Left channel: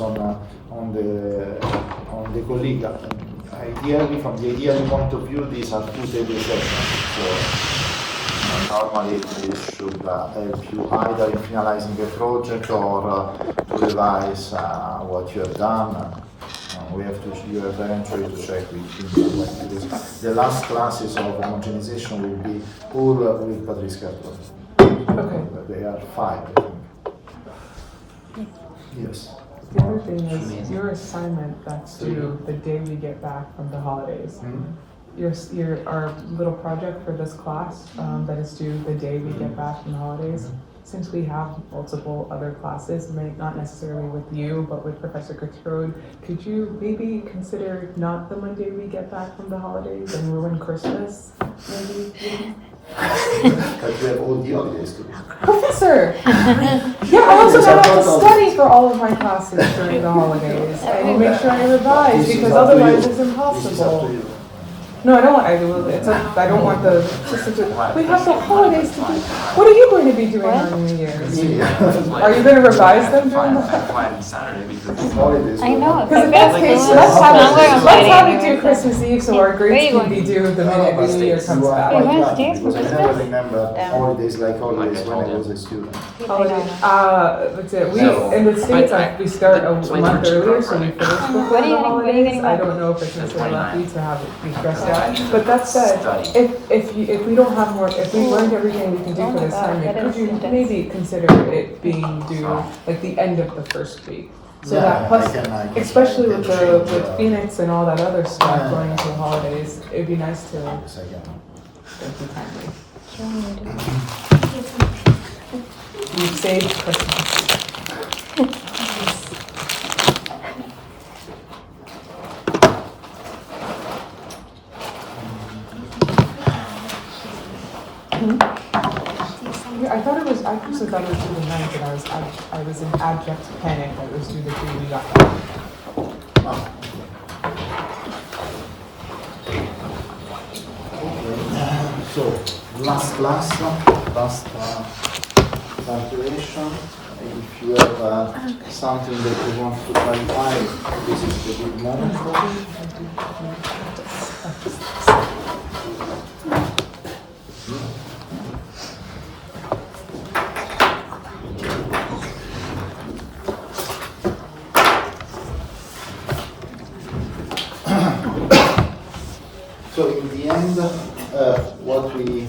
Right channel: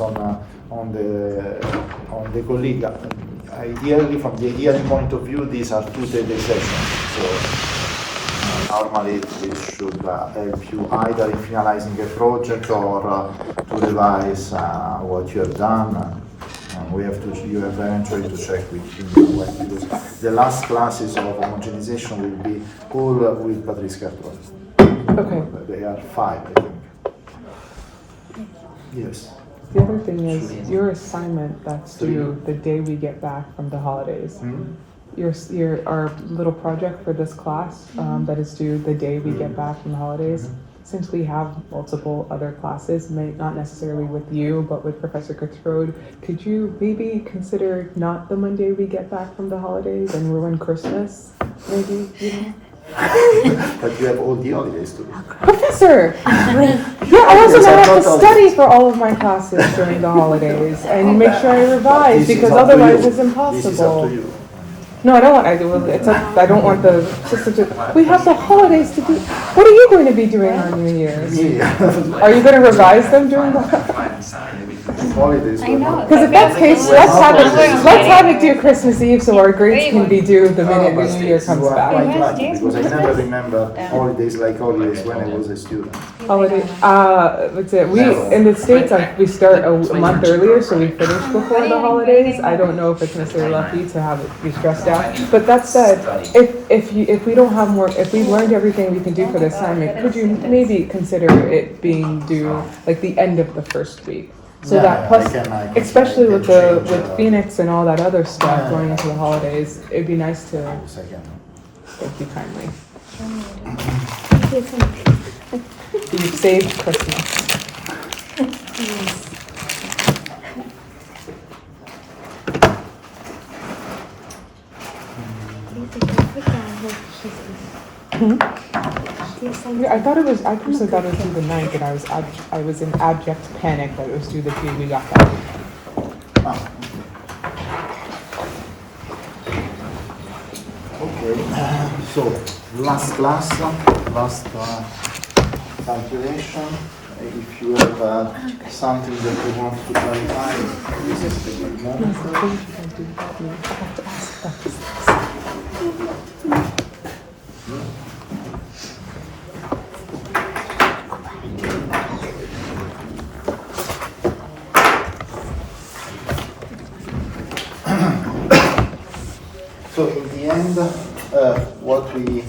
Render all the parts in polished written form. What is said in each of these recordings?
on the colleague. Ideally, from the ideal point of view, these are 2 daily sessions. So normally this should help you either in finalizing a project or to revise what you have done. You have eventually to check with him, because the last classes of homogenization will be all with Patrice Carton. Okay. They are 5, I think. Yes. The other thing is your assignment that's due the day we get back from the holidays. Our little project for this class that is due the day we get back from the holidays. Since we have multiple other classes, not necessarily with you, but with Professor Gertrude, could you maybe consider not the Monday we get back from the holidays and ruin Christmas? Maybe, you know? But we have all the holidays to do. Professor! Yeah, I also have to study for all of my classes during the holidays and make sure I revise because otherwise it's impossible. This is up to you. No, I don't want. I don't want the system to. We have the holidays to do. What are you going to be doing on New Year's? Are you going to revise them during the Holidays? I know. Because if that's the case, let's have it do Christmas Eve so our grades can be due the minute the New Year comes back. Because I never remember holidays like holidays when I was a student. That's it. We in the States we start a month earlier, so we finish before the holidays. I don't know if it's necessarily lucky to have it be stressed out. But that said, if we don't have more, if we learned everything we can do for the assignment, could you maybe consider it being due like the end of the first week? So that plus, especially with Phoenix and all that other stuff going into the holidays, it'd be nice to be timely. You saved Christmas. I thought it was. I also got it due the 9th, and I was in abject panic that it was due the day we got back. Okay. So last class, last calculation. If you have something that you want to clarify, this is the good moment. So in the end, what we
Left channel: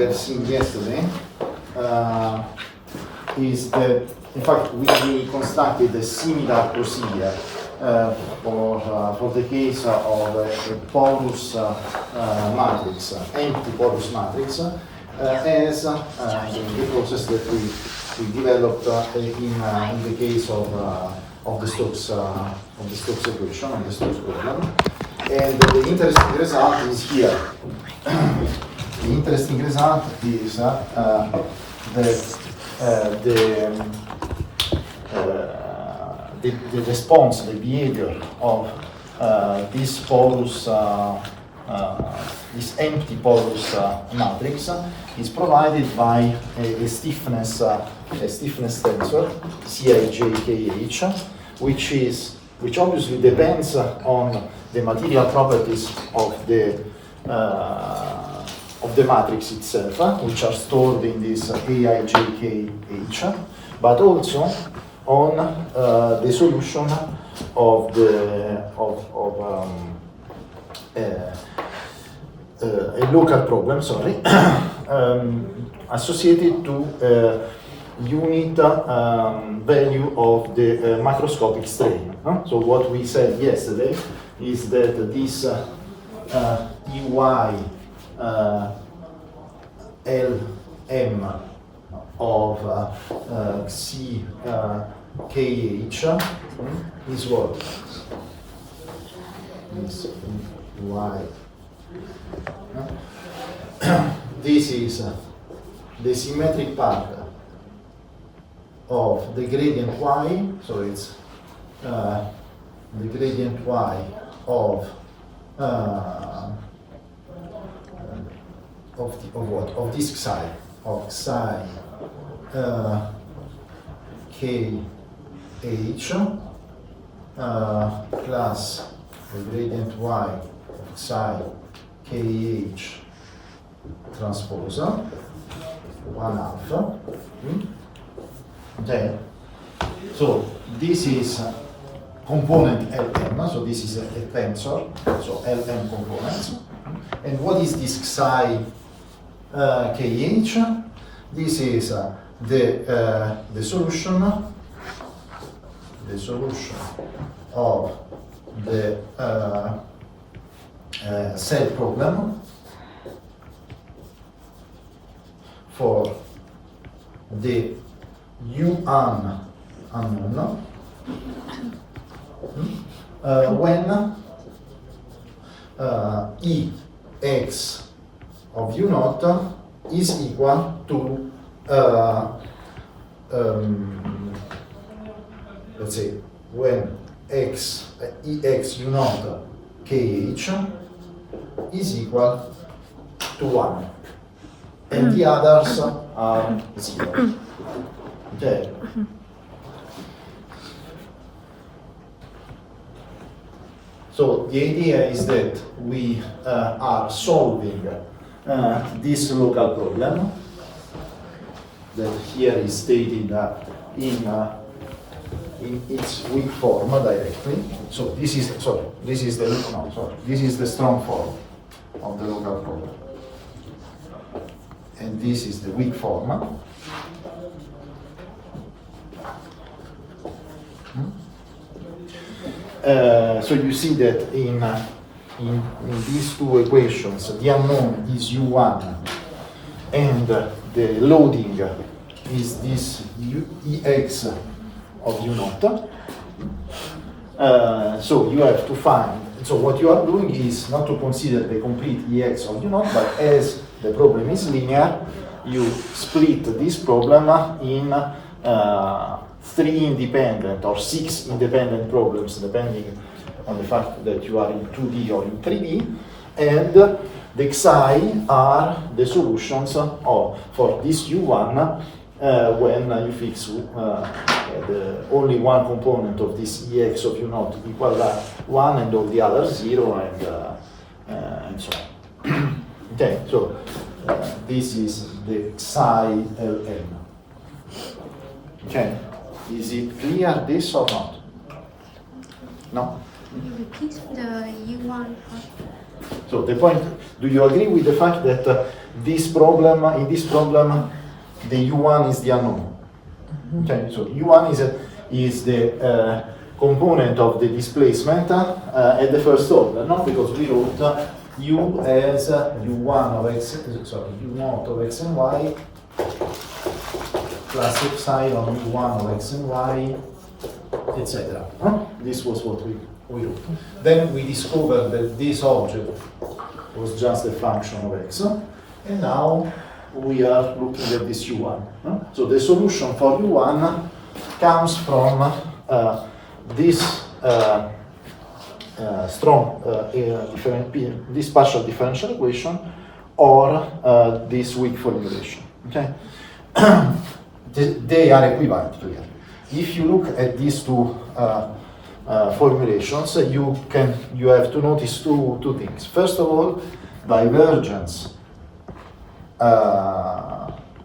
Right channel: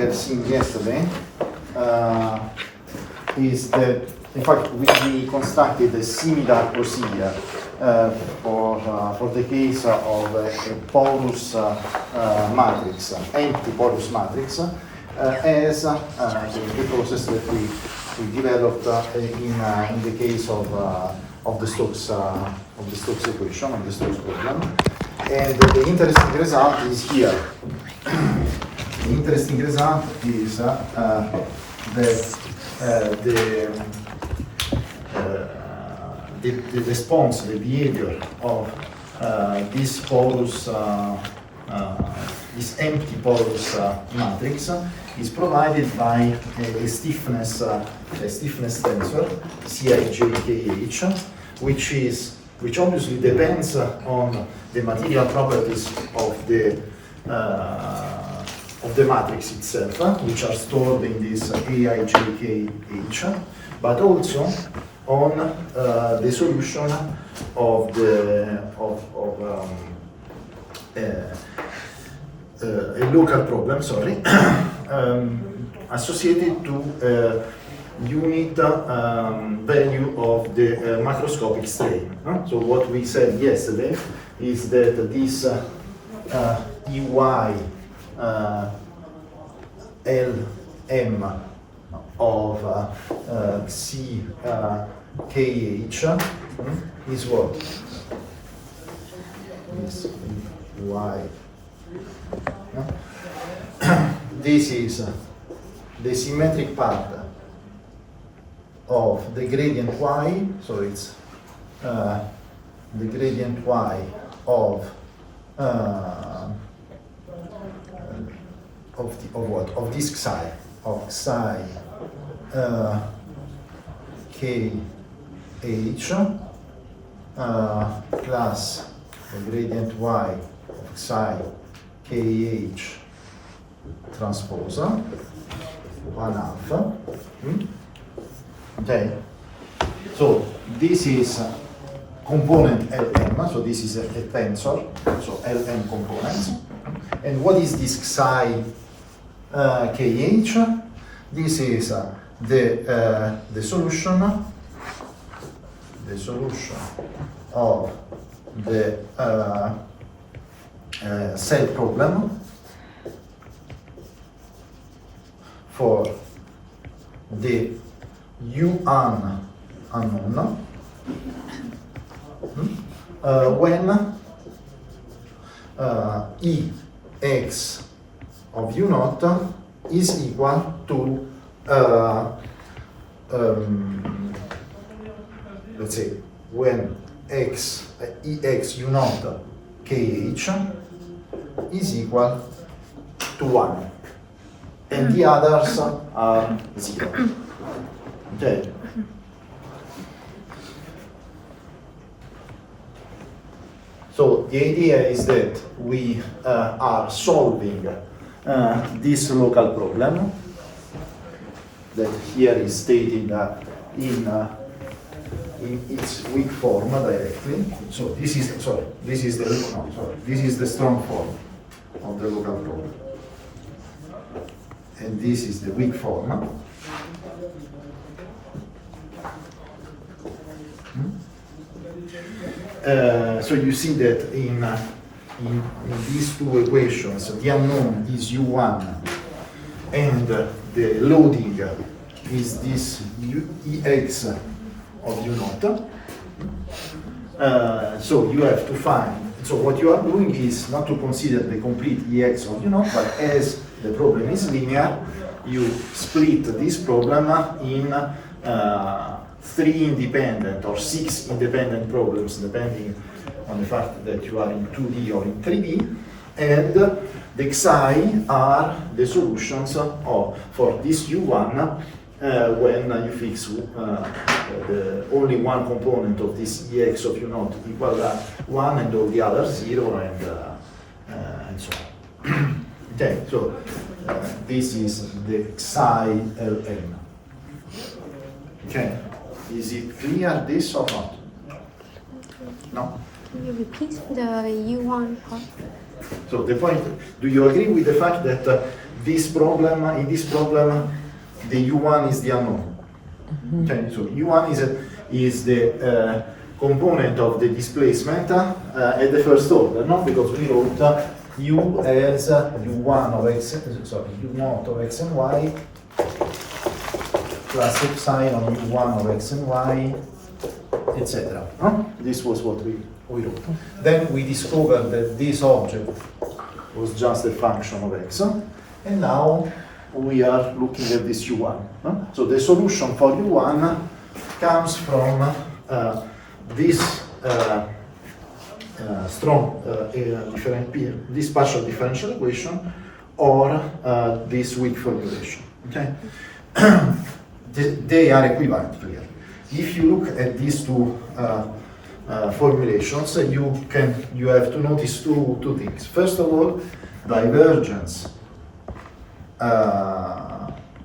have seen yesterday is that, in fact, we constructed a similar procedure for the case of a porous matrix, empty porous matrix, as the process that we developed in the case of the Stokes equation, of the Stokes problem. And the interesting result is here. The interesting result is that the response, the behavior of this porous, this empty porous matrix is provided by a stiffness tensor, CIJKH, which obviously depends on the material properties of the matrix itself, which are stored in this AIJKH, but also on the solution of a local problem, associated to unit value of the macroscopic strain. So what we said yesterday is that this EY LM of CKH is what? Is Y. This is the symmetric part of the gradient Y, so it's the gradient Y of what? Of this psi, of psi KH plus the gradient y of psi kh transpose 1/2. Okay, so this is component Lm, so this is a tensor, so Lm components. And what is this psi kh? This is the solution of the cell problem for the U1 unknown when Ex of U0 is equal to let's say when Ex U0 kh is equal to 1 and the others are 0. Okay. So the idea is that we are solving this local problem that here is stated in its weak form directly. So this is this is the strong form of the local problem, and this is the weak form. So you see that in these two equations, the unknown is U1 and the loading is this Ex of U0. So you have to find, so what you are doing is not to consider the complete Ex of U0, but as the problem is linear, you split this problem in 3 independent or 6 independent problems, depending on the fact that you are in 2D or in 3D, and the Xi are the solutions for this U1 when you fix the only one component of this Ex of U0 equal 1 and all the others 0 and so on. Okay, so this is the Xi Lm. Okay. Is it clear, this or not? No? Can you repeat the U1 part? So the point, do you agree with the fact that in this problem, the U1 is the unknown? Okay, so U1 is the component of the displacement at the first order, no? Because we wrote U as U1 of x, U0 of x and y plus epsilon U1 of x and y, etc. This was what we wrote. Then we discovered that this object was just a function of x, and now we are looking at this U1. So the solution for U1 comes from this strong this partial differential equation or this weak formulation. Okay. They are equivalent here. If you look at these two formulations, you have to notice two things. First of all, divergence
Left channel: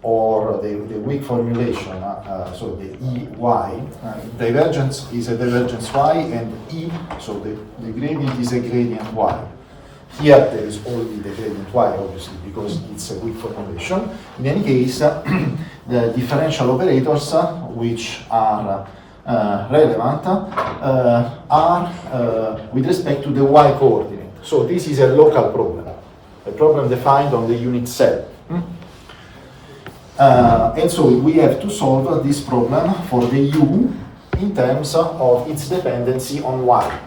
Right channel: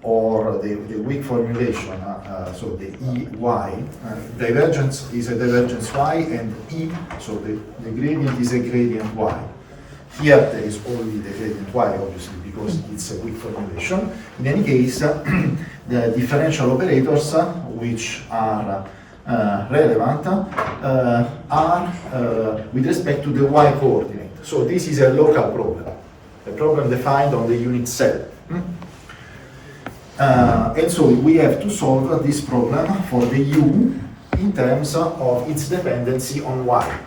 or the weak formulation, so the EY, divergence is a divergence y, and E, so the gradient is a gradient y. Here there is only the gradient y, obviously, because it's a weak formulation. In any case, the differential operators, which are relevant, are with respect to the y coordinate. So this is a local problem, a problem defined on the unit cell. And so we have to solve this problem for the u in terms of its dependency on y.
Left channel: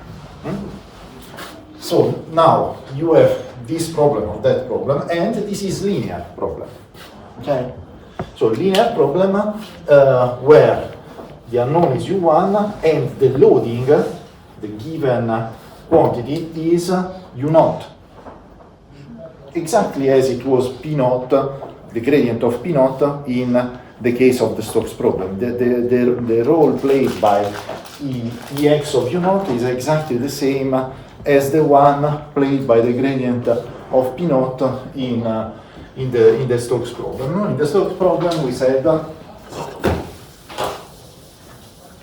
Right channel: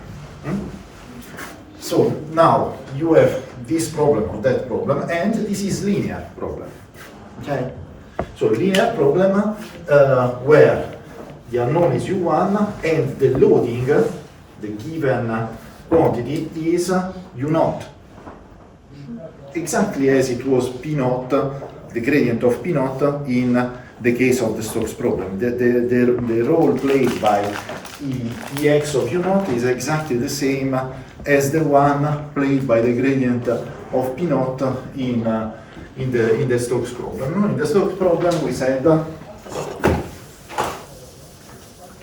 So now you have this problem or that problem, and this is linear problem. Okay? So linear problem where the unknown is u1 and the loading, the given quantity, is u0. Exactly as it was p0, the gradient of p0 in the case of the Stokes problem. The role played by Ex of U0 is exactly the same as the one played by the gradient of P0 in the Stokes problem. In the Stokes problem we said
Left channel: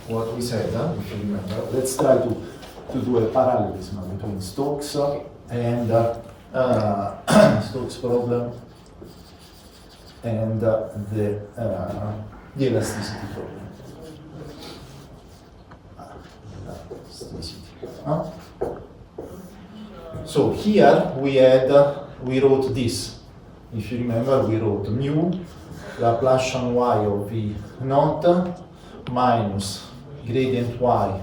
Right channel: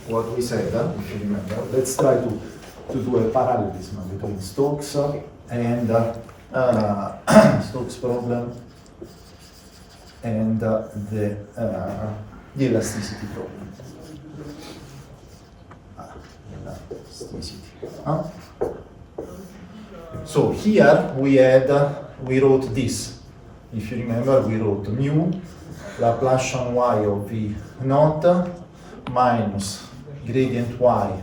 what we said, if you remember. Let's try to do a parallelism between Stokes and Stokes problem and the elasticity problem. Elasticity. So here we wrote this. If you remember, we wrote mu Laplacian y of v naught minus gradient y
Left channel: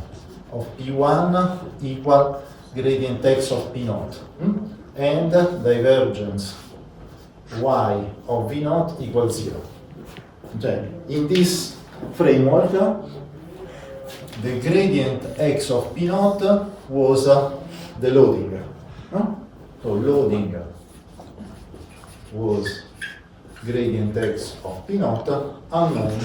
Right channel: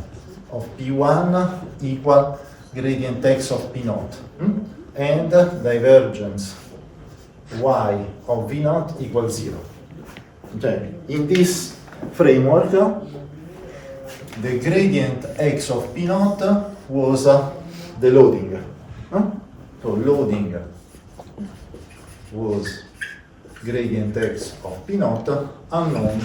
of p1 equal gradient x of p naught, and divergence y of v naught equals 0. Okay. In this framework, the gradient x of p naught was the loading. So loading was gradient x of p naught, unknowns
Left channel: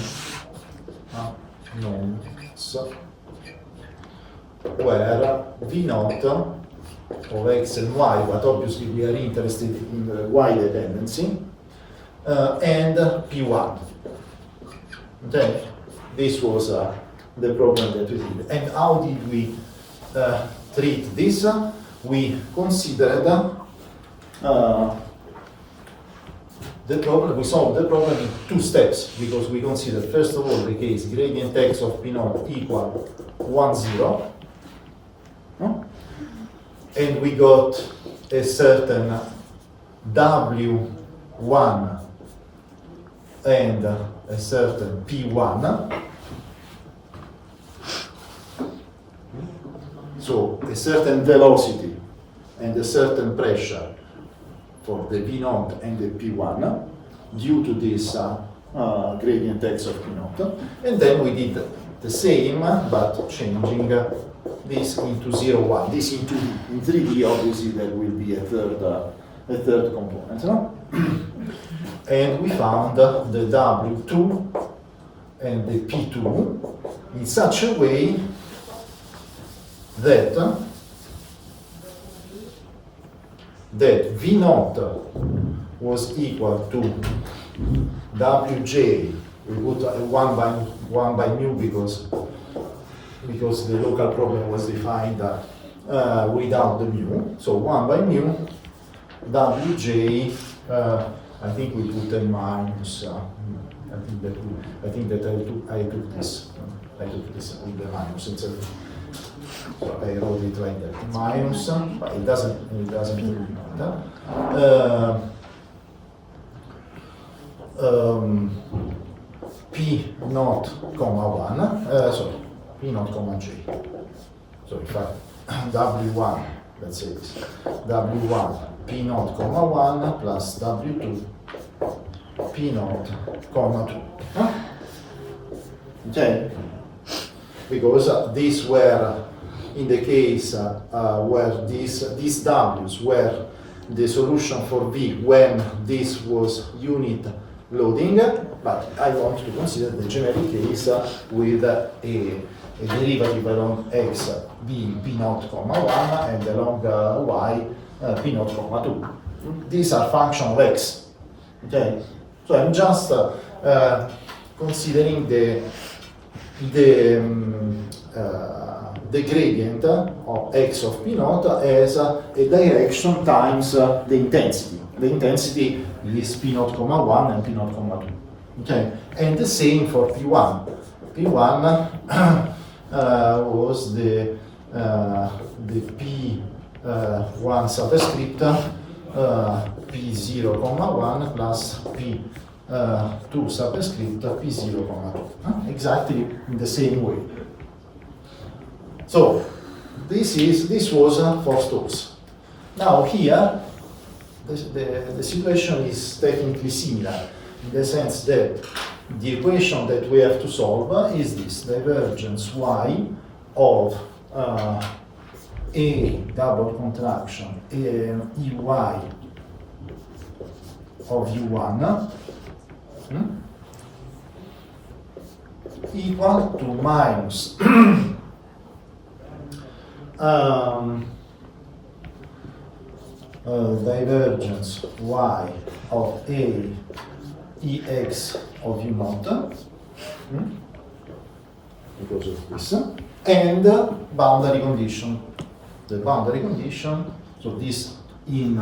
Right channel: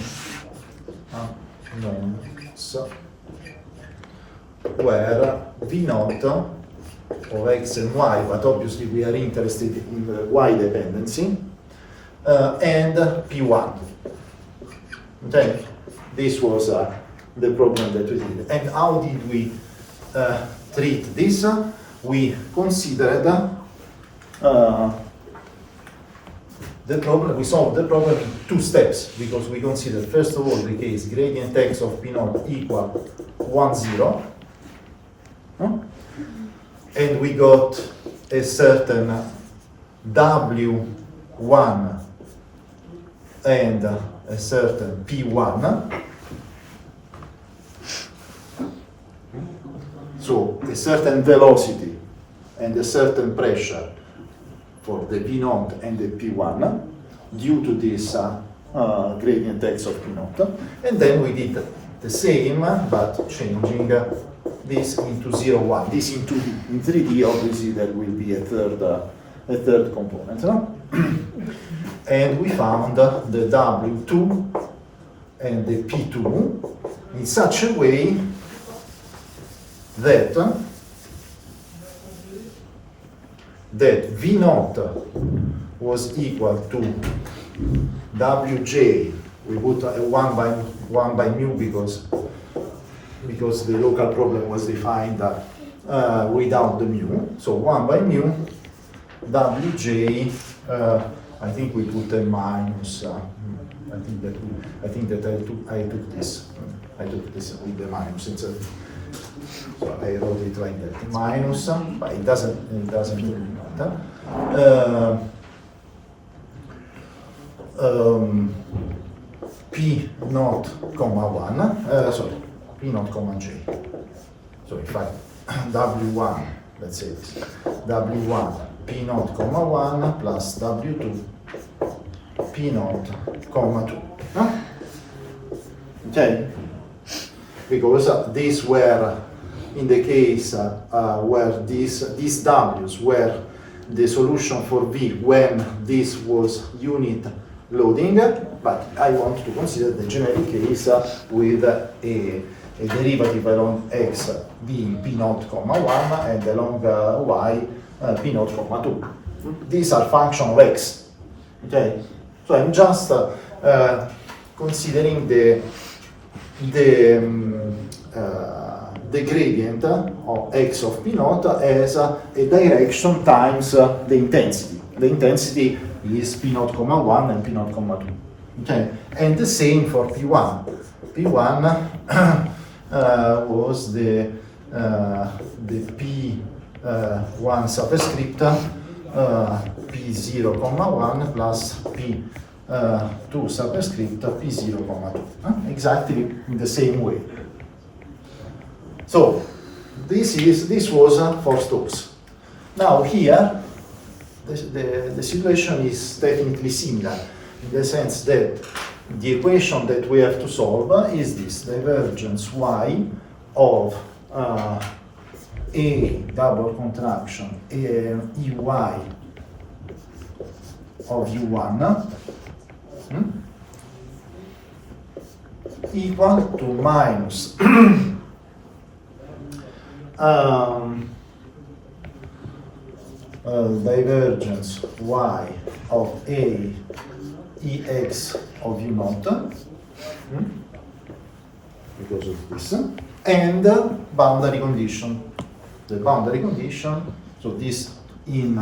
where v naught of x and y, but obviously we are interested in the y dependency, and p1. Okay, this was the problem that we did. And how did we treat this? We considered the problem, we solved the problem in 2 steps, because we considered first of all the case gradient x of p0 equal 1, 0, and we got a certain w1 and a certain p1. So a certain velocity and a certain pressure for the v0 and the p1 due to this gradient x of p0. And then we did the same, but changing this into 0, 1. This in 2D. In 3D, obviously, there will be a third component. No? And we found the W2 and the P2 in such a way that V0 was equal to Wj. We put a 1 by mu because the local problem was defined without the mu. So 1 by mu Wj. I think we put a minus. I think that I took this. I took this with the minus. So I wrote it like that. Minus, but it doesn't matter. P naught comma 1. Sorry, P naught comma j. So if I W1, let's say this, W1 P naught comma 1 plus W2 P naught comma 2. Okay? Because these were in the case where these W's were the solution for V when this was unit loading, but I want to consider the generic case with a derivative along x being p naught comma 1 and along y p naught comma 2. These are function of x. Okay, so I'm just considering the gradient of x of p naught as a direction times the intensity. The intensity is p naught comma 1 and p naught comma 2. Okay, and the same for p1. P1 was the p1 superscript p0 comma 1 plus p2 superscript p0 comma 2. Exactly in the same way. So this was for Stokes. Now here the situation is definitely similar in the sense that the equation that we have to solve is this divergence y of a double contraction ey of u1 equal to minus divergence y of a ex of u naught, because of this, and boundary condition. The boundary condition, so this in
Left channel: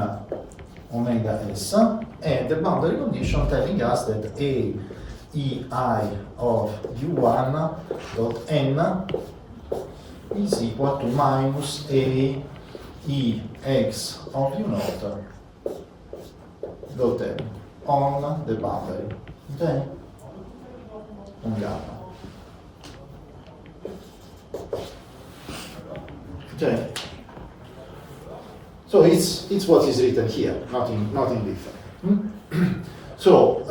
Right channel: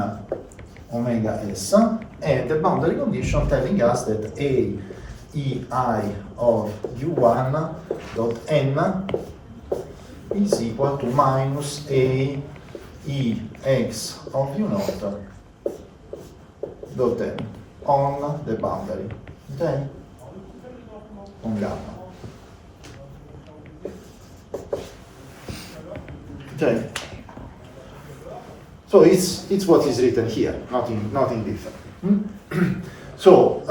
omega s, and the boundary condition telling us that a ei of u1 dot n is equal to minus a e x of u naught dot n on the boundary, okay? On gamma. Okay. So it's what is written here, nothing different. So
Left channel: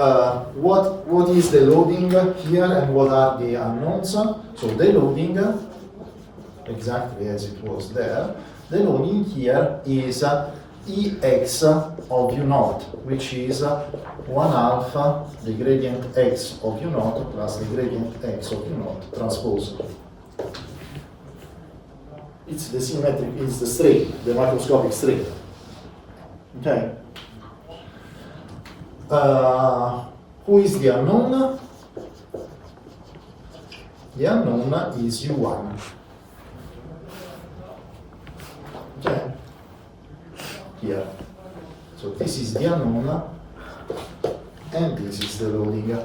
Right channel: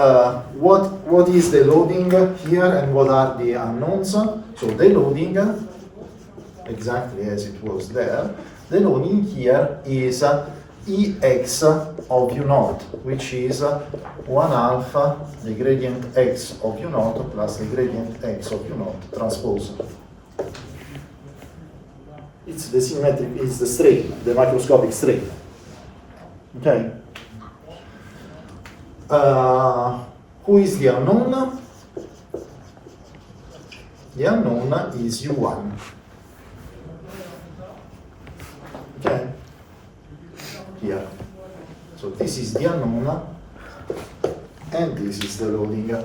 what is the loading here and what are the unknowns? So the loading, exactly as it was there, the loading here is ex of u naught, which is 1/2 the gradient x of u naught plus the gradient x of u naught transpose. It's the symmetric, it's the strain, the microscopic strain. Okay. Who is the unknown? The unknown is u1. Okay. Here. So this is the unknown, and this is the loading.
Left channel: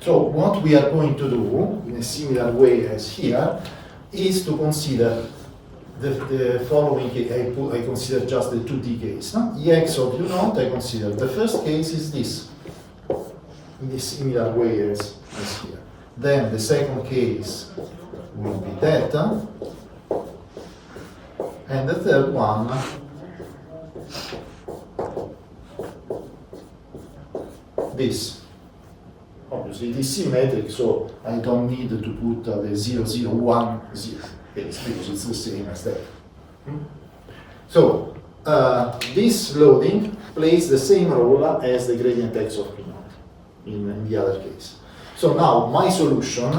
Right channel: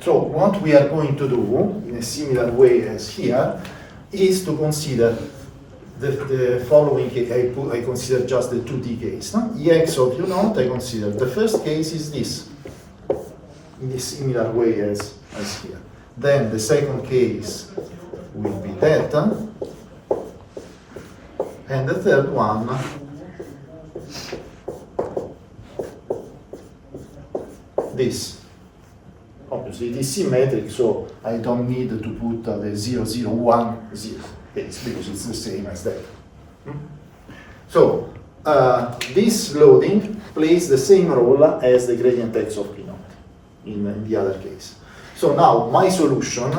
So what we are going to do, in a similar way as here, is to consider the following case. I consider just the 2D case. No? Ex of u naught, I consider the first case is this, in a similar way as here. Then the second case will be that, and the third one this. Obviously, it is symmetric, so I don't need to put the 0, 0, 1, 0 case, because it's the same as that. So, this loading plays the same role as the gradient x of p naught in the other case. So now, my solution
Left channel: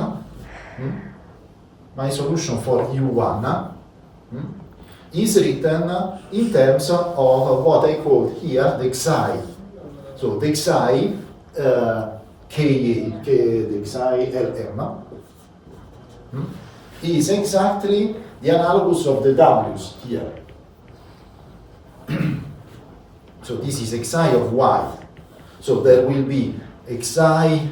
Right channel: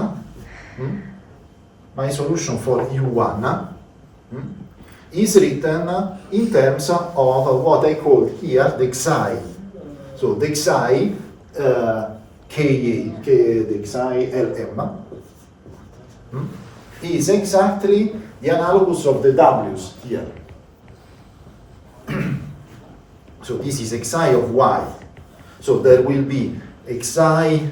for u1 is written in terms of what I call here the xi. So the xi the xi Lm is exactly the analogous of the w's here. So this is xi of y. So there will be xi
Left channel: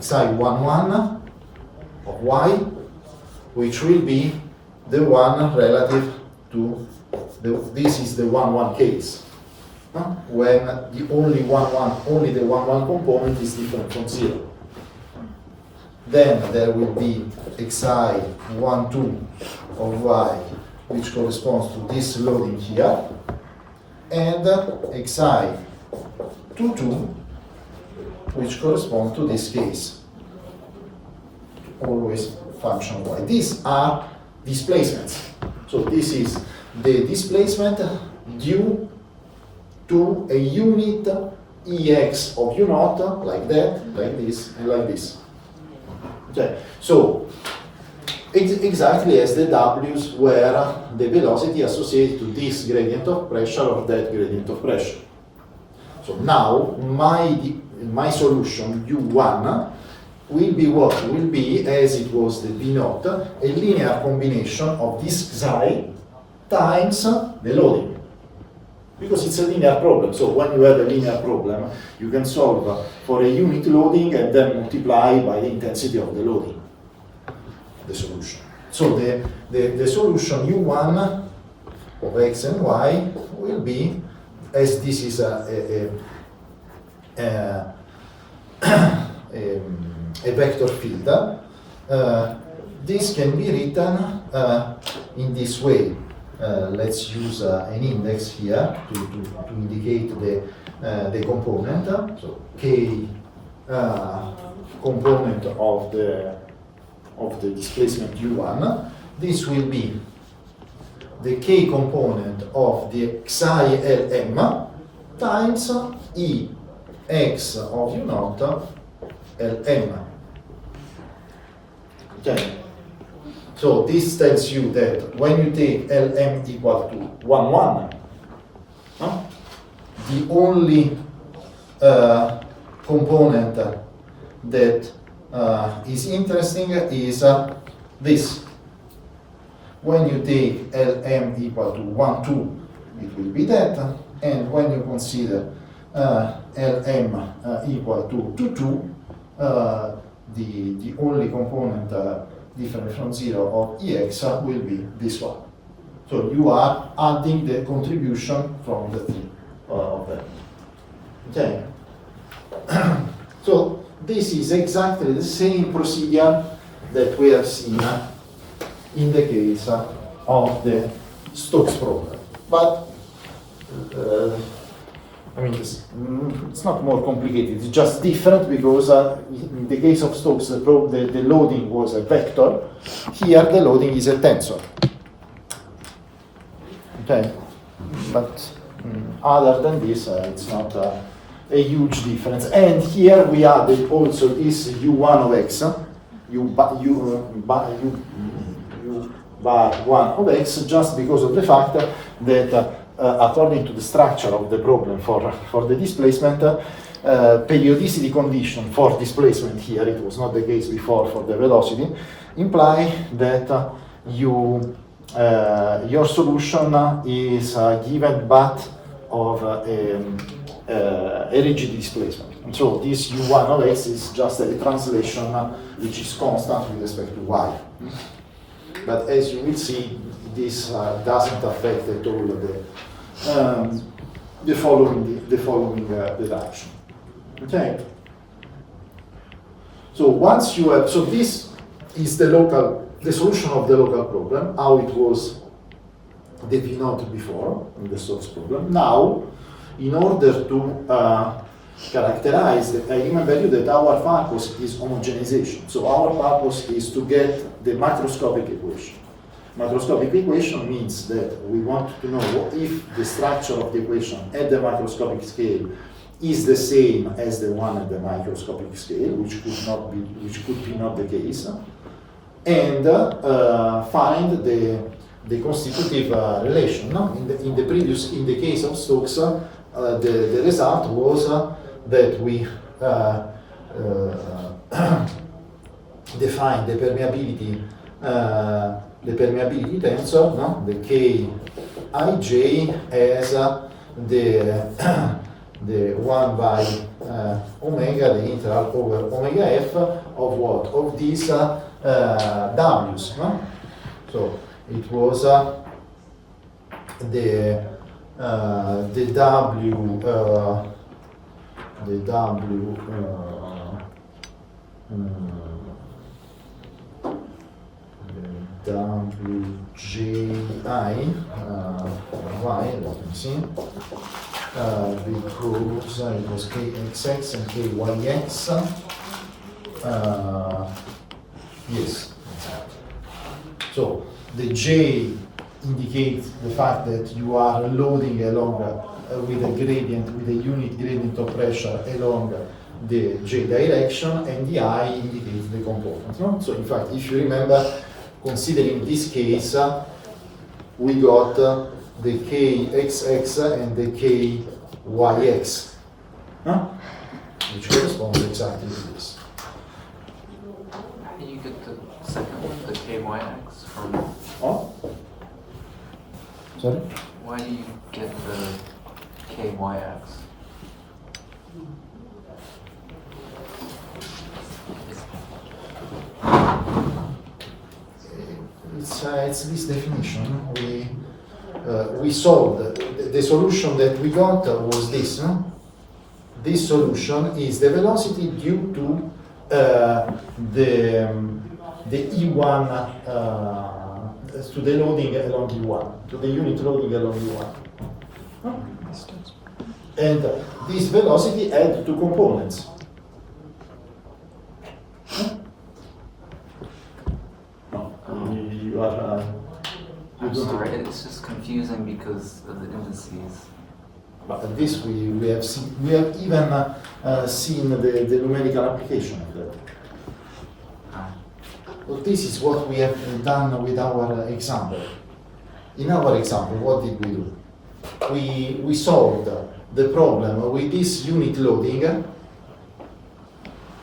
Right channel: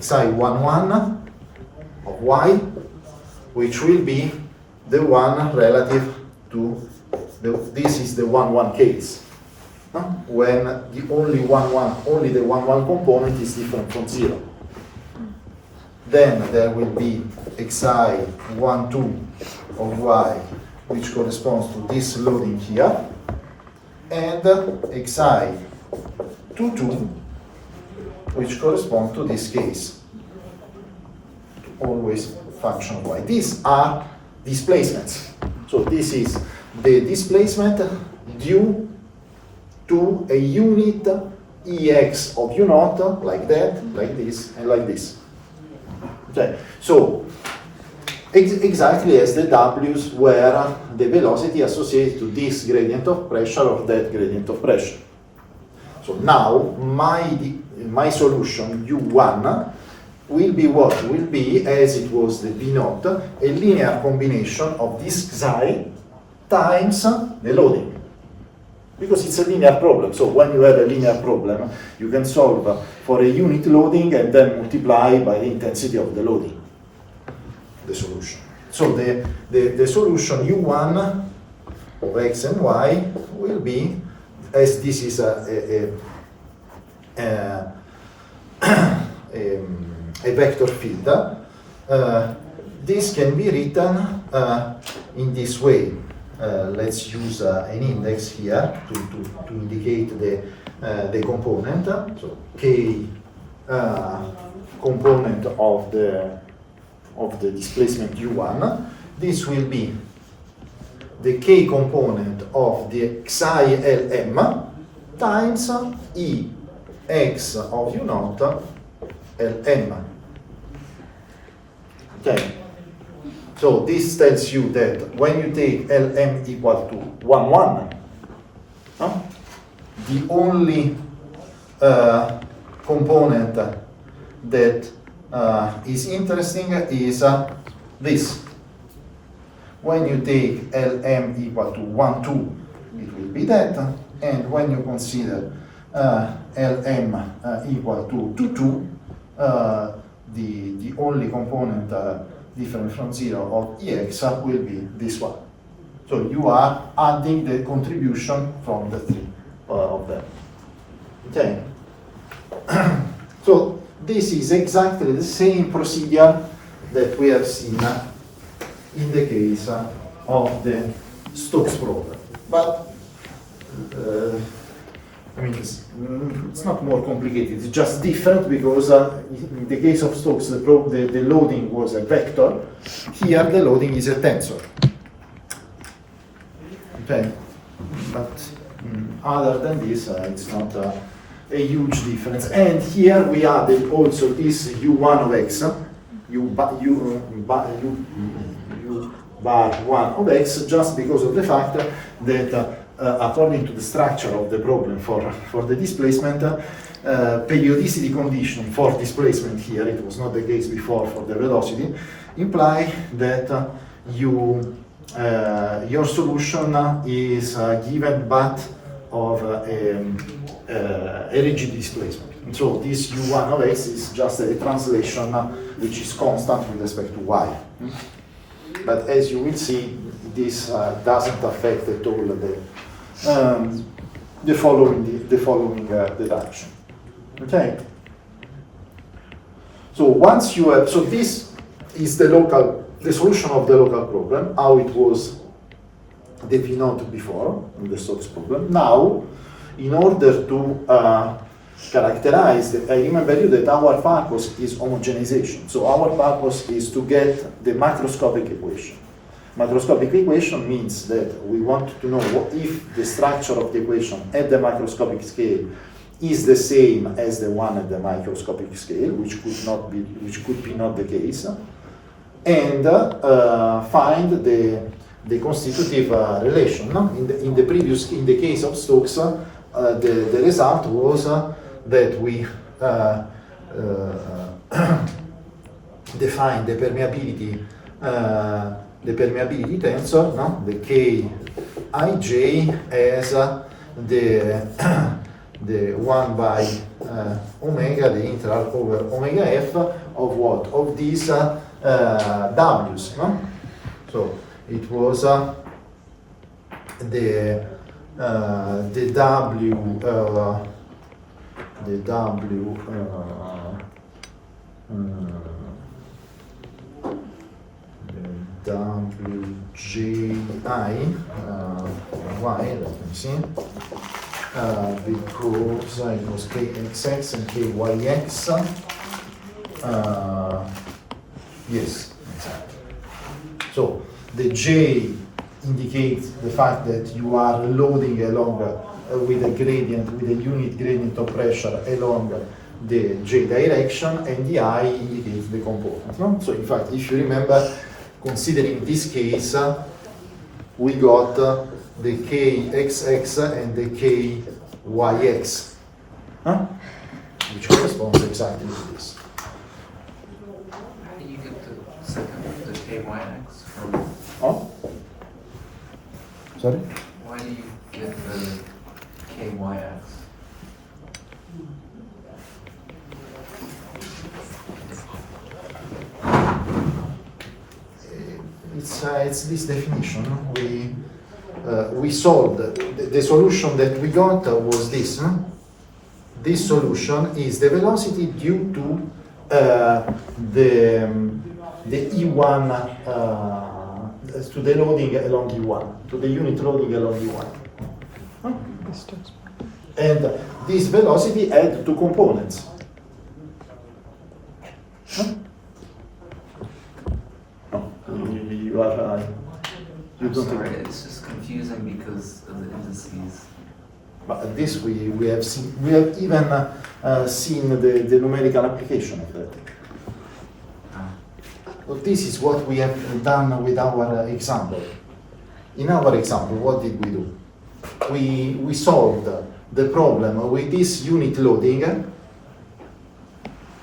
xi11 of y, which will be the one relative to this is the 1,1 case. When the only the 1,1 component is different from 0. Then there will be xi12 of y, which corresponds to this loading here, and xi22, which corresponds to this case. Always function y. These are displacements. So this is the displacement due to a unit ex of u naught, like that, like this, and like this. Okay, so exactly as the w's were the velocity associated to this gradient of pressure or that gradient of pressure. So now my solution u1 will be what? Will be, as it was the b naught, a linear combination of this xi times the loading. Because it's a linear problem, so when you have a linear problem, you can solve for a unit loading and then multiply by the intensity of the loading, the solution. So the solution u1 of x and y will be, as this is a vector field, this can be written in this way. Let's use an index here to indicate the component. So k component of the displacement u1. This will be the k component of the xi Lm times E x of u naught Lm. Okay. So this tells you that when you take Lm equal to 1, 1, no? The only component that is interesting is this. When you take Lm equal to 1, 2, it will be that, and when you consider Lm equal to 2, 2, the only component different from 0 of Ex will be this one. So you are adding the contribution from the three of them. Okay. So this is exactly the same procedure that we have seen in the case of the Stokes problem. But I mean, it's not more complicated, it's just different because in the case of Stokes, the loading was a vector. Here, the loading is a tensor. Okay, but other than this, it's not a huge difference. And here we added also this u1 of x, u bar 1 of x, just because of the fact that according to the structure of the problem for the displacement, periodicity condition for displacement here, it was not the case before for the velocity, imply that your solution is given but of a rigid displacement. And so this u1 of x is just a translation which is constant with respect to y. But as you will see, this doesn't affect at all the following deduction. Okay. So once you have, so this is the solution of the local problem, how it was denoted before in the Stokes problem. Now, in order to characterize, I remember you that our purpose is homogenization. So our purpose is to get the macroscopic equation. Macroscopic equation means that we want to know if the structure of the equation at the macroscopic scale is the same as the one at the microscopic scale, which could be not the case, and find the constitutive relation. No? In the case of Stokes, the result was that we define the permeability tensor, no? The Kij as the 1 by omega, the integral over omega f of what? Of these W's. No? So it was the WJI, why, let me see, because it was KXX and KYX, yes, exactly. So the J indicates the fact that you are loading along with a gradient, with a unit gradient of pressure along the J direction, and the I indicates the component. No? So in fact, if you remember, considering this case, we got the KXX and the KYX, which corresponds exactly to this. You get the second, the KYX from... Oh? Sorry? Why do you get the KYX? It's this definition. We solved the solution that we got was this. This solution is the velocity due to the E1 to the loading along E1, to the unit loading along E1. And this velocity had two components. No, you are. You don't. Sorry, it's just confusing because of the indices. But this we have seen, we have even seen the numerical application of that. So this is what we have done with our example. In our example, what did we do? We solved the problem with this unit loading.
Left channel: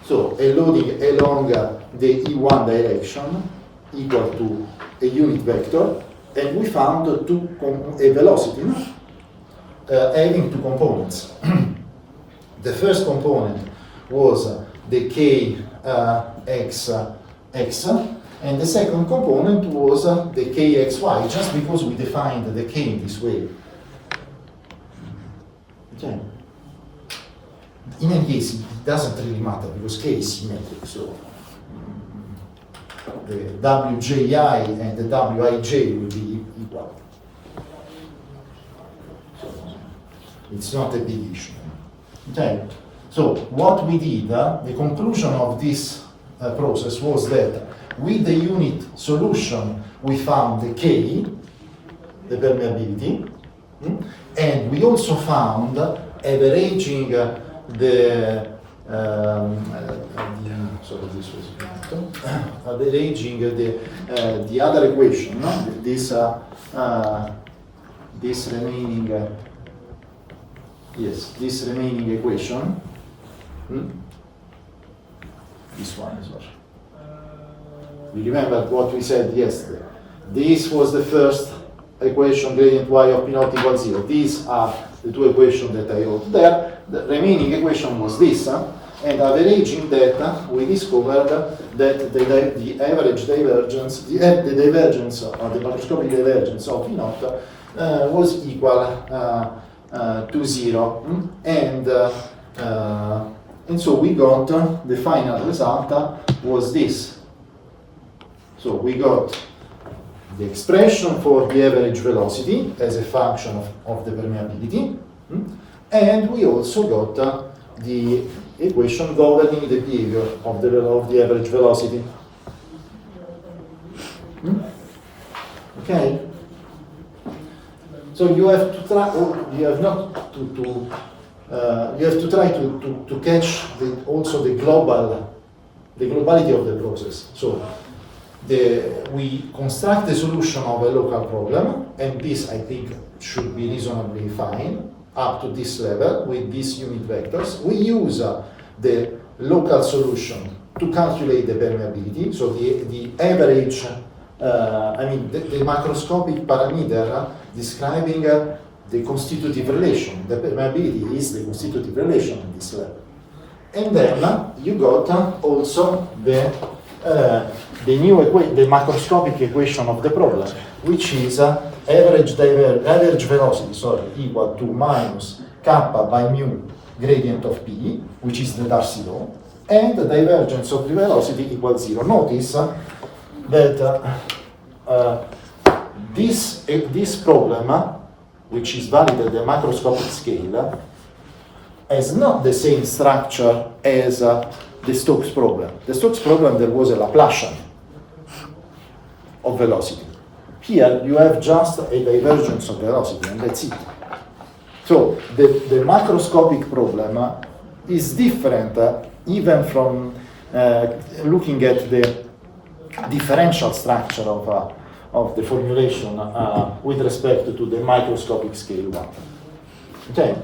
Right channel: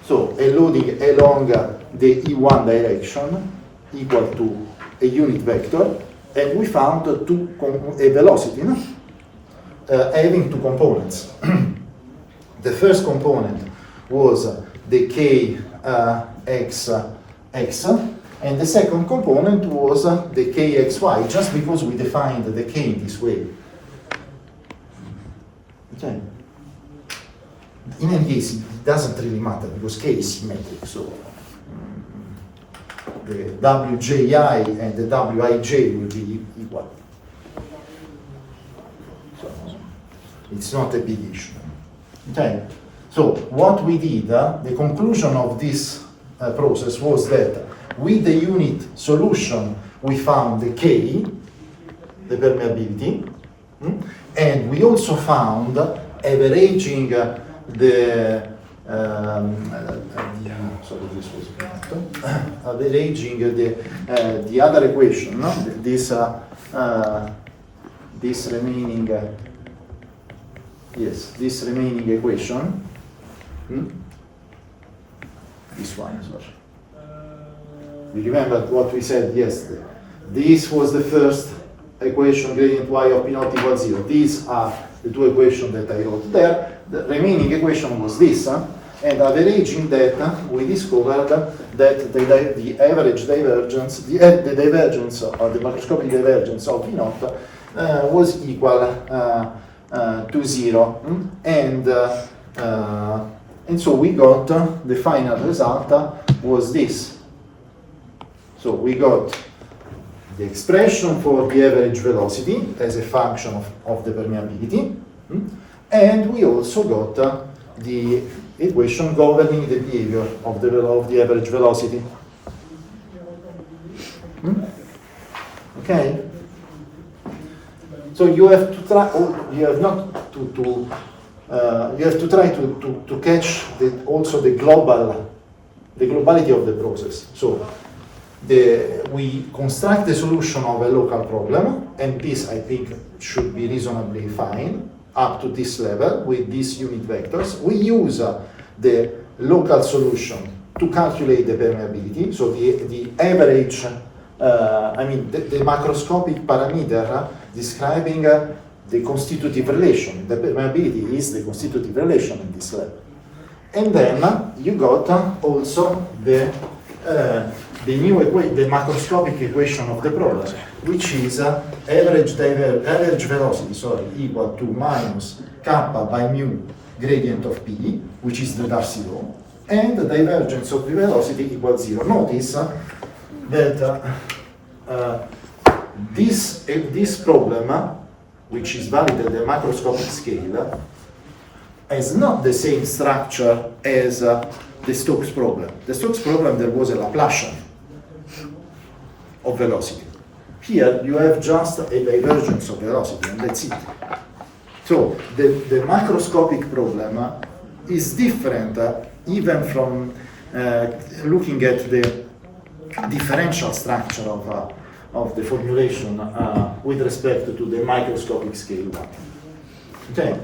So a loading along the E1 direction equal to a unit vector, and we found a velocity, no? Having two components. The first component was the k x, and the second component was the kxy, just because we defined the k in this way. Okay. In any case, it doesn't really matter because k is symmetric, so the wji and the wij will be equal. So it's not a big issue. Okay. So what we did, the conclusion of this process was that with the unit solution we found the k, the permeability, and we also found averaging sorry, this was averaging the other equation, no? This remaining this remaining equation. This one, sorry. You remember what we said yesterday? This was the first equation, gradient y of p naught equals 0. These are the two equations that I wrote there. The remaining equation was this, and averaging that, we discovered that the average divergence, the divergence or the macroscopic divergence of p naught was equal to 0, and so we got the final result was this. So we got the expression for the average velocity as a function of the permeability, and we also got the equation governing the behavior of the average velocity. Okay. So you have to try. You have not to. You have to try to catch also the globality of the process. So we construct the solution of a local problem, and this I think should be reasonably fine up to this level with these unit vectors. We use the local solution to calculate the permeability, so the average, the macroscopic parameter describing the constitutive relation. The permeability is the constitutive relation in this level. And then you got also the macroscopic equation of the problem, which is average velocity, equal to minus kappa by mu gradient of p, which is the Darcy law, and the divergence of the velocity equals 0. Notice that this problem, which is valid at the macroscopic scale, has not the same structure as the Stokes problem. The Stokes problem, there was a Laplacian of velocity. Here you have just a divergence of velocity, and that's it. So the macroscopic problem is different even from looking at the differential structure of the formulation with respect to the microscopic scale one. Okay.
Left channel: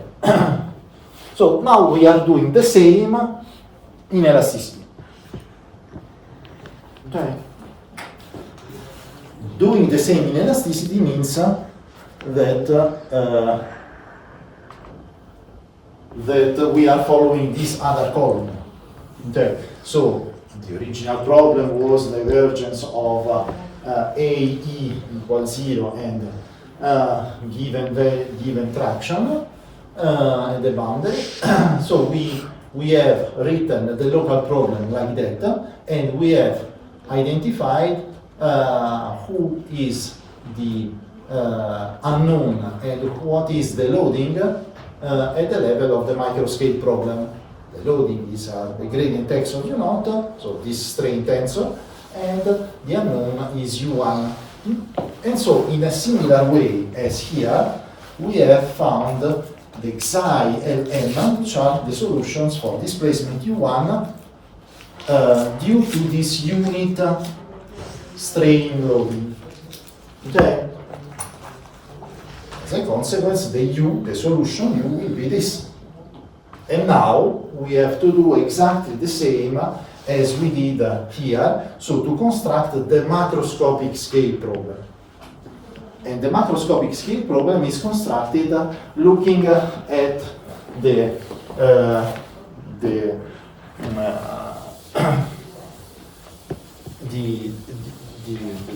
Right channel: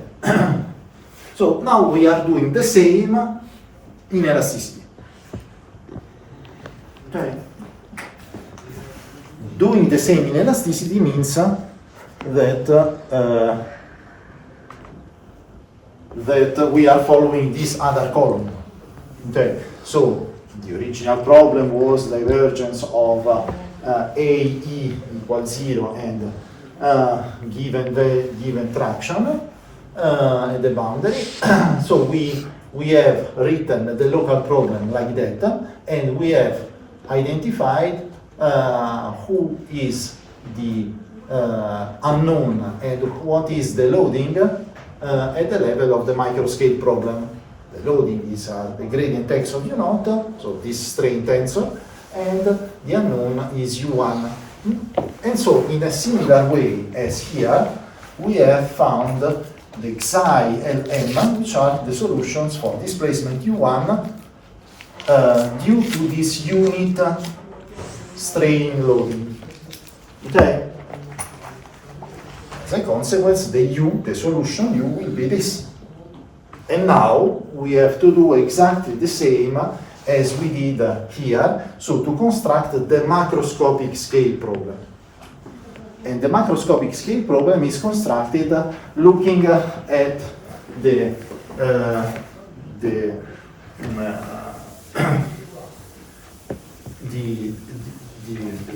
So now we are doing the same in elasticity. Okay. Doing the same in elasticity means that we are following this other column. Okay. So the original problem was divergence of AE equals 0 and given traction at the boundary. So we have written the local problem like that, and we have identified who is the unknown and what is the loading at the level of the microscale problem. The loading is the gradient x of u naught, so this strain tensor, and the unknown is u1 And so, in a similar way as here, we have found the Xi Lm, which are the solutions for displacement U1 due to this unit strain loading. Okay? As a consequence, the U, the solution U, will be this. And now we have to do exactly the same as we did here, so to construct the macroscopic scale problem. And the macroscopic scale problem is constructed looking at the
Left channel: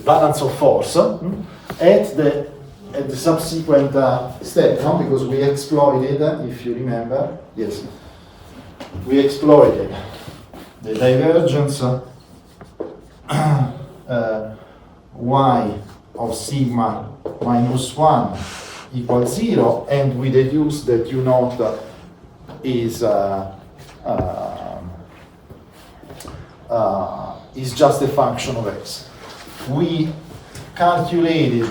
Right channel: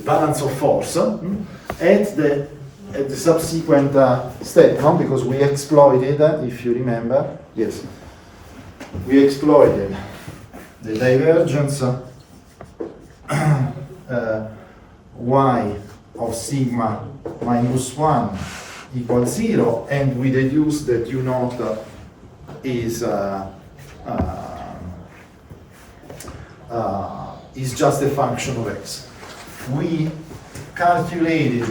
balance of force at the subsequent step, no? Because we exploited, if you remember, yes, we exploited the divergence y of sigma minus 1 equals 0, and we deduce that u naught is just a function of x. We calculated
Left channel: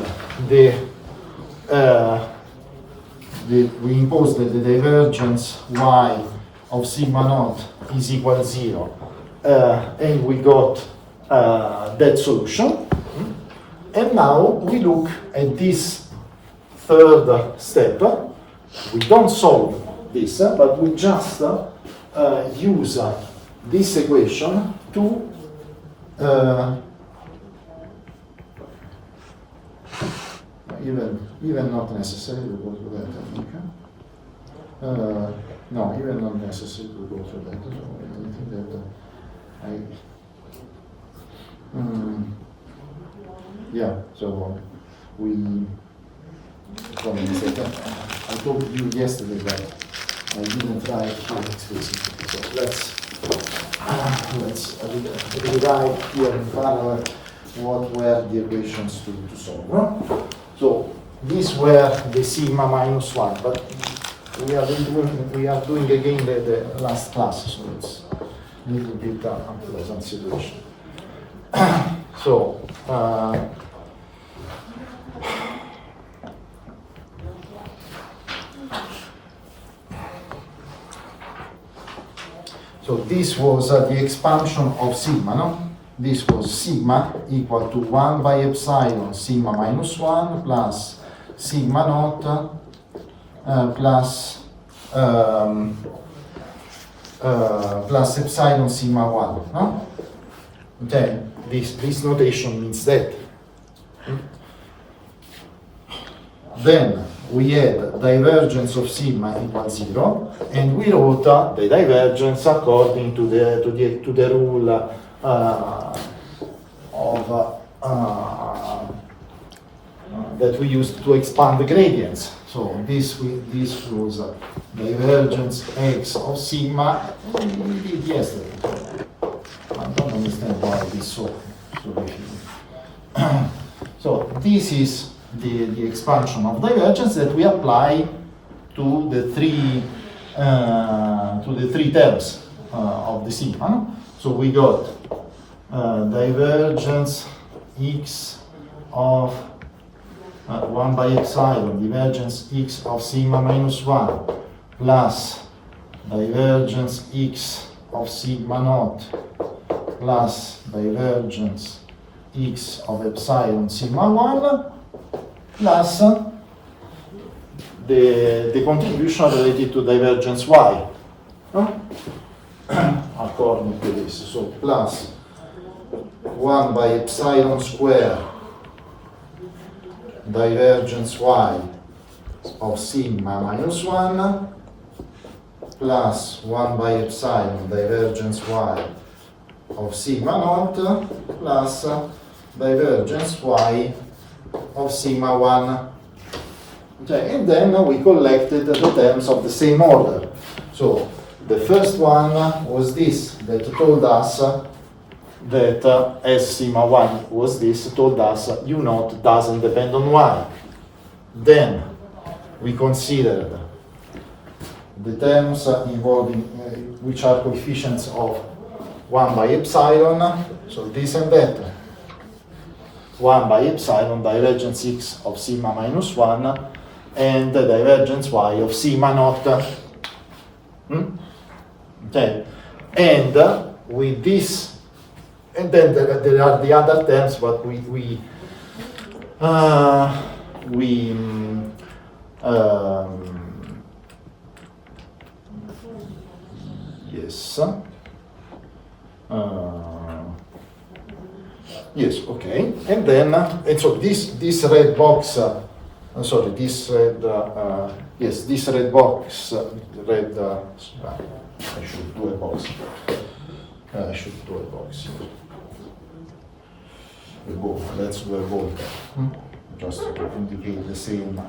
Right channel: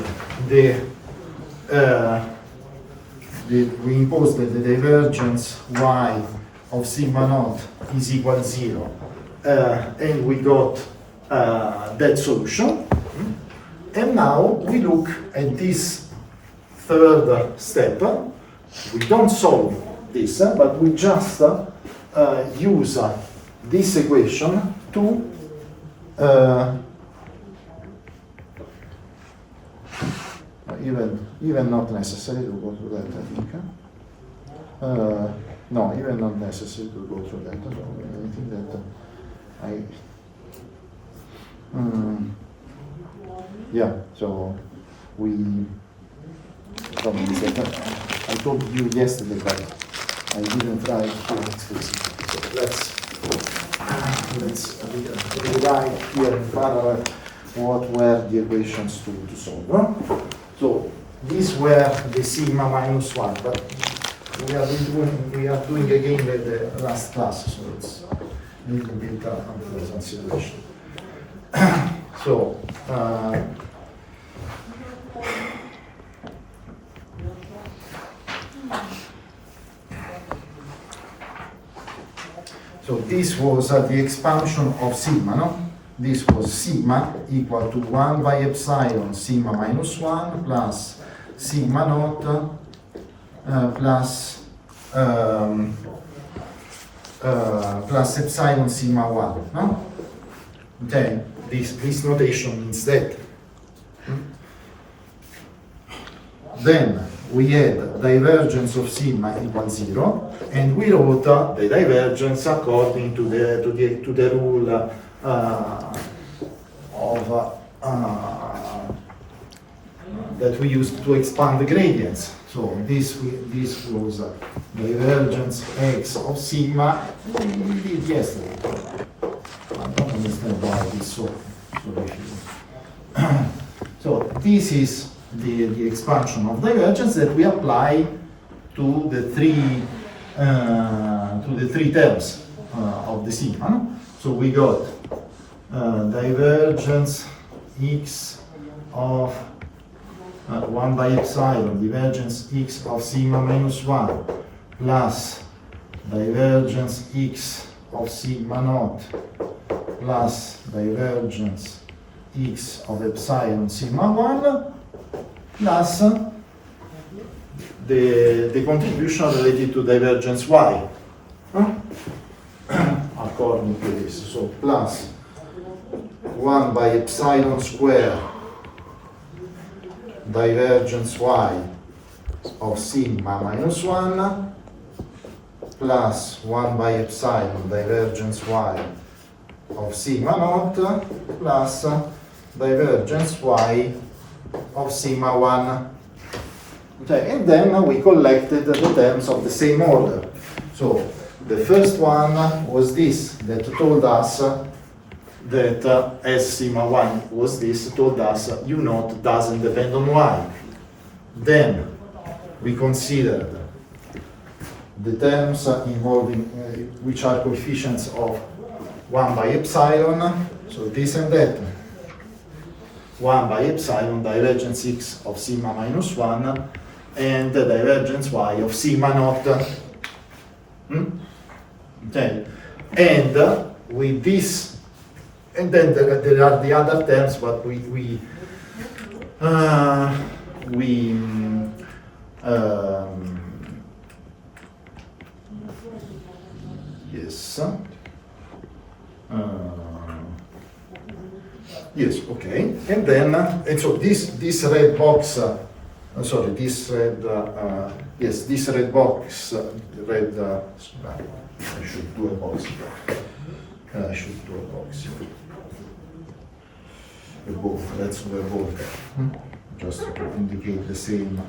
we imposed that the divergence y of sigma naught is equal to 0, and we got that solution. And now we look at this third step. We don't solve this, but we just use this equation to even not necessary to go through that, I think. No, even not necessary to go through that. So I think that yeah, so we probably I told you yesterday, but I didn't write here explicitly. So let's rewrite here in parallel what were the equations to solve. No? So these were the sigma minus 1, but we are doing again the last class, so it's a little bit unpleasant situation. So so this was the expansion of sigma, no? This was sigma equal to 1 by epsilon sigma minus 1 plus sigma naught plus epsilon sigma 1, no? Okay, this notation means that. Then we had divergence of sigma equals 0, and we wrote the divergence according to the rule that we used to expand the gradients. So this was divergence x of sigma. We did yesterday. I don't understand why it is so difficult. So this is the expansion of divergence that we apply to the three terms of the sigma. So we got divergence x of 1 by epsilon, divergence x of sigma minus 1, plus divergence x of sigma naught, plus divergence x of epsilon sigma 1, plus the contribution related to divergence y, according to this. So plus 1 by epsilon square divergence y of sigma minus 1 plus 1 by epsilon divergence y of sigma naught plus divergence y of sigma 1. Okay, and then we collected the terms of the same order. So the first one was this, that told us that S sigma 1 was this, told us u naught doesn't depend on y. Then we considered the terms involving, which are coefficients of 1 by epsilon, so this and that. 1 by epsilon divergence x of sigma minus 1 and the divergence y of sigma naught. Okay, and with this, and then there are the other terms, but yes. Yes, okay. And then, and so this red box, sorry, this red, yes, this red box, red, I should do a box. I should do a box. A ball, let's do a ball, just to indicate the same.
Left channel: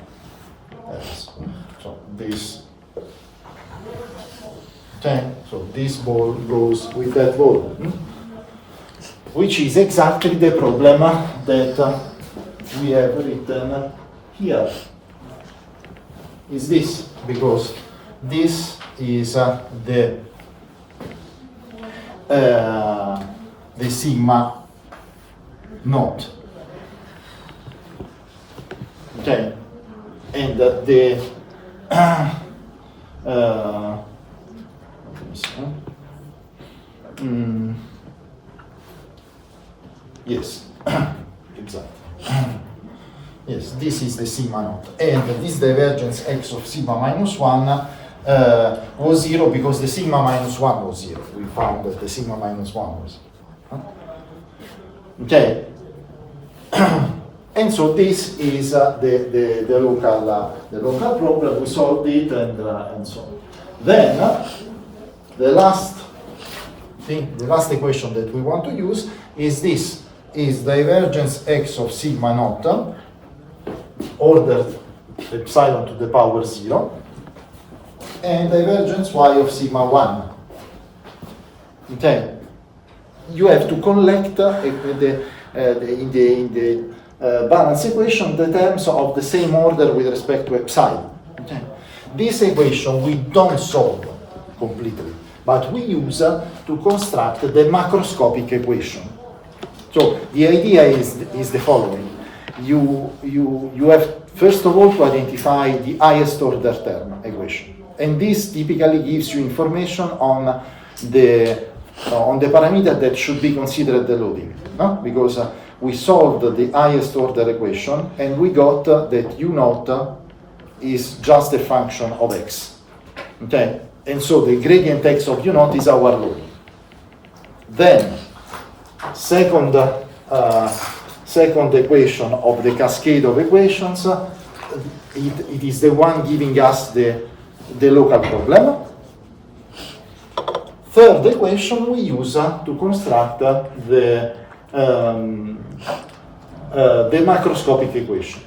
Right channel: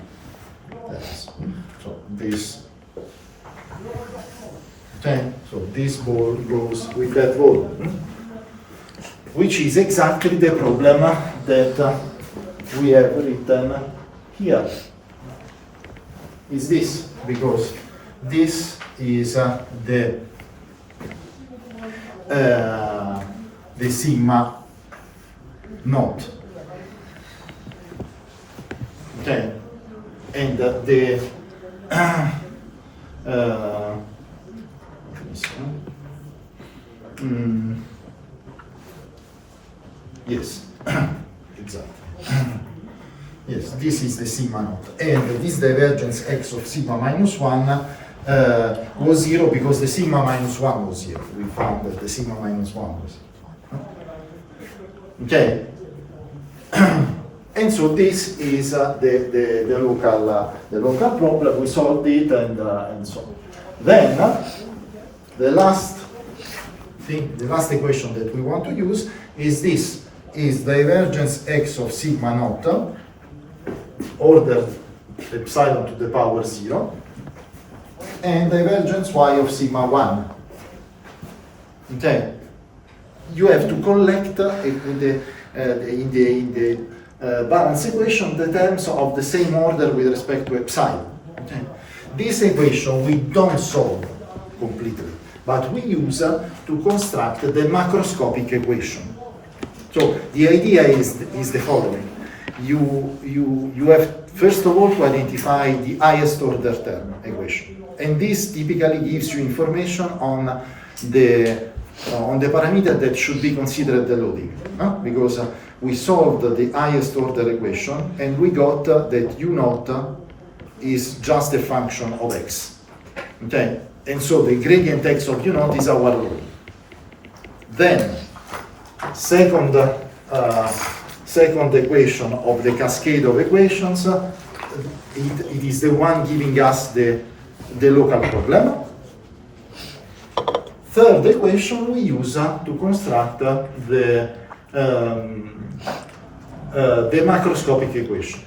So this, okay, so this ball goes with that ball, which is exactly the problem that we have written here. Is this, because this is the sigma naught. Okay, and the yes, exactly. Yes, this is the sigma naught, and this divergence x of sigma minus 1 was 0 because the sigma minus 1 was 0. We found that the sigma minus 1 was 0. Okay, and so this is the local problem. We solved it, and so on. Then the last thing, the last equation that we want to use is this: is divergence x of sigma naught ordered epsilon to the power 0 and divergence y of sigma 1. Okay, you have to collect in the balance equation the terms of the same order with respect to epsilon. Okay. This equation we don't solve completely, but we use to construct the macroscopic equation. So the idea is the following. You have first of all to identify the highest order term equation, and this typically gives you information on the parameter that should be considered the loading, no? Because we solved the highest order equation and we got that u naught is just a function of x. Okay, and so the gradient x of u naught is our loading. Then second equation of the cascade of equations, it is the one giving us the local problem. Third equation we use to construct the macroscopic equation.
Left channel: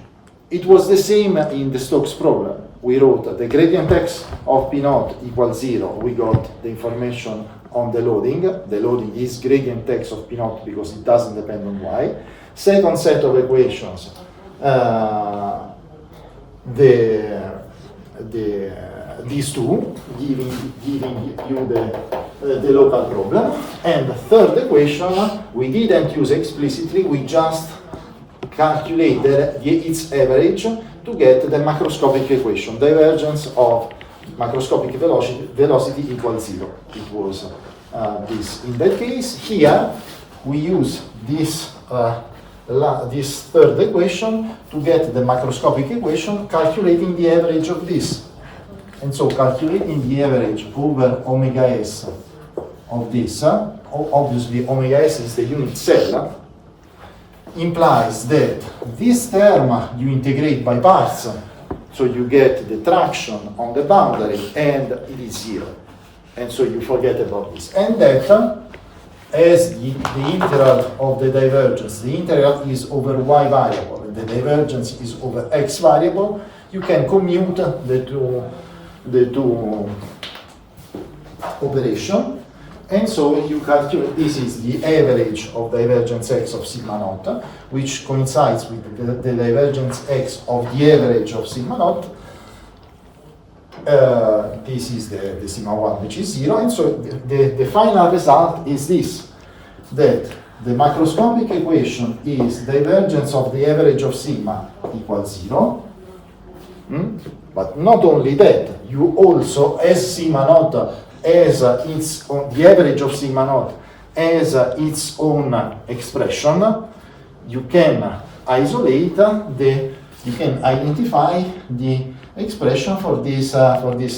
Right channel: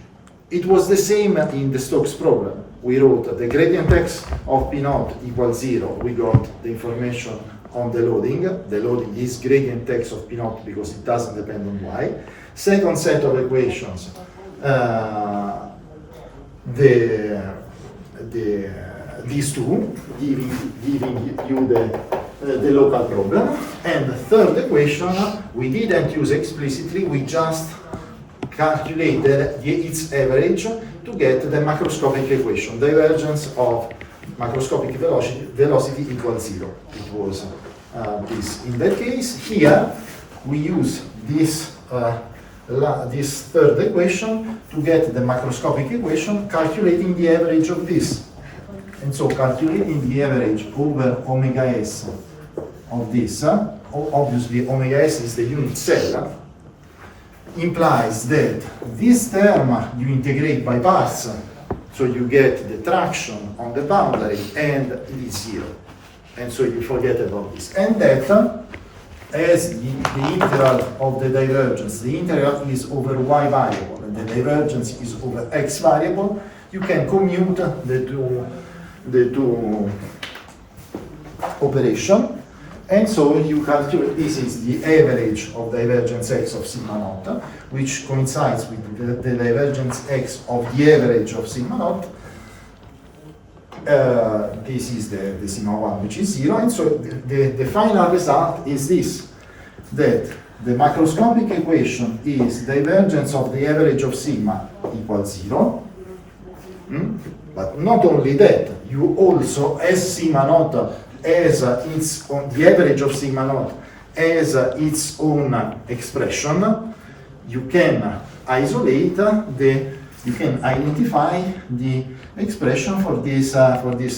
It was the same in the Stokes problem. We wrote the gradient x of p naught equals 0. We got the information on the loading. The loading is gradient x of p naught because it doesn't depend on y. Second set of equations, these two, giving you the local problem. And the third equation, we didn't use explicitly, we just calculated its average to get the macroscopic equation, divergence of macroscopic velocity equals 0. It was this. In that case, here we use this third equation to get the macroscopic equation, calculating the average of this. And so calculating the average over omega s of this, obviously omega s is the unit cell, implies that this term you integrate by parts, so you get the traction on the boundary and it is 0. And so you forget about this. And that as the integral of the divergence, the integral is over y variable and the divergence is over x variable, you can commute the two operation. And so you calculate, this is the average of divergence x of sigma naught, which coincides with the divergence x of the average of sigma naught. This is the sigma 1, which is 0. And so the final result is this, that the macroscopic equation is divergence of the average of sigma equals 0. But not only that, you also, as sigma naught as its own, the average of sigma naught as its own expression, you can isolate you can identify the expression for this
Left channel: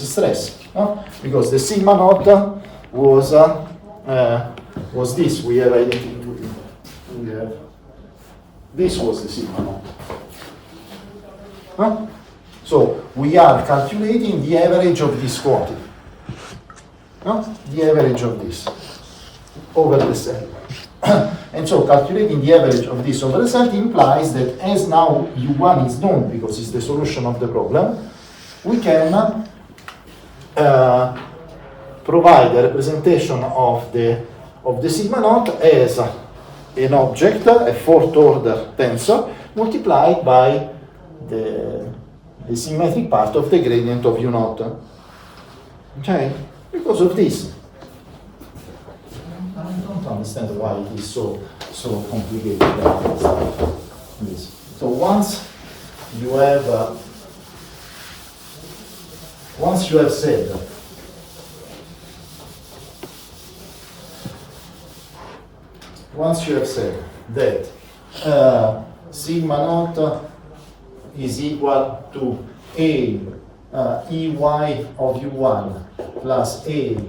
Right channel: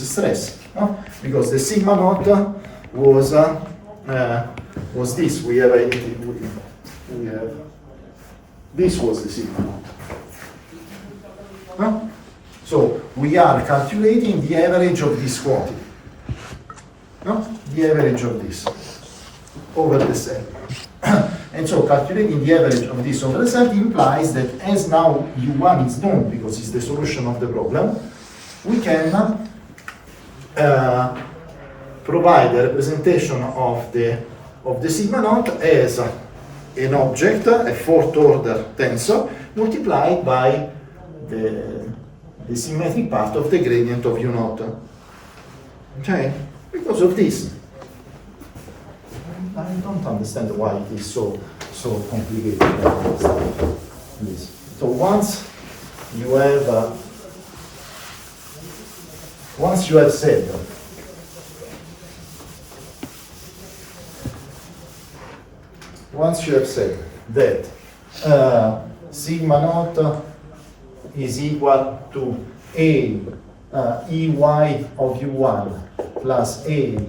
stress, no? Because the sigma naught was this. We have this was the sigma naught. No? So we are calculating the average of this quantity, no? The average of this over the cell. And so calculating the average of this over the set implies that as now U1 is known because it's the solution of the problem, we can provide a representation of the sigma naught as an object, a fourth order tensor, multiplied by the symmetric part of the gradient of U naught. Okay? Because of this. I don't understand why it is so complicated. This. So once you have said that sigma naught is equal to a ey of U1 plus a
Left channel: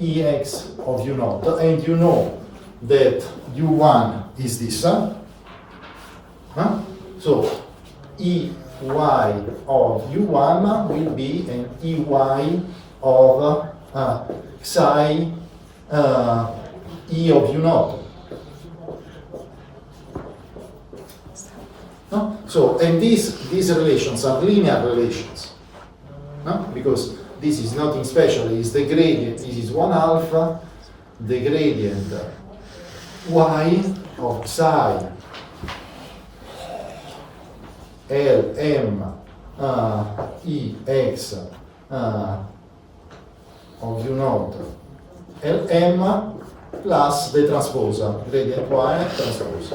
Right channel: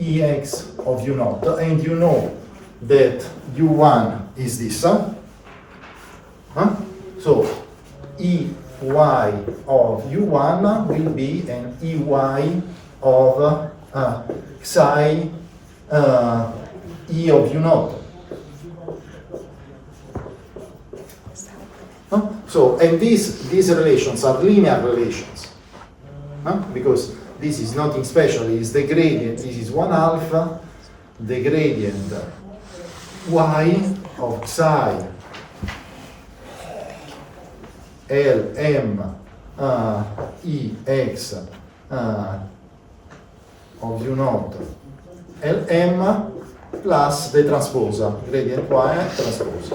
Ex of U naught, and you know that U1 is this. So Ey of U1 will be an Ey of psi E of U naught. So, and these relations are linear relations, because this is nothing special. It's the gradient. This is 1/2 the gradient y of psi Lm Ex of U naught Lm plus the transpose, gradient y transpose.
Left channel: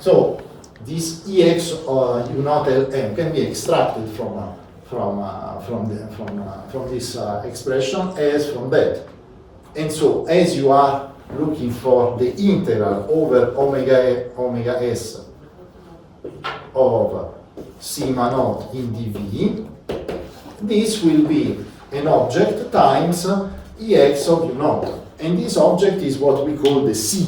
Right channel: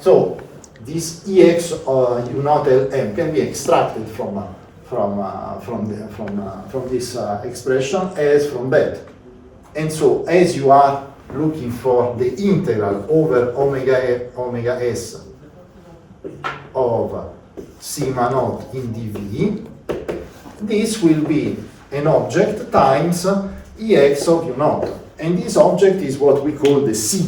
So this Ex U naught Lm can be extracted from this expression as from that. And so as you are looking for the integral over omega s of sigma naught in dV, this will be an object times Ex of U naught. And this object is what we call the C.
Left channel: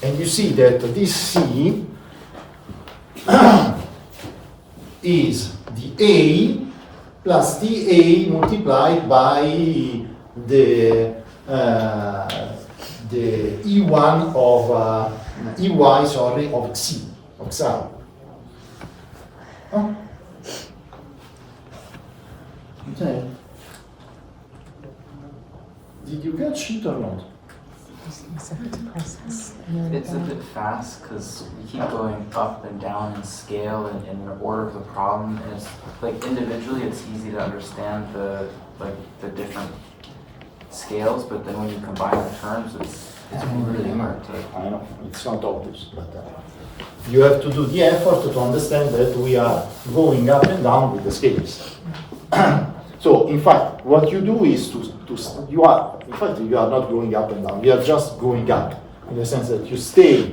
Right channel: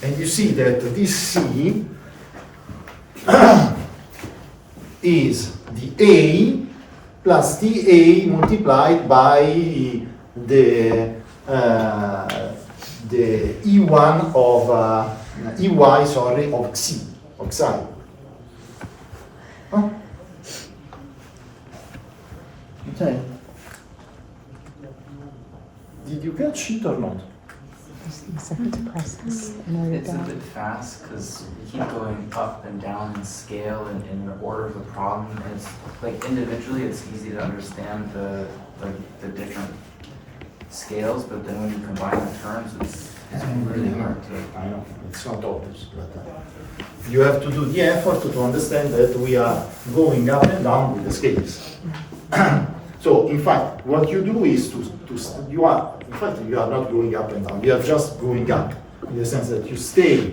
And you see that this C is the A plus the A multiplied by the E1 of EY, sorry, of C, of psi. Huh? Okay. Did you catch it or not? It's a process. It's a bit fast because you keep going up and down in scale and in the order of the problem. And it's like individually, it's easy to understand the different scales, but then when you combine the terms, it's really hard to. I know, it's not obvious, but you have to do the effort to understand that we are going up and down with the scales. So, in fact, what you do is you are not going up and down. You are just going up in the sense that you stay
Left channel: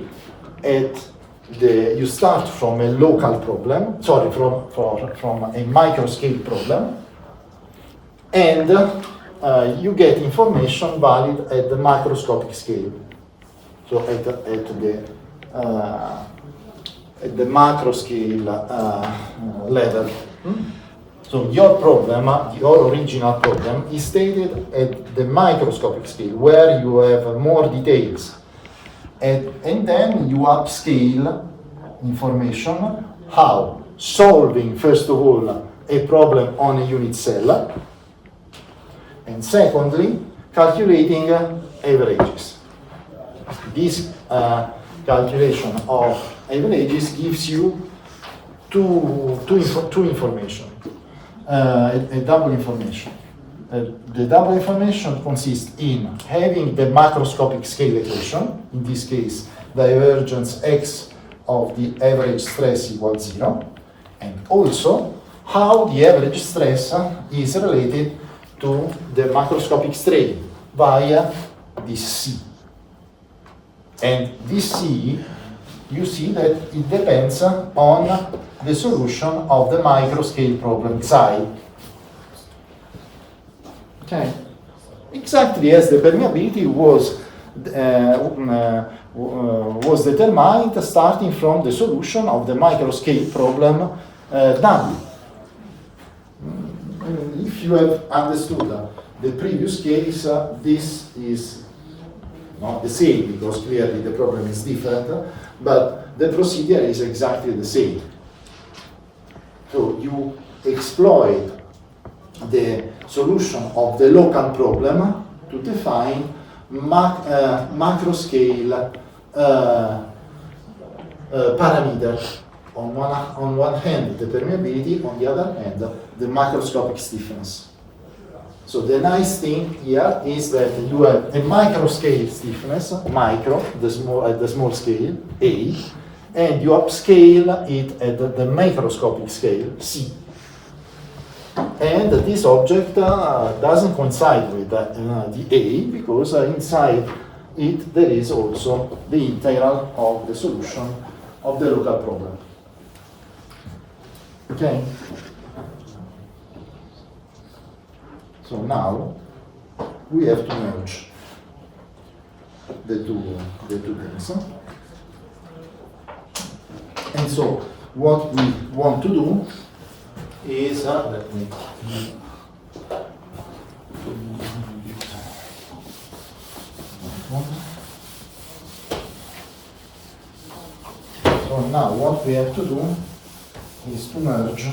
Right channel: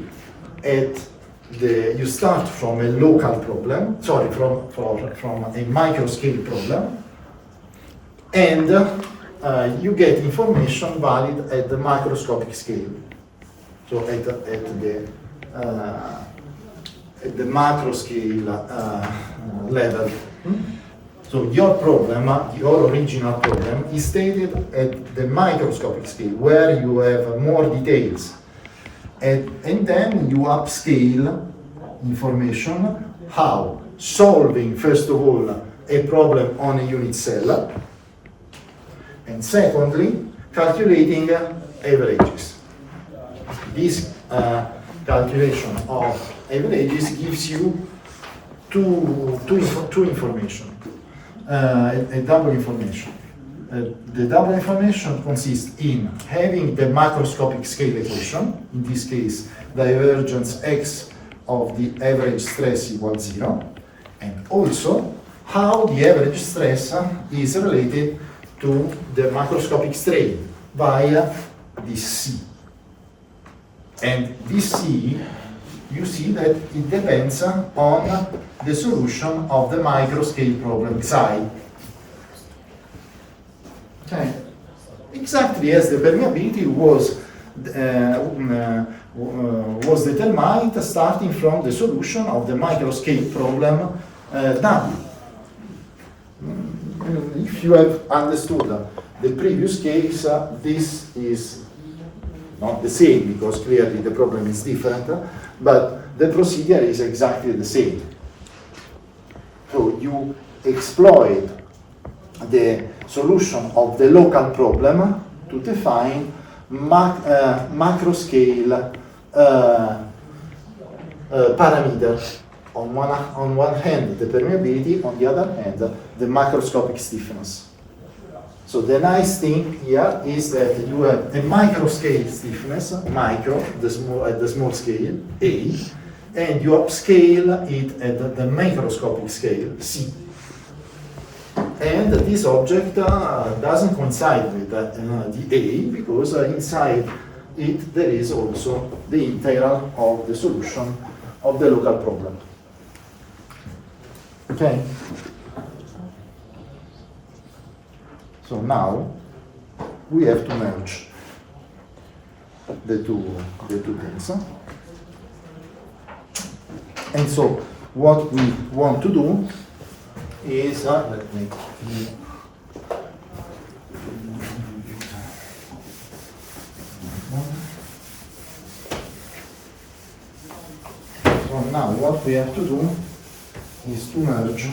you start from a local problem, sorry, from a micro scale problem, and you get information valid at the macroscopic scale. So at the macro scale level. So your problem, your original problem, is stated at the microscopic scale, where you have more details. And then you upscale information, how? Solving, first of all, a problem on a unit cell, and secondly, calculating averages. This calculation of averages gives you two information. a double information. The double information consists in having the macroscopic scale equation, in this case divergence x of the average stress equals 0, and also how the average stress is related to the macroscopic strain via this C. And this C, you see that it depends on the solution of the microscale problem psi. Okay. Exactly as the permeability was determined starting from the solution of the microscale problem W. If you have understood the previous case, this is not the same because clearly the problem is different, but the procedure is exactly the same. So you exploit the solution of the local problem to define macroscale parameter. On one hand, the permeability, on the other hand, the macroscopic stiffness. So the nice thing here is that you have a microscale stiffness, micro, at the small scale, A, and you upscale it at the macroscopic scale, C. And this object doesn't coincide with the A because inside it there is also the integral of the solution of the local problem. Okay? So now we have to merge the two things. And so what we want to do is so now what we have to do is to merge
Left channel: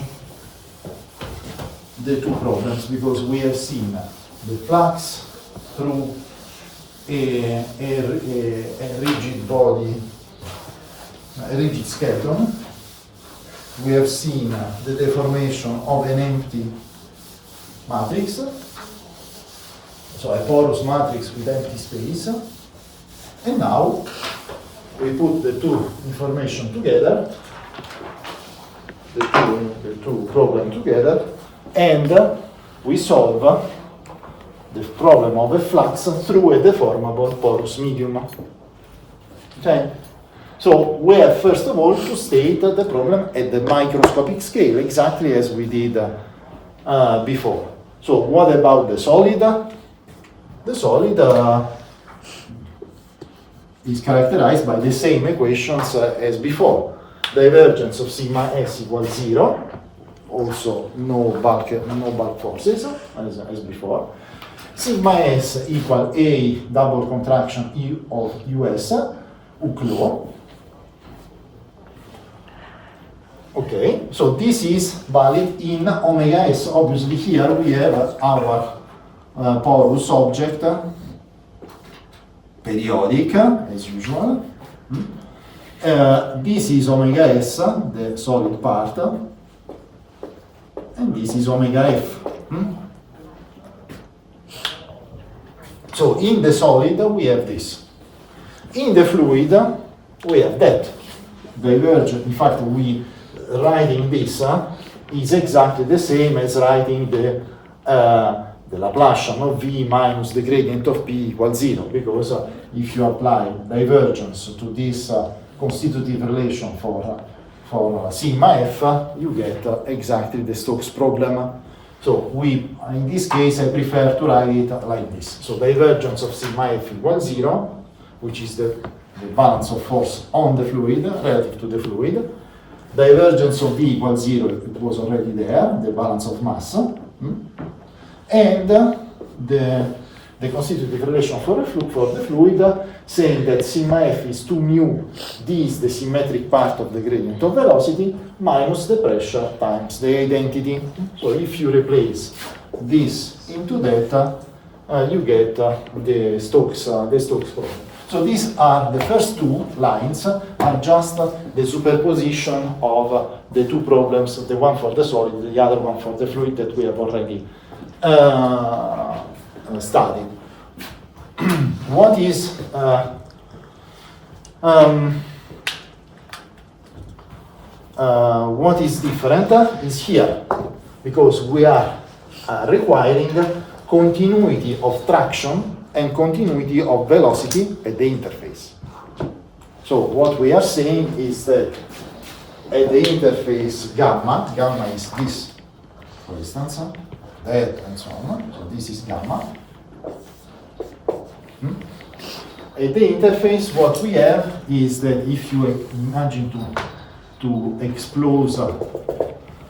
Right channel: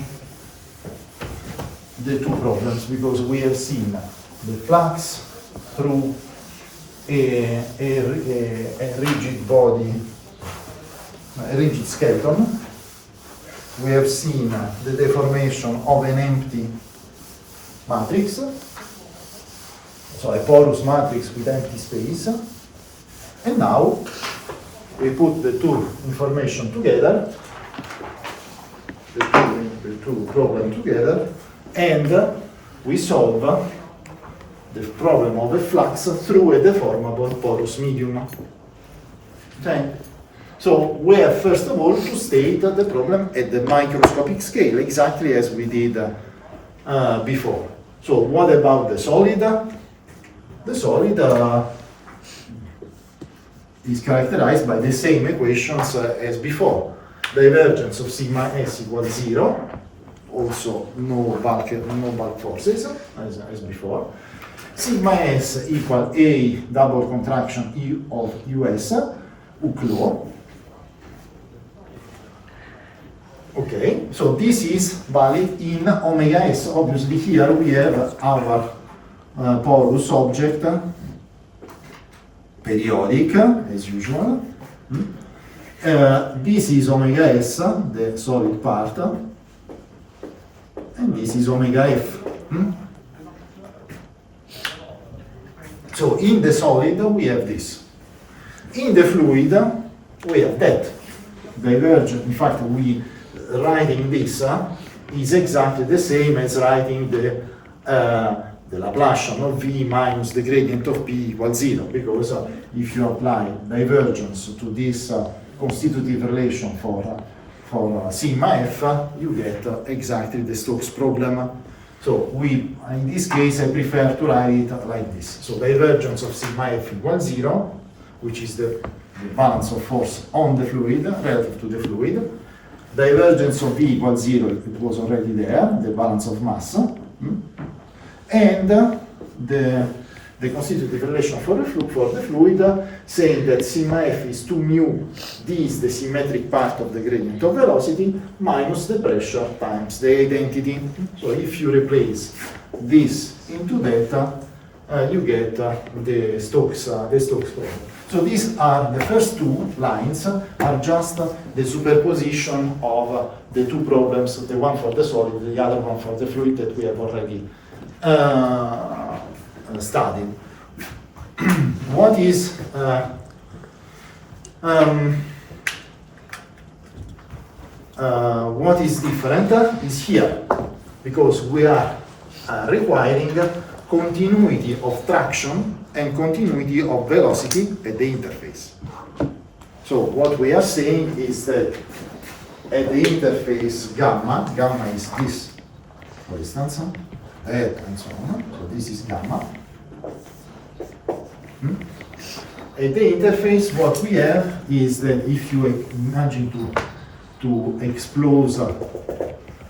the two problems because we have seen the flux through a rigid body, a rigid skeleton. We have seen the deformation of an empty matrix, so a porous matrix with empty space. And now we put the two information together, the two problems together, and we solve the problem of a flux through a deformable porous medium. Okay? So we have first of all to state the problem at the microscopic scale, exactly as we did before. So what about the solid? The solid is characterized by the same equations as before. Divergence of sigma s equals 0, also no bulk forces as before. Sigma s equal a double contraction E of US, Hooke law. Okay, so this is valid in omega s. Obviously here we have our porous object, periodic as usual. This is omega s, the solid part, and this is omega f. So in the solid we have this. In the fluid we have that. Divergent, in fact, writing this is exactly the same as writing the Laplacian of V minus the gradient of P equals 0, because if you apply divergence to this constitutive relation for sigma f, you get exactly the Stokes problem. So in this case, I prefer to write it like this. So divergence of sigma f equals 0, which is the balance of force on the fluid relative to the fluid. Divergence of V equals 0, it was already there, the balance of mass. And the constitutive relation for the fluid, saying that sigma f is 2 mu, d is the symmetric part of the gradient of velocity, minus the pressure times the identity. So if you replace this into that, you get the Stokes problem. So these are the first two lines, are just the superposition of the two problems, the one for the solid, the other one for the fluid that we have already studied. What is different is here, because we are requiring continuity of traction and continuity of velocity at the interface. So what we are saying is that at the interface gamma is this, for instance, that and so on. So this is gamma. At the interface, what we have is that if you imagine to expose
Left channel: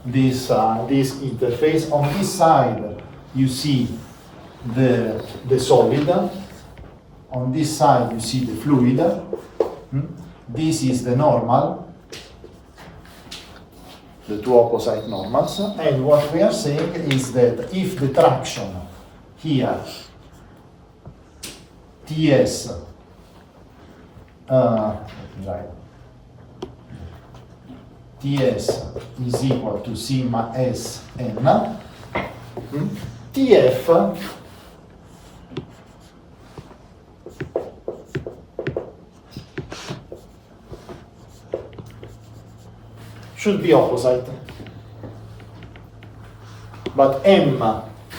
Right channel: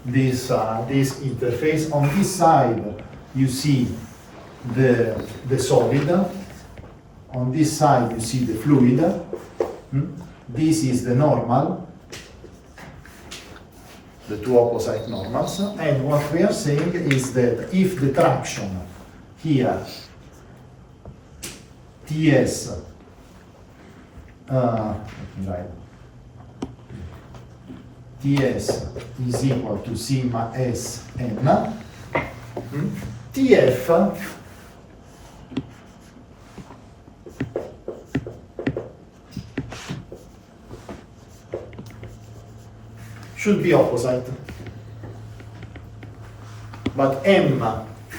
this interface, on this side you see the solid, on this side you see the fluid. This is the normal, the two opposite normals, and what we are saying is that if the traction here Ts Ts is equal to sigma S n, Tf should be opposite, but m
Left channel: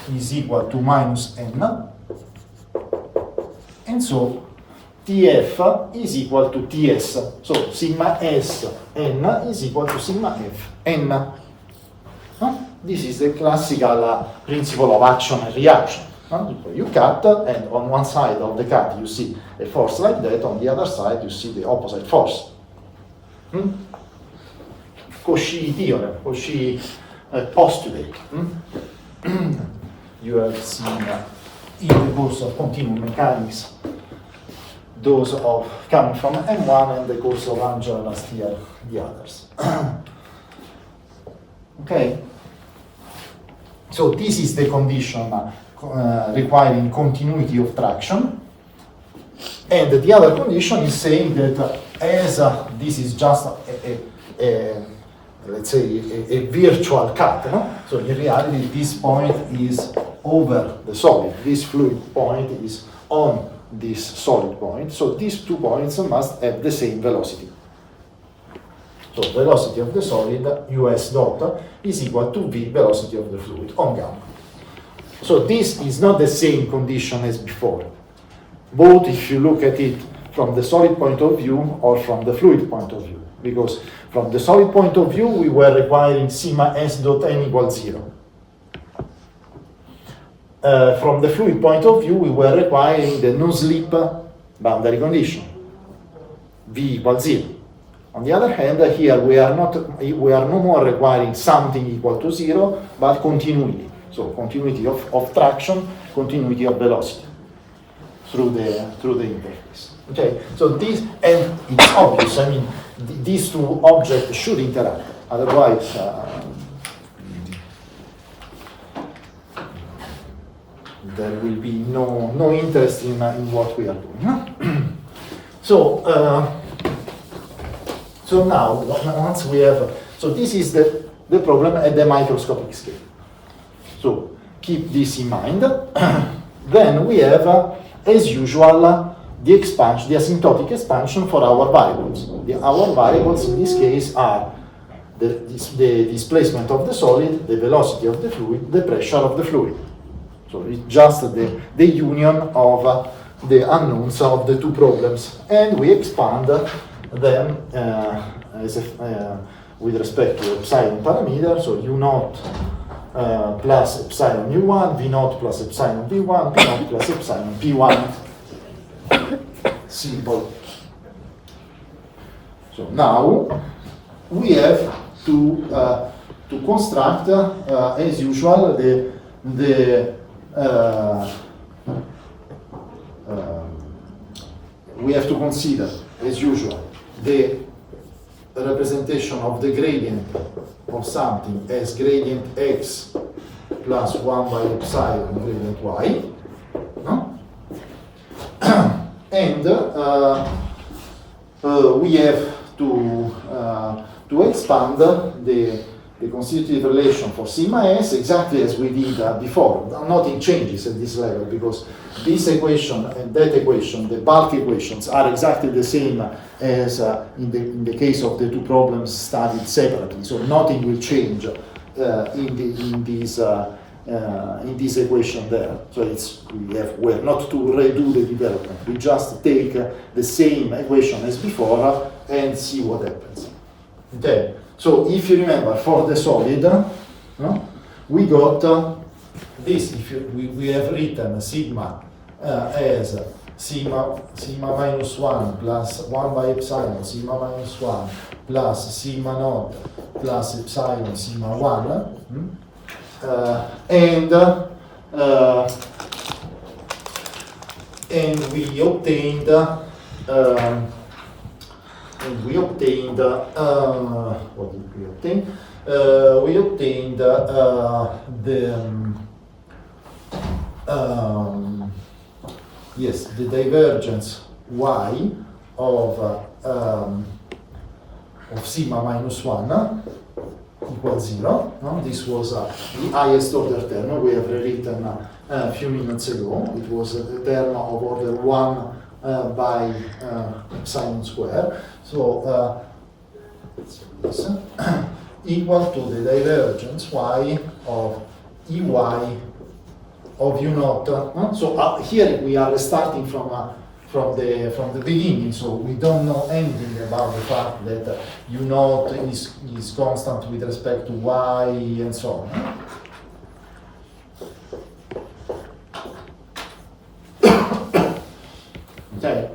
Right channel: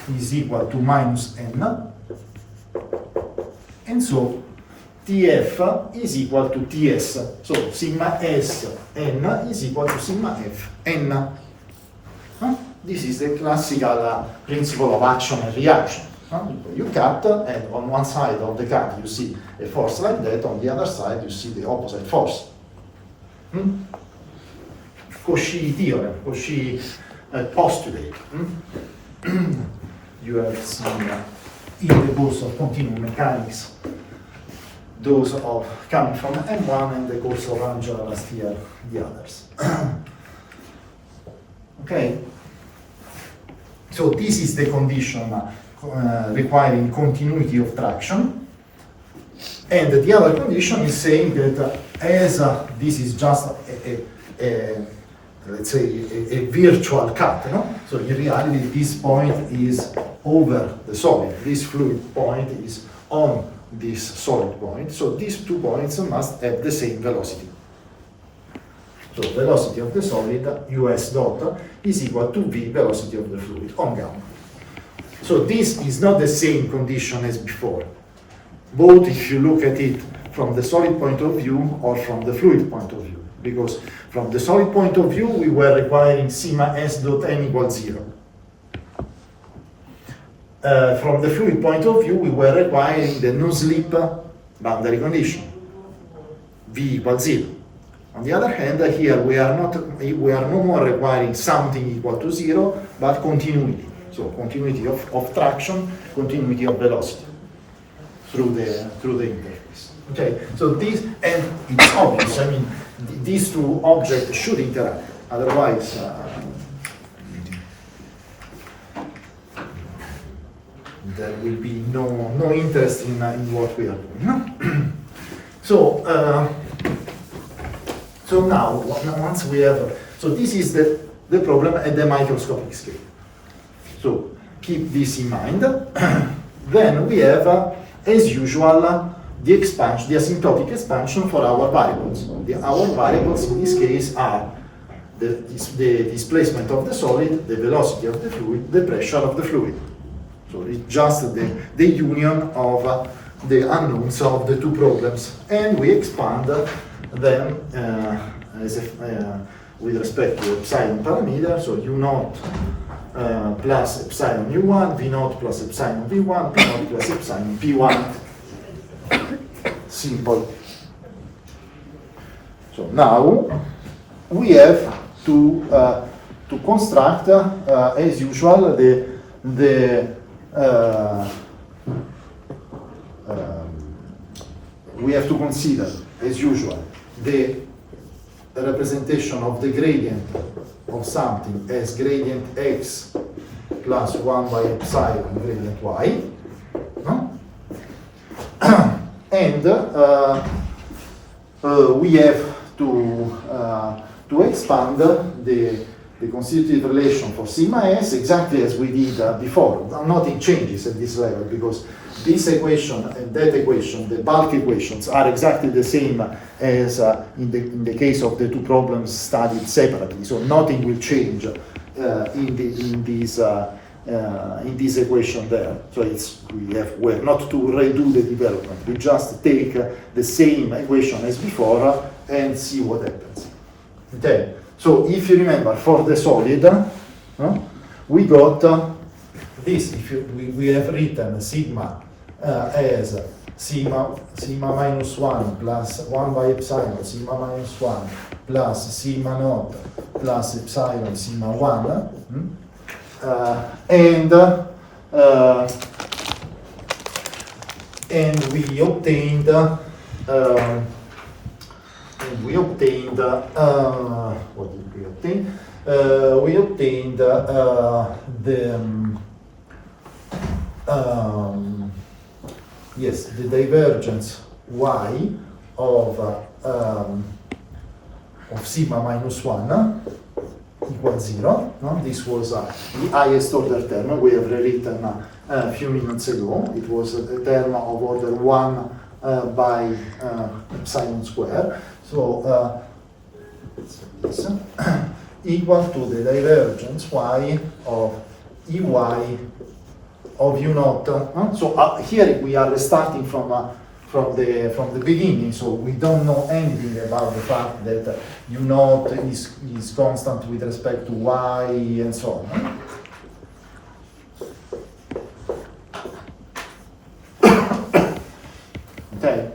is equal to minus n, and so Tf is equal to Ts. So sigma S n is equal to sigma F n. This is the classical principle of action and reaction. You cut, and on one side of the cut you see a force like that, on the other side you see the opposite force. Cauchy theorem, Cauchy postulate. You have seen in the course of continuum mechanics those of coming from M1, and the course of Angela last year, the others. Okay, so this is the condition requiring continuity of traction, and the other condition is saying that as this is just let's say a virtual cut, no? So in reality this point is over the solid, this fluid point is on this solid point, so these 2 points must have the same velocity. So velocity of the solid, us dot, is equal to v velocity of the fluid on gamma. So this is not the same condition as before, both if you look at it from the solid point of view or from the fluid point of view, because from the solid point of view we were requiring sigma s dot n equals 0. From the fluid point of view we were requiring the no-slip boundary condition, v equals 0. On the other hand, here we are no more requiring something equal to 0, but continuity. So continuity of traction, continuity of velocity through the interface. Okay, so this, and it's obvious, I mean, these 2 objects should interact, otherwise there will be no interest in what we are doing. So now, once we have, so this is the problem at the microscopic scale. So keep this in mind. Then we have, as usual, the expansion, the asymptotic expansion for our variables. Our variables in this case are the displacement of the solid, the velocity of the fluid, the pressure of the fluid. So it's just the union of the unknowns of the 2 problems, and we expand them with respect to epsilon parameter. So u0 plus epsilon u1, v0 plus epsilon v1, p0 plus epsilon p1. Simple. So now we have to construct, as usual, we have to consider, as usual, the representation of the gradient of something as gradient x plus 1 by epsilon gradient y, no? And we have to expand the constitutive relation for sigma s exactly as we did before. Nothing changes at this level because this equation and that equation, the bulk equations, are exactly the same as in the case of the two problems studied separately. So nothing will change in this equation there. So we're not to redo the development. We just take the same equation as before and see what happens. Okay. So if you remember, for the solid, we got this. We have written sigma as sigma minus 1 plus 1 by epsilon sigma minus 1 plus sigma naught plus epsilon sigma 1. And we obtained what did we obtain? We obtained the divergence y of sigma minus 1 equals 0. No? This was the highest order term we have rewritten a few minutes ago. It was a term of order 1 by epsilon square. So this equal to the divergence y of Ey of u naught. So here we are starting from the beginning, so we don't know anything about the fact that u naught is constant with respect to y and so on. Okay,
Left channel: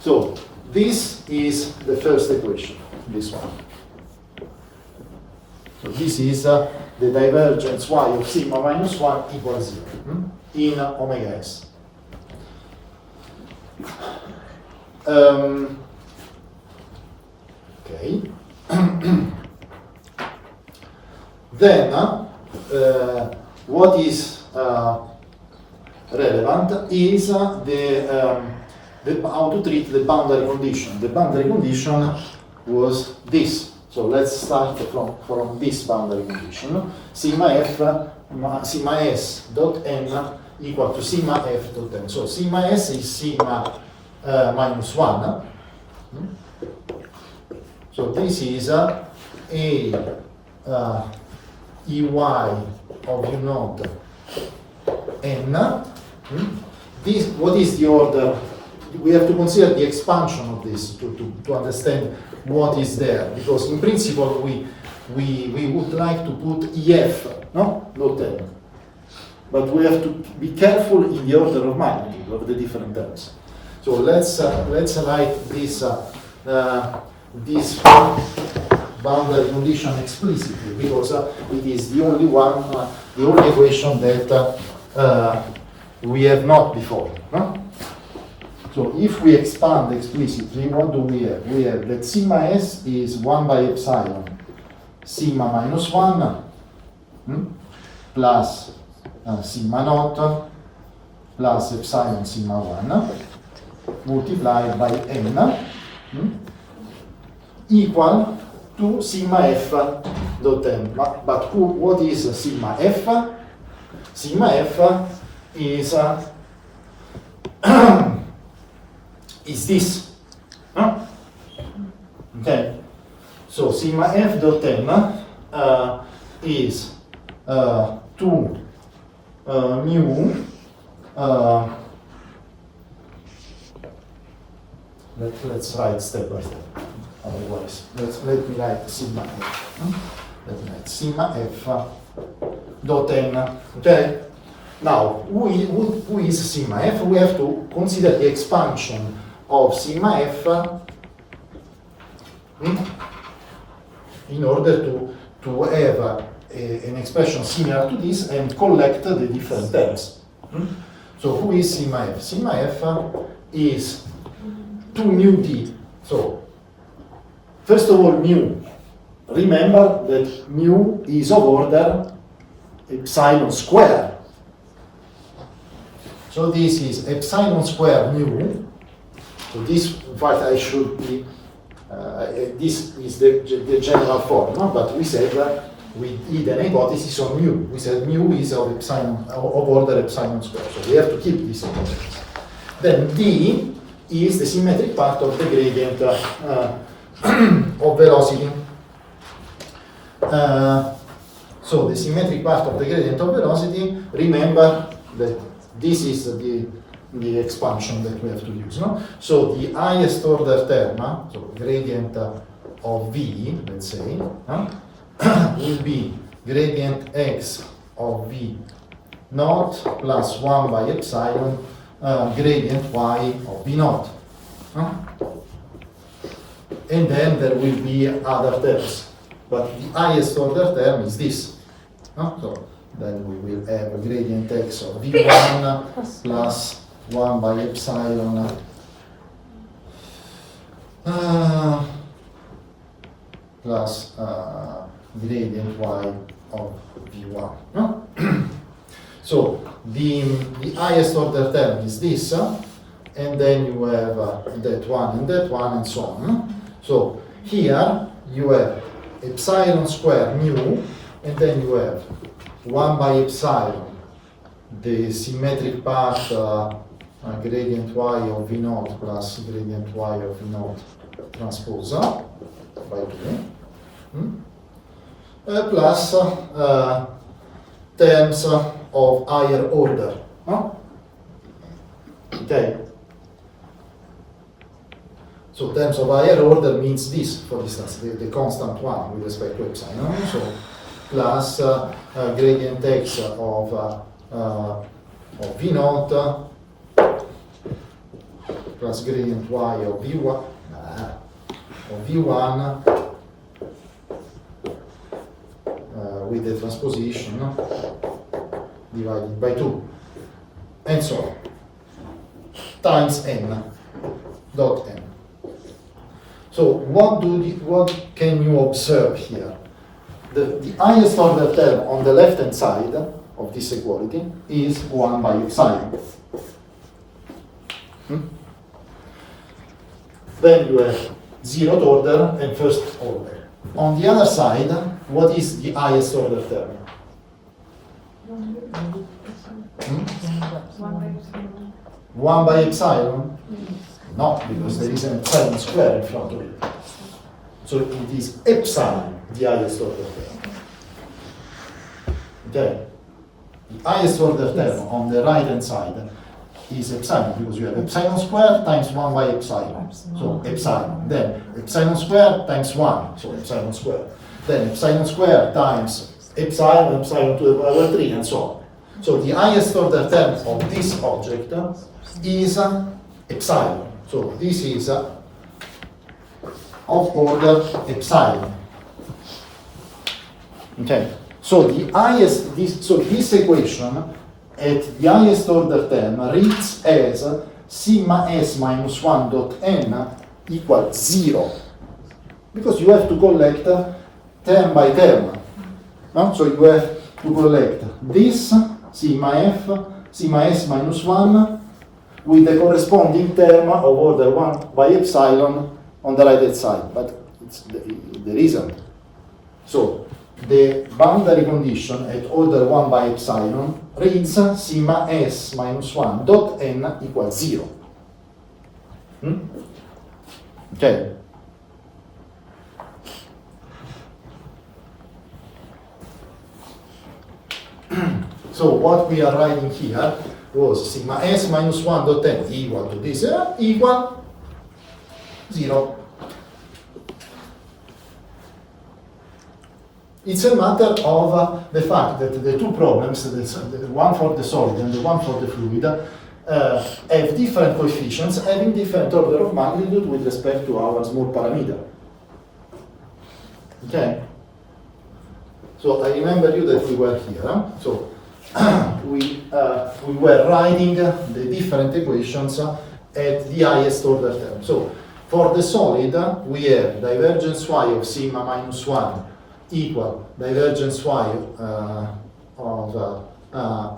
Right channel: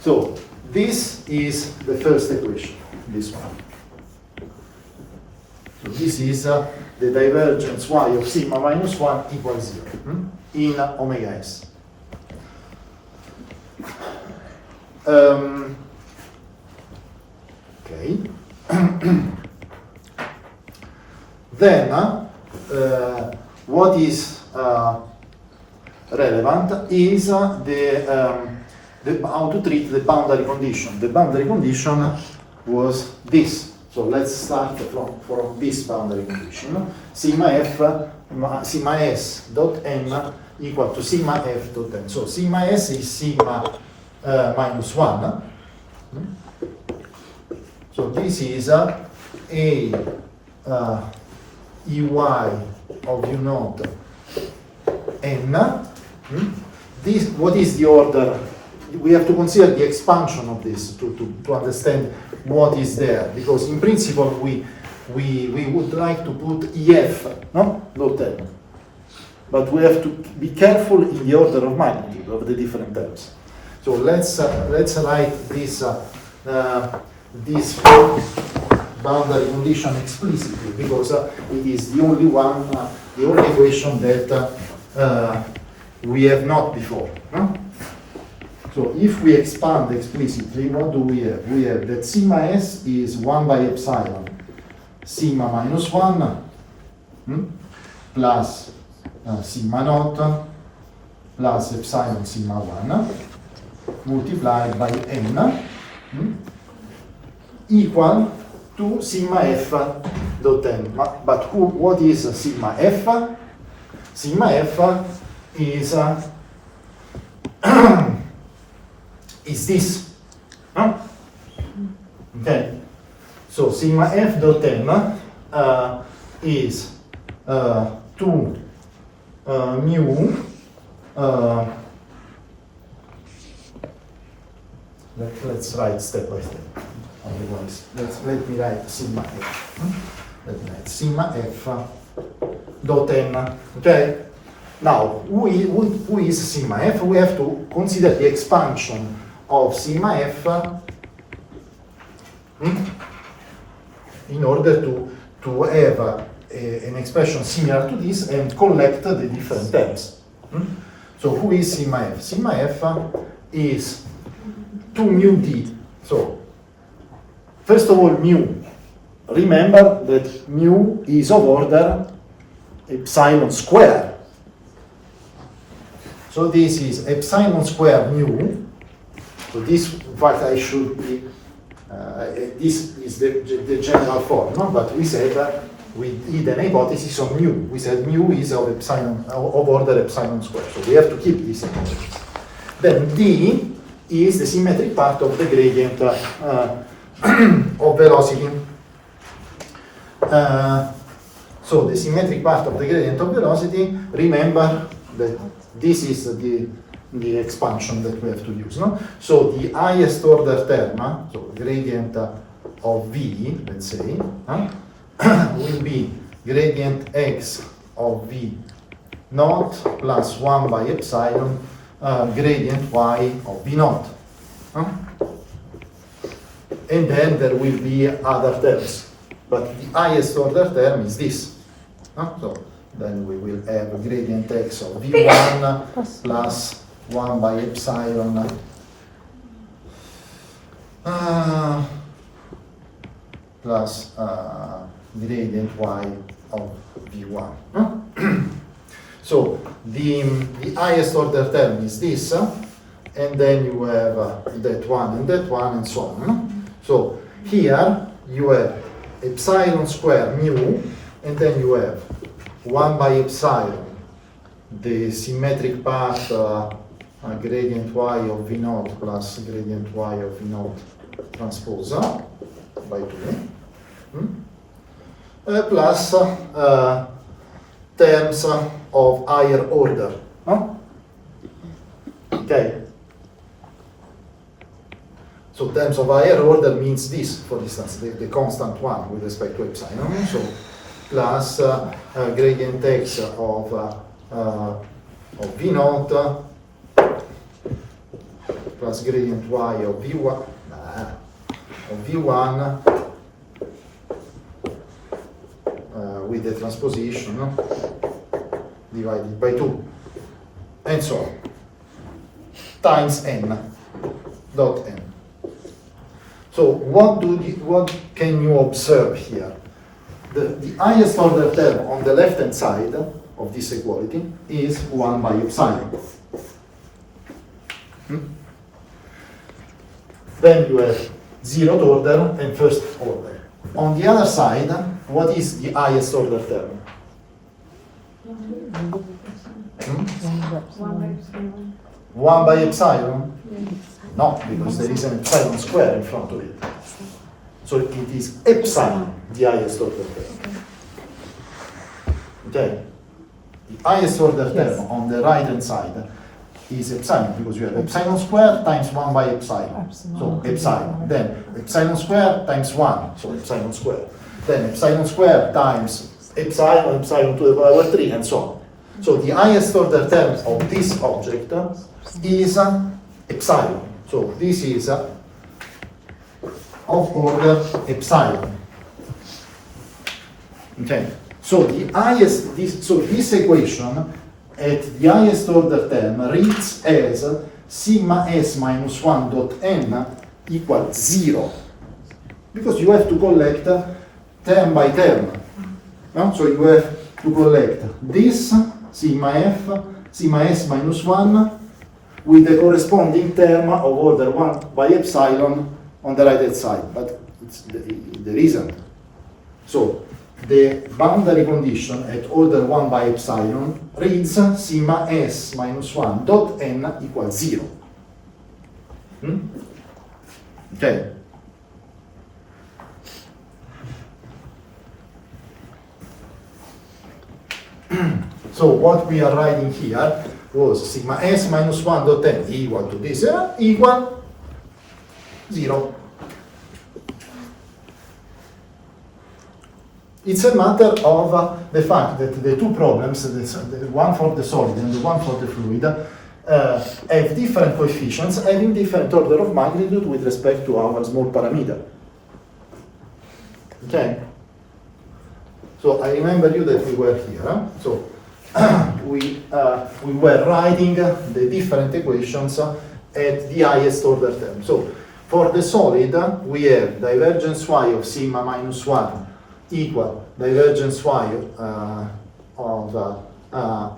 so this is the first equation, this one. So this is the divergence y of sigma minus 1 equals 0 in omega s. Okay. Then, what is relevant is how to treat the boundary condition. The boundary condition was this. So let's start from this boundary condition. Sigma s dot m equal to sigma f dot m. So sigma s is sigma minus 1. So this is a ey of u naught n. This, what is the order? We have to consider the expansion of this to understand what is there, because in principle we would like to put EF, no? Not n. But we have to be careful in the order of magnitude of the different terms. So let's write this boundary condition explicitly, because it is the only one, the only equation that we have not before. No? So if we expand explicitly, what do we have? We have that sigma s is 1 by epsilon sigma minus 1 plus sigma naught plus epsilon sigma 1 multiplied by n equal to sigma f dot n. But what is sigma f? Sigma f is is this. Okay. So sigma f dot n is 2 mu let's write step by step. Otherwise, let me write sigma f. Let me write sigma f dot n. Okay. Now, who is sigma f? We have to consider the expansion of sigma f in order to have an expression similar to this and collect the different terms. So who is sigma f? Sigma f is 2 mu d. So, first of all, mu. Remember that mu is of order epsilon square. So this is epsilon square mu. So this, in fact, I should be this is the general form, no? But we said we did an hypothesis on mu. We said mu is of epsilon, of order epsilon square, so we have to keep this hypothesis. Then d is the symmetric part of the gradient of velocity. So the symmetric part of the gradient of velocity, remember that this is the expansion that we have to use, no? So the highest order term, so gradient of v, let's say, will be gradient x of v naught plus 1 by epsilon gradient y of v naught. And then there will be other terms, but the highest order term is this. So then we will have a gradient x of v1 plus 1 by epsilon plus gradient y of v1. So the highest order term is this, and then you have that one and so on. So here you have epsilon square mu, and then you have 1 by epsilon, the symmetric part gradient y of v naught plus gradient y of v naught transpose by 2, plus terms of higher order. Okay. So terms of higher order means this, for instance, the constant one with respect to epsilon. So plus gradient x of v naught plus gradient y of v1 with the transposition divided by 2, and so on, times n dot n. So what can you observe here? The highest order term on the left hand side of this equality is 1 by epsilon. Then you have zeroth order and first order. On the other side, what is the highest order term? 1 by epsilon? No, because there is an epsilon square in front of it. So it is epsilon, the highest order term. Okay? The highest order term on the right hand side is epsilon, because you have epsilon square times 1 by epsilon. So epsilon. Then epsilon square times 1, so epsilon square. Then epsilon square times epsilon to the power 3, and so on. So the highest order term of this object is epsilon. So this is of order epsilon. Okay. So this equation at the highest order term reads as sigma s minus 1 dot n equals 0, because you have to collect term by term. So you have to collect this sigma s minus 1 with the corresponding term of order 1 by epsilon on the right hand side, but there isn't. So the boundary condition at order 1 by epsilon reads sigma s minus 1 dot n equals 0. Okay. So what we are writing here was sigma s minus 1 dot n equal to this equal 0. It's a matter of the fact that the two problems, the one for the solid and the one for the fluid, have different coefficients having different order of magnitude with respect to our small parameter. Okay? So I remember you that we were here. So we were writing the different equations at the highest order term. So for the solid, we have divergence y of sigma minus 1 equal divergence y of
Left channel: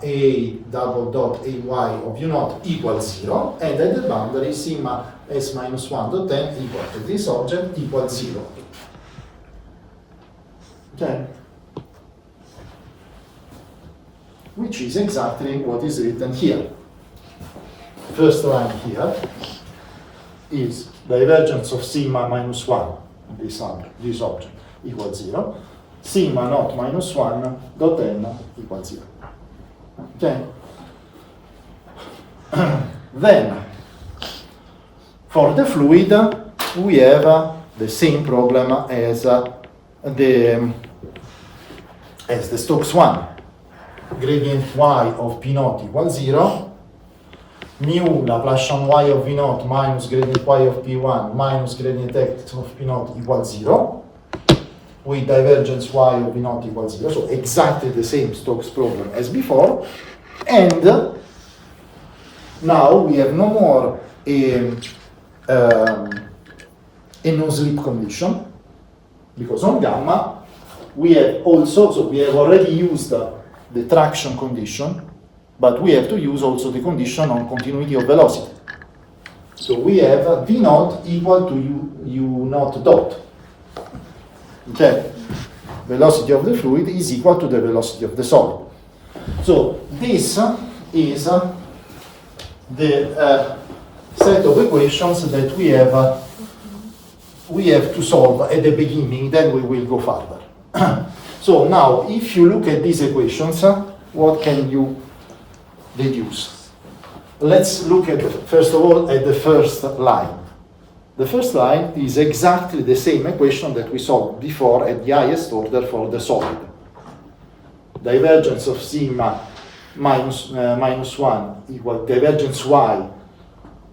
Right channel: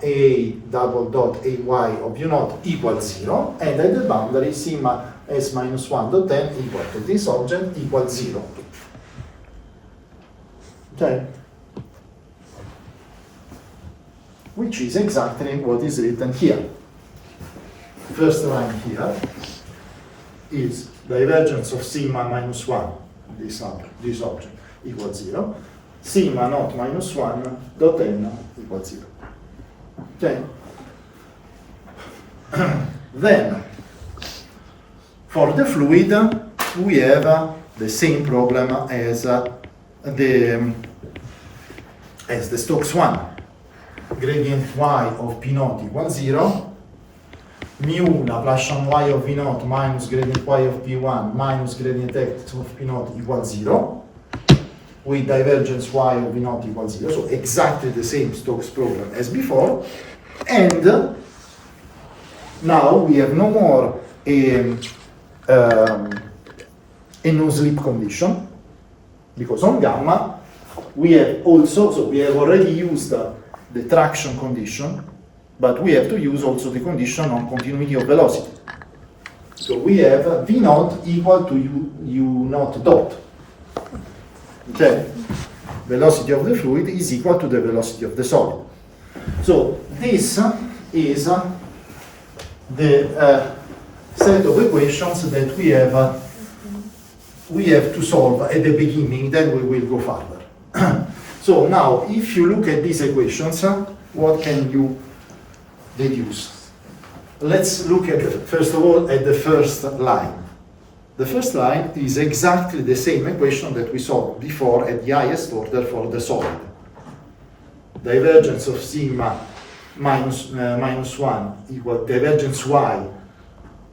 a double dot ay of u naught equals 0, and at the boundary sigma S minus 1 dot n equal to this object equals 0. Okay? Which is exactly what is written here. First line here is divergence of sigma minus 1, this object, equals 0. Sigma naught minus 1 dot n equals 0. Okay? Then, for the fluid, we have the same problem as the Stokes one. Gradient y of P naught equals 0. Mu Laplacian y of V naught minus gradient y of P1 minus gradient x of P naught equals 0. With divergence y of V naught equals 0. So exactly the same Stokes problem as before. And now we have no more a no-slip condition, because on gamma we have also, so we have already used the traction condition, but we have to use also the condition on continuity of velocity. So we have V naught equal to U naught dot. Okay? Velocity of the fluid is equal to the velocity of the solid. So this is the set of equations that we have to solve at the beginning, then we will go further. So now, if you look at these equations, what can you deduce? Let's look at, first of all, at the first line. The first line is exactly the same equation that we solved before at the highest order for the solid. Divergence of sigma minus 1 equal divergence y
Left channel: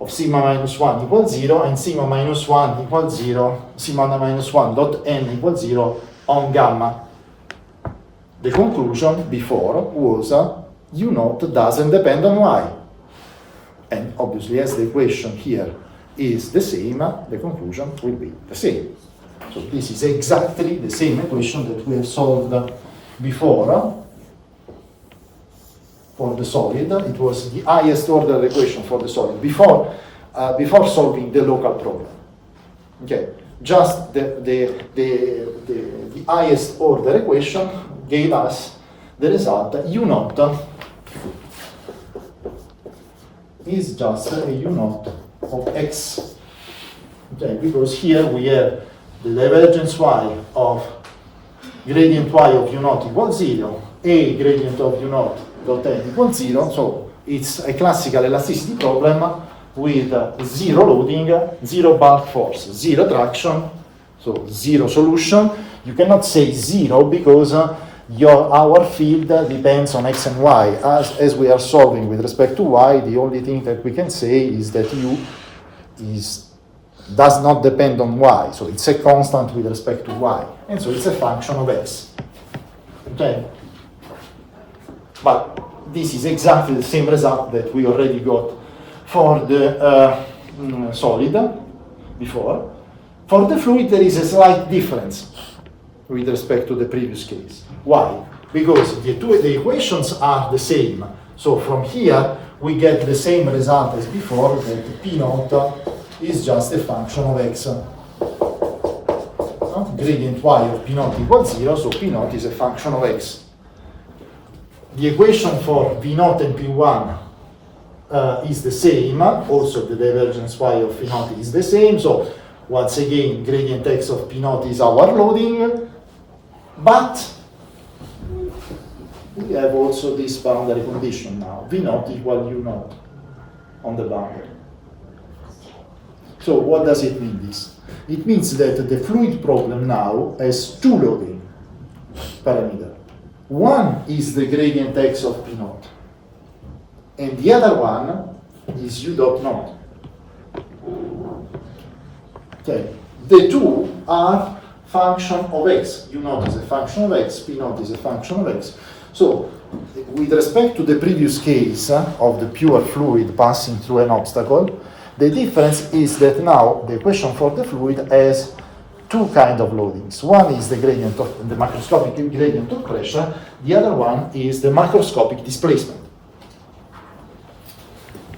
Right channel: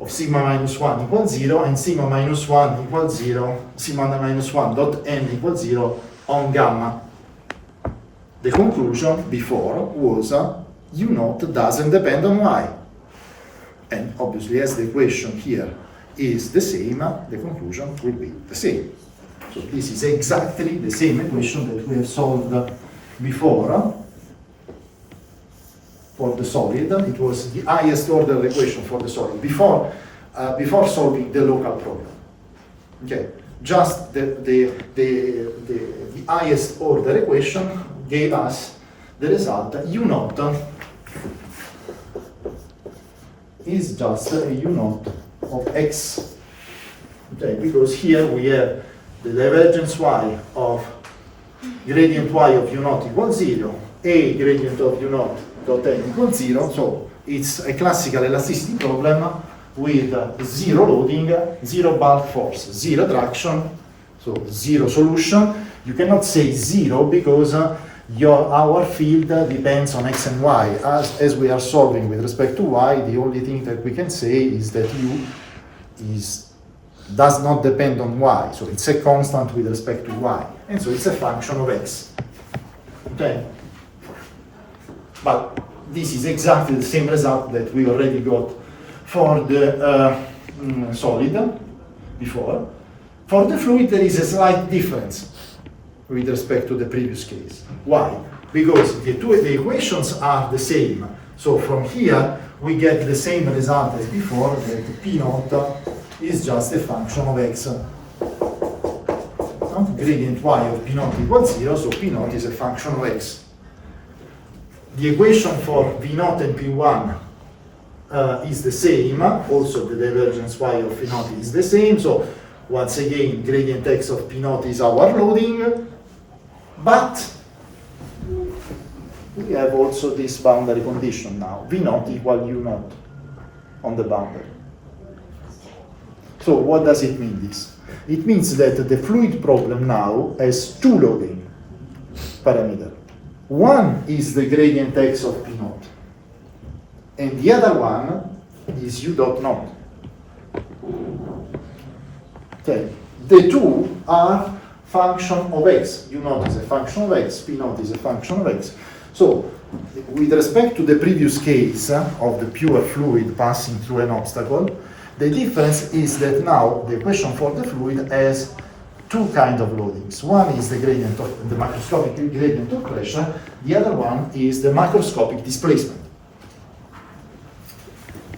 of sigma minus 1 equals 0, and sigma minus 1 equals 0, sigma minus 1 dot n equals 0 on gamma. The conclusion before was U naught doesn't depend on y. And obviously, as the equation here is the same, the conclusion will be the same. So this is exactly the same equation that we have solved before for the solid. It was the highest order equation for the solid before solving the local problem. Okay, just the highest order equation gave us the result that U naught is just a U naught of x. Okay, because here we have the divergence y of gradient y of U naught equals 0, a gradient of U naught dot n equals 0, so it's a classical elasticity problem with zero loading, zero bulk force, zero traction, so zero solution. You cannot say zero because our field depends on x and y. As we are solving with respect to y, the only thing that we can say is that u does not depend on y, so it's a constant with respect to y, and so it's a function of x. Okay? But this is exactly the same result that we already got for the solid before. For the fluid, there is a slight difference with respect to the previous case. Why? Because the equations are the same. So from here, we get the same result as before, that P naught is just a function of x. Gradient y of P naught equals 0, so P naught is a function of x. The equation for V naught and P1 is the same. Also, the divergence y of P naught is the same. So once again, gradient x of P naught is our loading. But we have also this boundary condition now. V naught equal U naught on the boundary. So what does it mean, this? It means that the fluid problem now has two loading parameters. One is the gradient x of P naught, and the other one is U dot naught. Okay, the two are function of x. U naught is a function of x, P naught is a function of x. So, with respect to the previous case of the pure fluid passing through an obstacle, the difference is that now the equation for the fluid has two kinds of loadings. One is the gradient of the macroscopic gradient of pressure, the other one is the macroscopic displacement.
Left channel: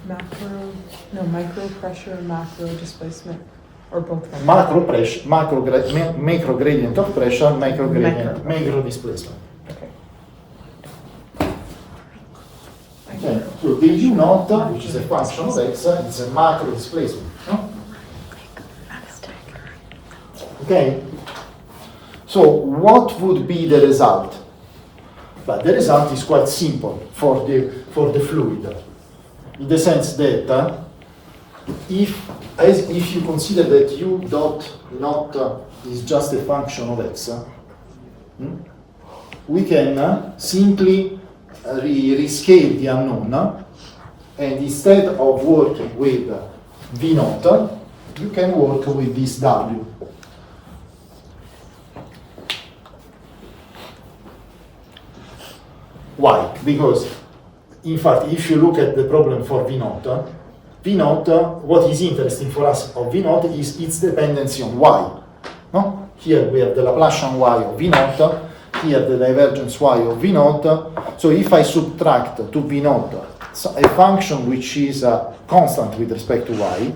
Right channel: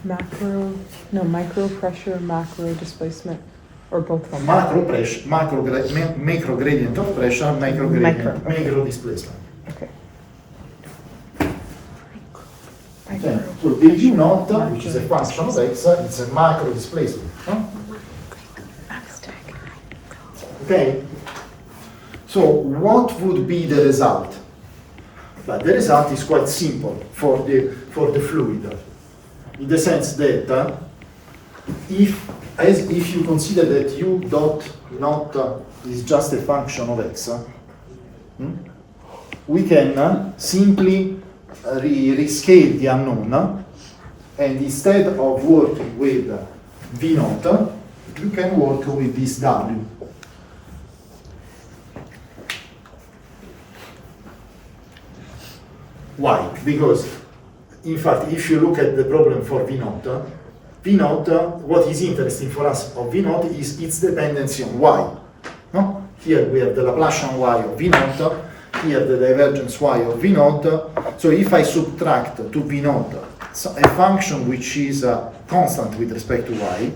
Now, micro pressure, macro displacement, or both. Macro pressure, macro gradient of pressure, macro displacement. Okay. Okay, so the U naught, which is a function of x, it's a macro displacement. Huh? Okay, so what would be the result? But the result is quite simple for the fluid, in the sense that if you consider that U dot naught is just a function of x, we can simply rescale the unknown, and instead of working with V naught, you can work with this W. Why? Because, in fact, if you look at the problem for V naught, what is interesting for us of V naught is its dependency on Y. No? Here we have the Laplacian Y of V naught, here the divergence Y of V naught. So if I subtract to V naught a function which is constant with respect to Y,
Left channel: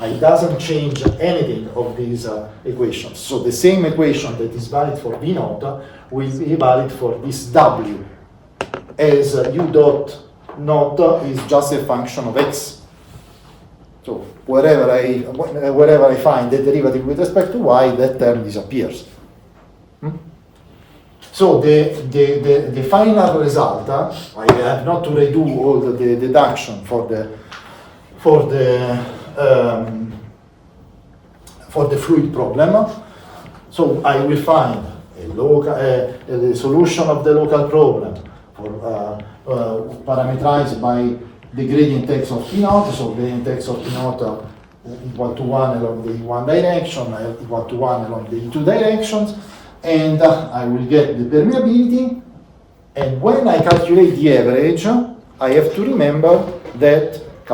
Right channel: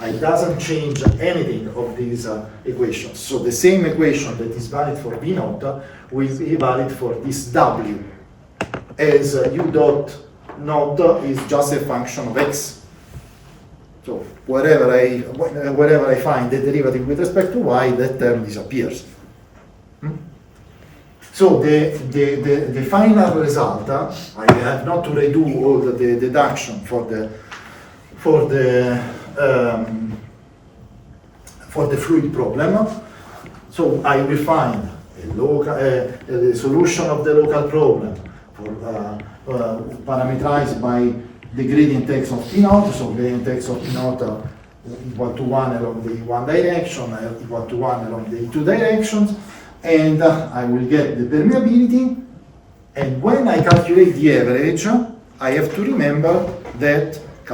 it doesn't change anything of these equations. So the same equation that is valid for V naught will be valid for this W, as U dot naught is just a function of x. So wherever I find the derivative with respect to y, that term disappears. So the final result, I have not to redo all the deduction for the fluid problem. So I will find a solution of the local problem parameterized by the gradient x of P naught, so gradient x of P naught equal to 1 along the one direction, equal to 1 along the two directions, and I will get the permeability, and when I calculate the average, I have to remember that I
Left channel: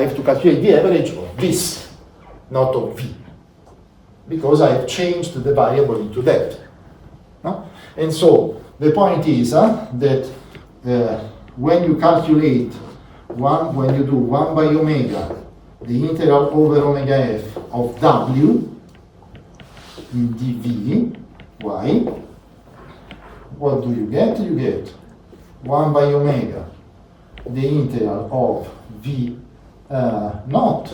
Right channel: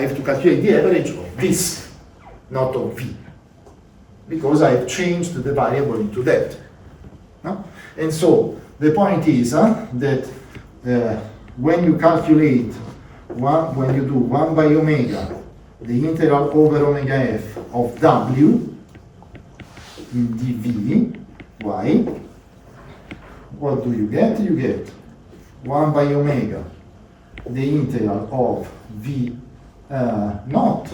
have to calculate the average of this, not of V, because I have changed the variable into that. No? And so the point is that when you calculate when you do 1 by omega, the integral over omega f of W in dV, y, what do you get? You get 1 by omega, the integral of V naught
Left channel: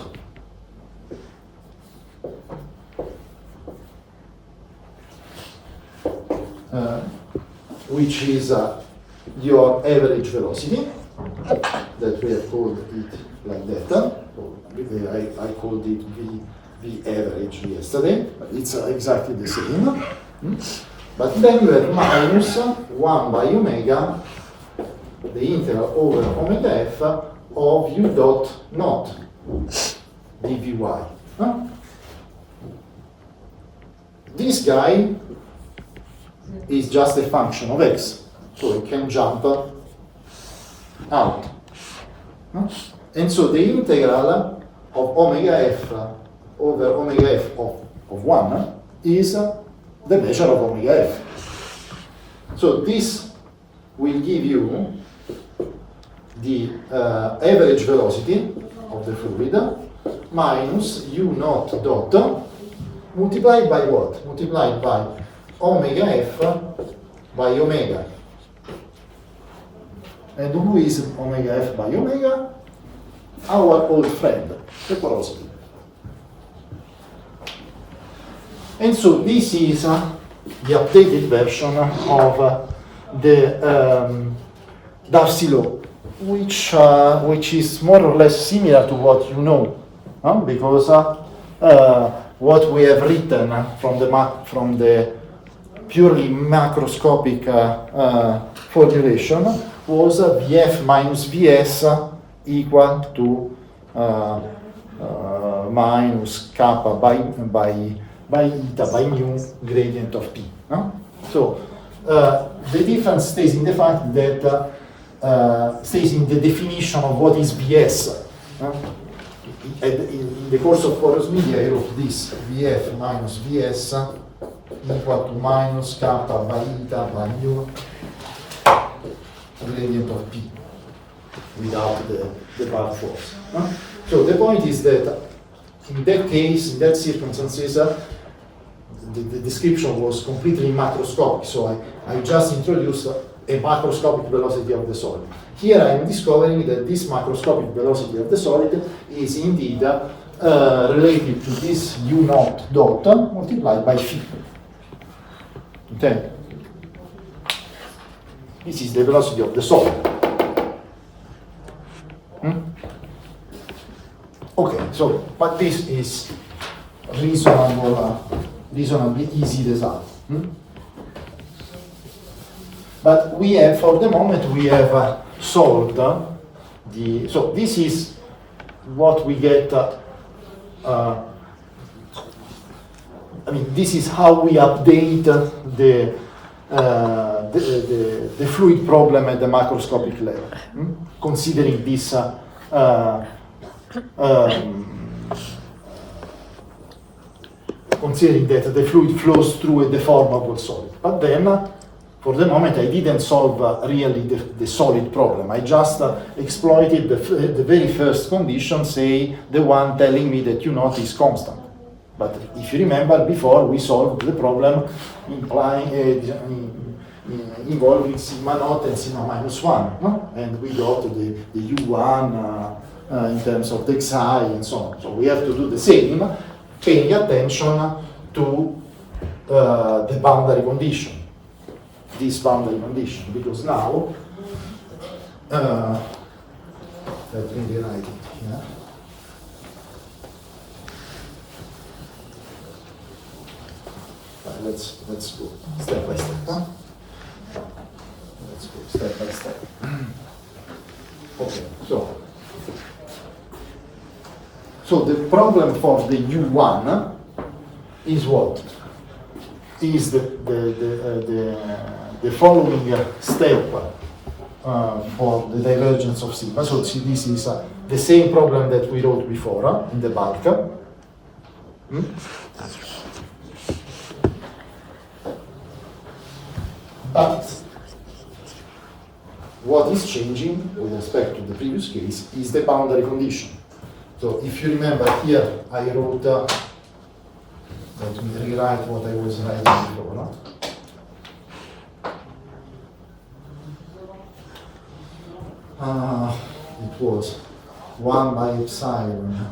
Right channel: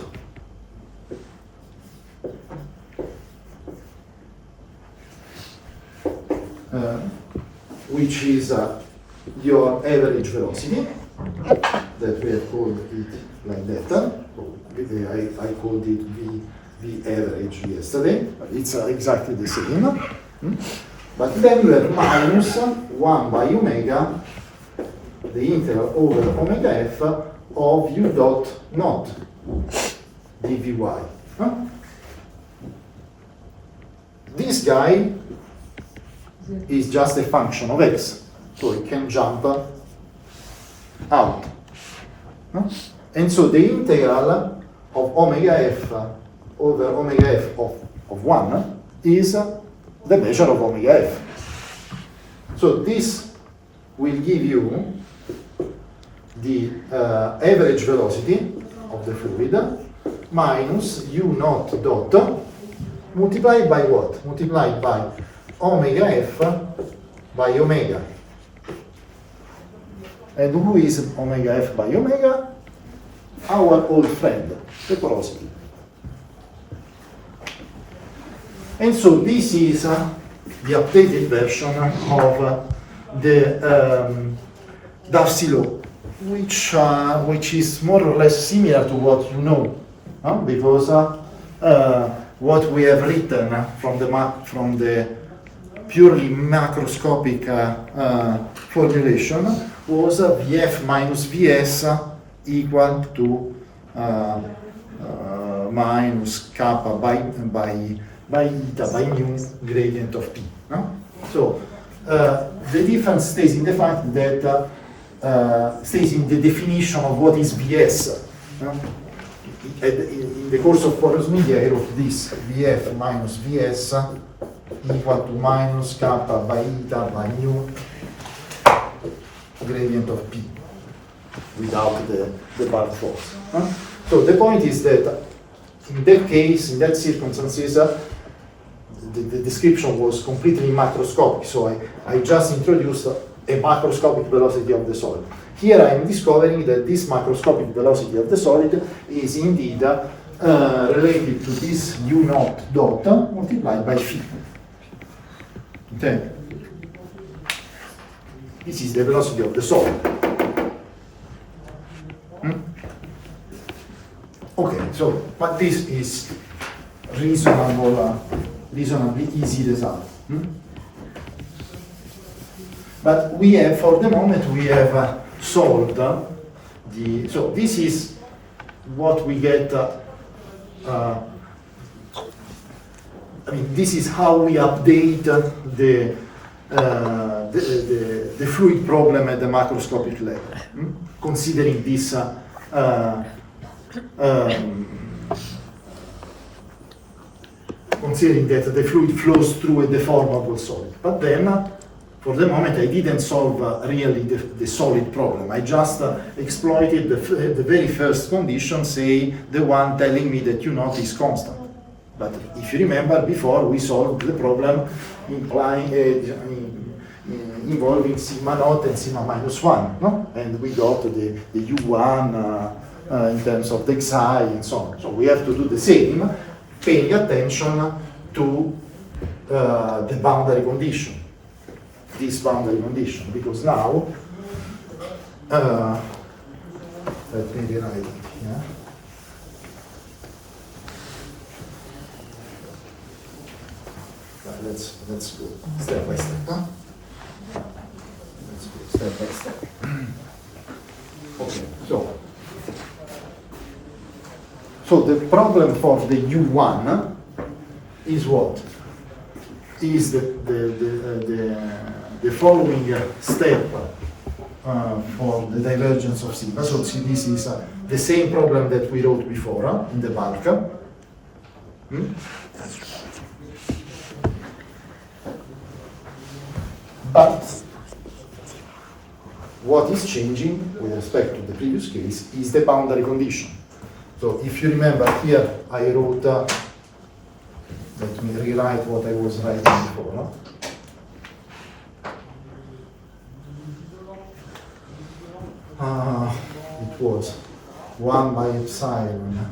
which is your average velocity, that we have called it like that. I called it V average yesterday, but it's exactly the same. But then you have minus 1 by omega, the integral over omega f of U dot naught dvy. This guy is just a function of x, so it can jump out. And so the integral of omega f over omega f of 1 is the measure of omega f. So this will give you the average velocity of the fluid minus U naught dot multiplied by what? Multiplied by omega f by omega. And who is omega f by omega? Our old friend, the porosity. And so this is the updated version of the Darcy law, which is more or less similar to what you know, because what we have written from the purely macroscopic formulation was Vf minus Vs equal to minus kappa by eta by mu gradient of P. So the difference stays in the fact that stays in the definition of what is Vs. In the course of porous media, I wrote this Vf minus Vs equal to minus kappa by eta by mu gradient of P. without the bulk force. So the point is that in that case, in that circumstances, the description was completely macroscopic, so I just introduced a macroscopic velocity of the solid. Here I am discovering that this macroscopic velocity of the solid is indeed related to this u naught dot multiplied by phi. Okay? This is the velocity of the solid. Okay, so, but this is reasonably easy result. But we have, for the moment, we have solved so this is what we get, I mean, this is how we update the fluid problem at the macroscopic level, considering this considering that the fluid flows through a deformable solid. But then, for the moment, I didn't solve really the solid problem. I just exploited the very first condition, say the one telling me that u naught is constant. But if you remember, before we solved the problem involving sigma naught and sigma minus 1, no? And we got the u1 in terms of the xi and so on. So we have to do the same, paying attention to the boundary condition, this boundary condition, because now, let me rewrite it here. Let's go step by step. Huh? Let's go step by step. Okay, so the problem for the U1 is what? Is the following step for the divergence of sigma. So see, this is the same problem that we wrote before in the bulk. But what is changing with respect to the previous case is the boundary condition. So if you remember here, I wrote, let me rewrite what I was writing before. It was 1 by epsilon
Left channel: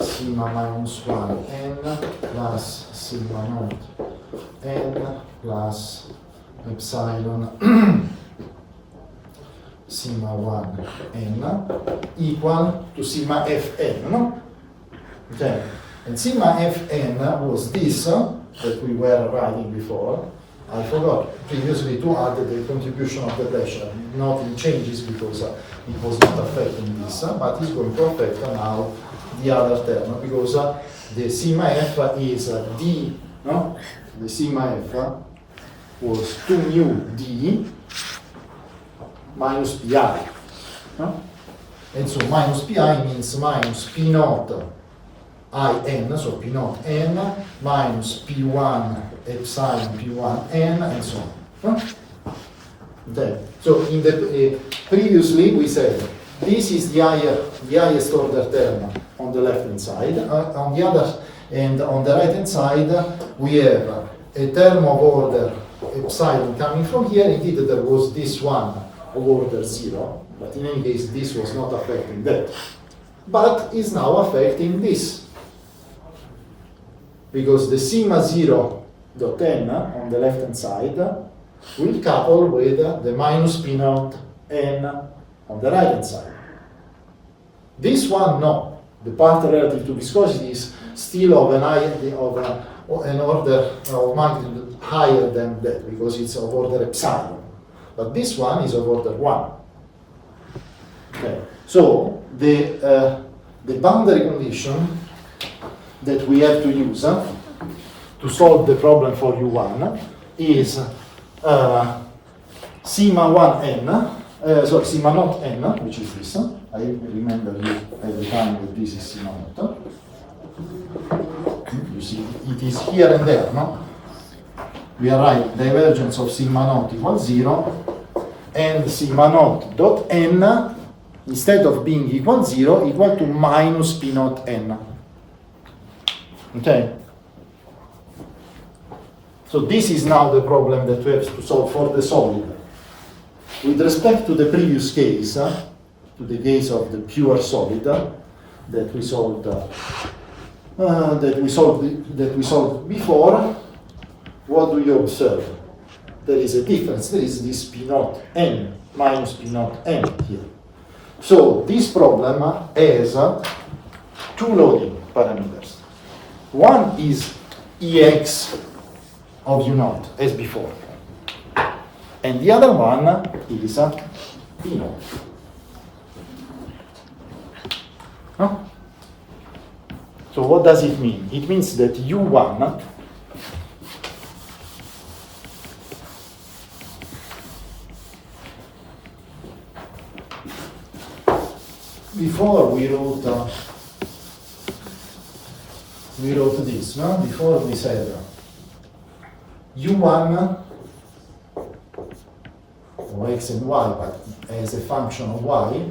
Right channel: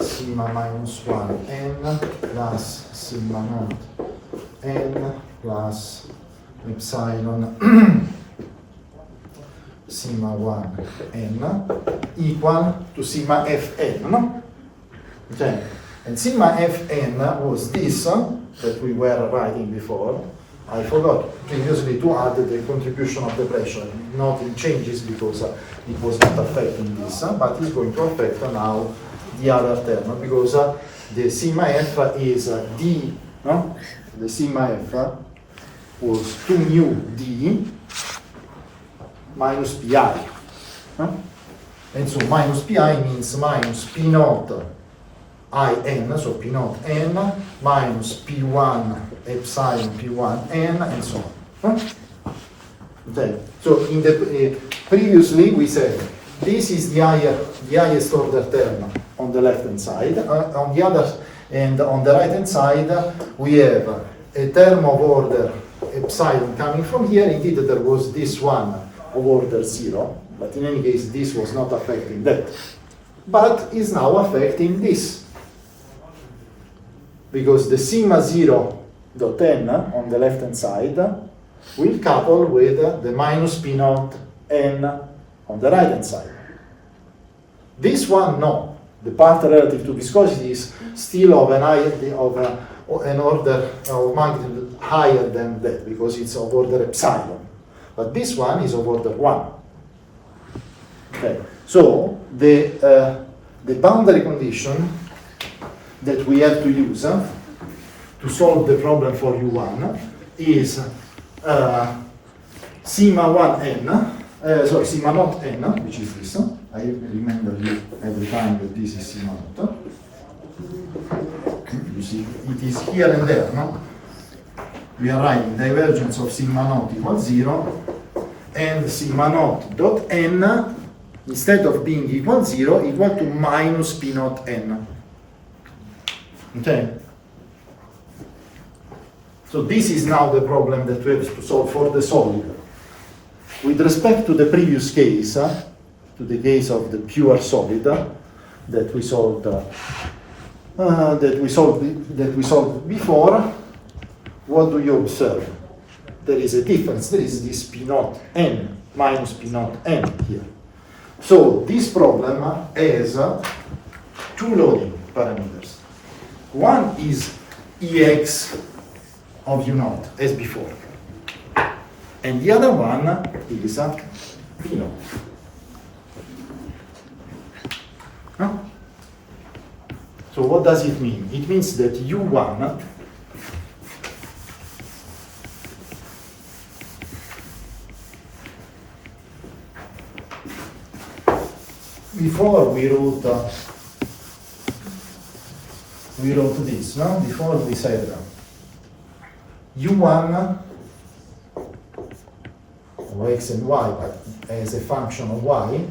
sigma minus 1 n plus sigma naught n plus epsilon sigma 1 n equal to sigma fn, no? Okay. And sigma fn was this that we were writing before. I forgot previously to add the contribution of the pressure. Nothing changes because it was not affecting this, but it's going to affect now the other term, because the sigma f is d, no? The sigma f was 2 mu d minus pi, no? And so minus pi means minus p naught in, so p naught n minus p1 epsilon p1 n and so on. Okay. So in the previously we said this is the highest order term on the left hand side. On the other and on the right hand side we have a term of order epsilon coming from here. Indeed, there was this one of order 0, but in any case this was not affecting that, but is now affecting this, because the sigma 0 dot n on the left hand side will couple with the minus p naught n on the right hand side. This one, no. The part relative to viscosity is still of an order of magnitude higher than that, because it's of order epsilon. But this one is of order 1. Okay. So the boundary condition that we have to use to solve the problem for U1 is sigma 1n, sigma naught n, which is this. I remember you every time that this is sigma naught. You see, it is here and there, no? We are writing divergence of sigma naught equals 0, and sigma naught dot n, instead of being equal 0, equal to minus P naught n. Okay? So this is now the problem that we have to solve for the solid. With respect to the previous case, to the case of the pure solid that we solved before, what do you observe? There is a difference. There is this P naught n minus P naught n here. So this problem has two loading parameters. One is Ex of U naught, as before. And the other one is P naught. Huh? So what does it mean? It means that U1 before we wrote this, no? Before we said U1 or x and y, but as a function of y,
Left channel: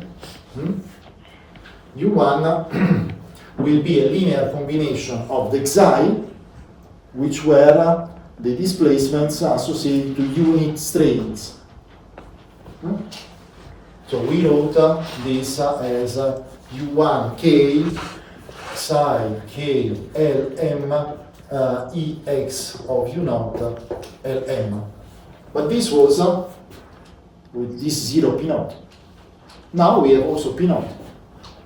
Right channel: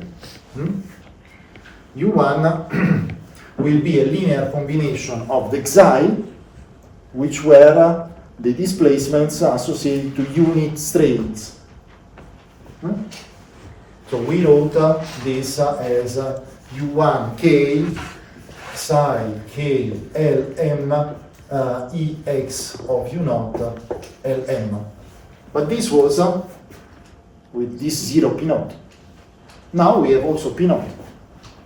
U1 will be a linear combination of the xi, which were the displacements associated to unit strains. So we wrote this as U1k psi k Lm Ex of U naught Lm. But this was with this 0 P naught. Now we have also P naught.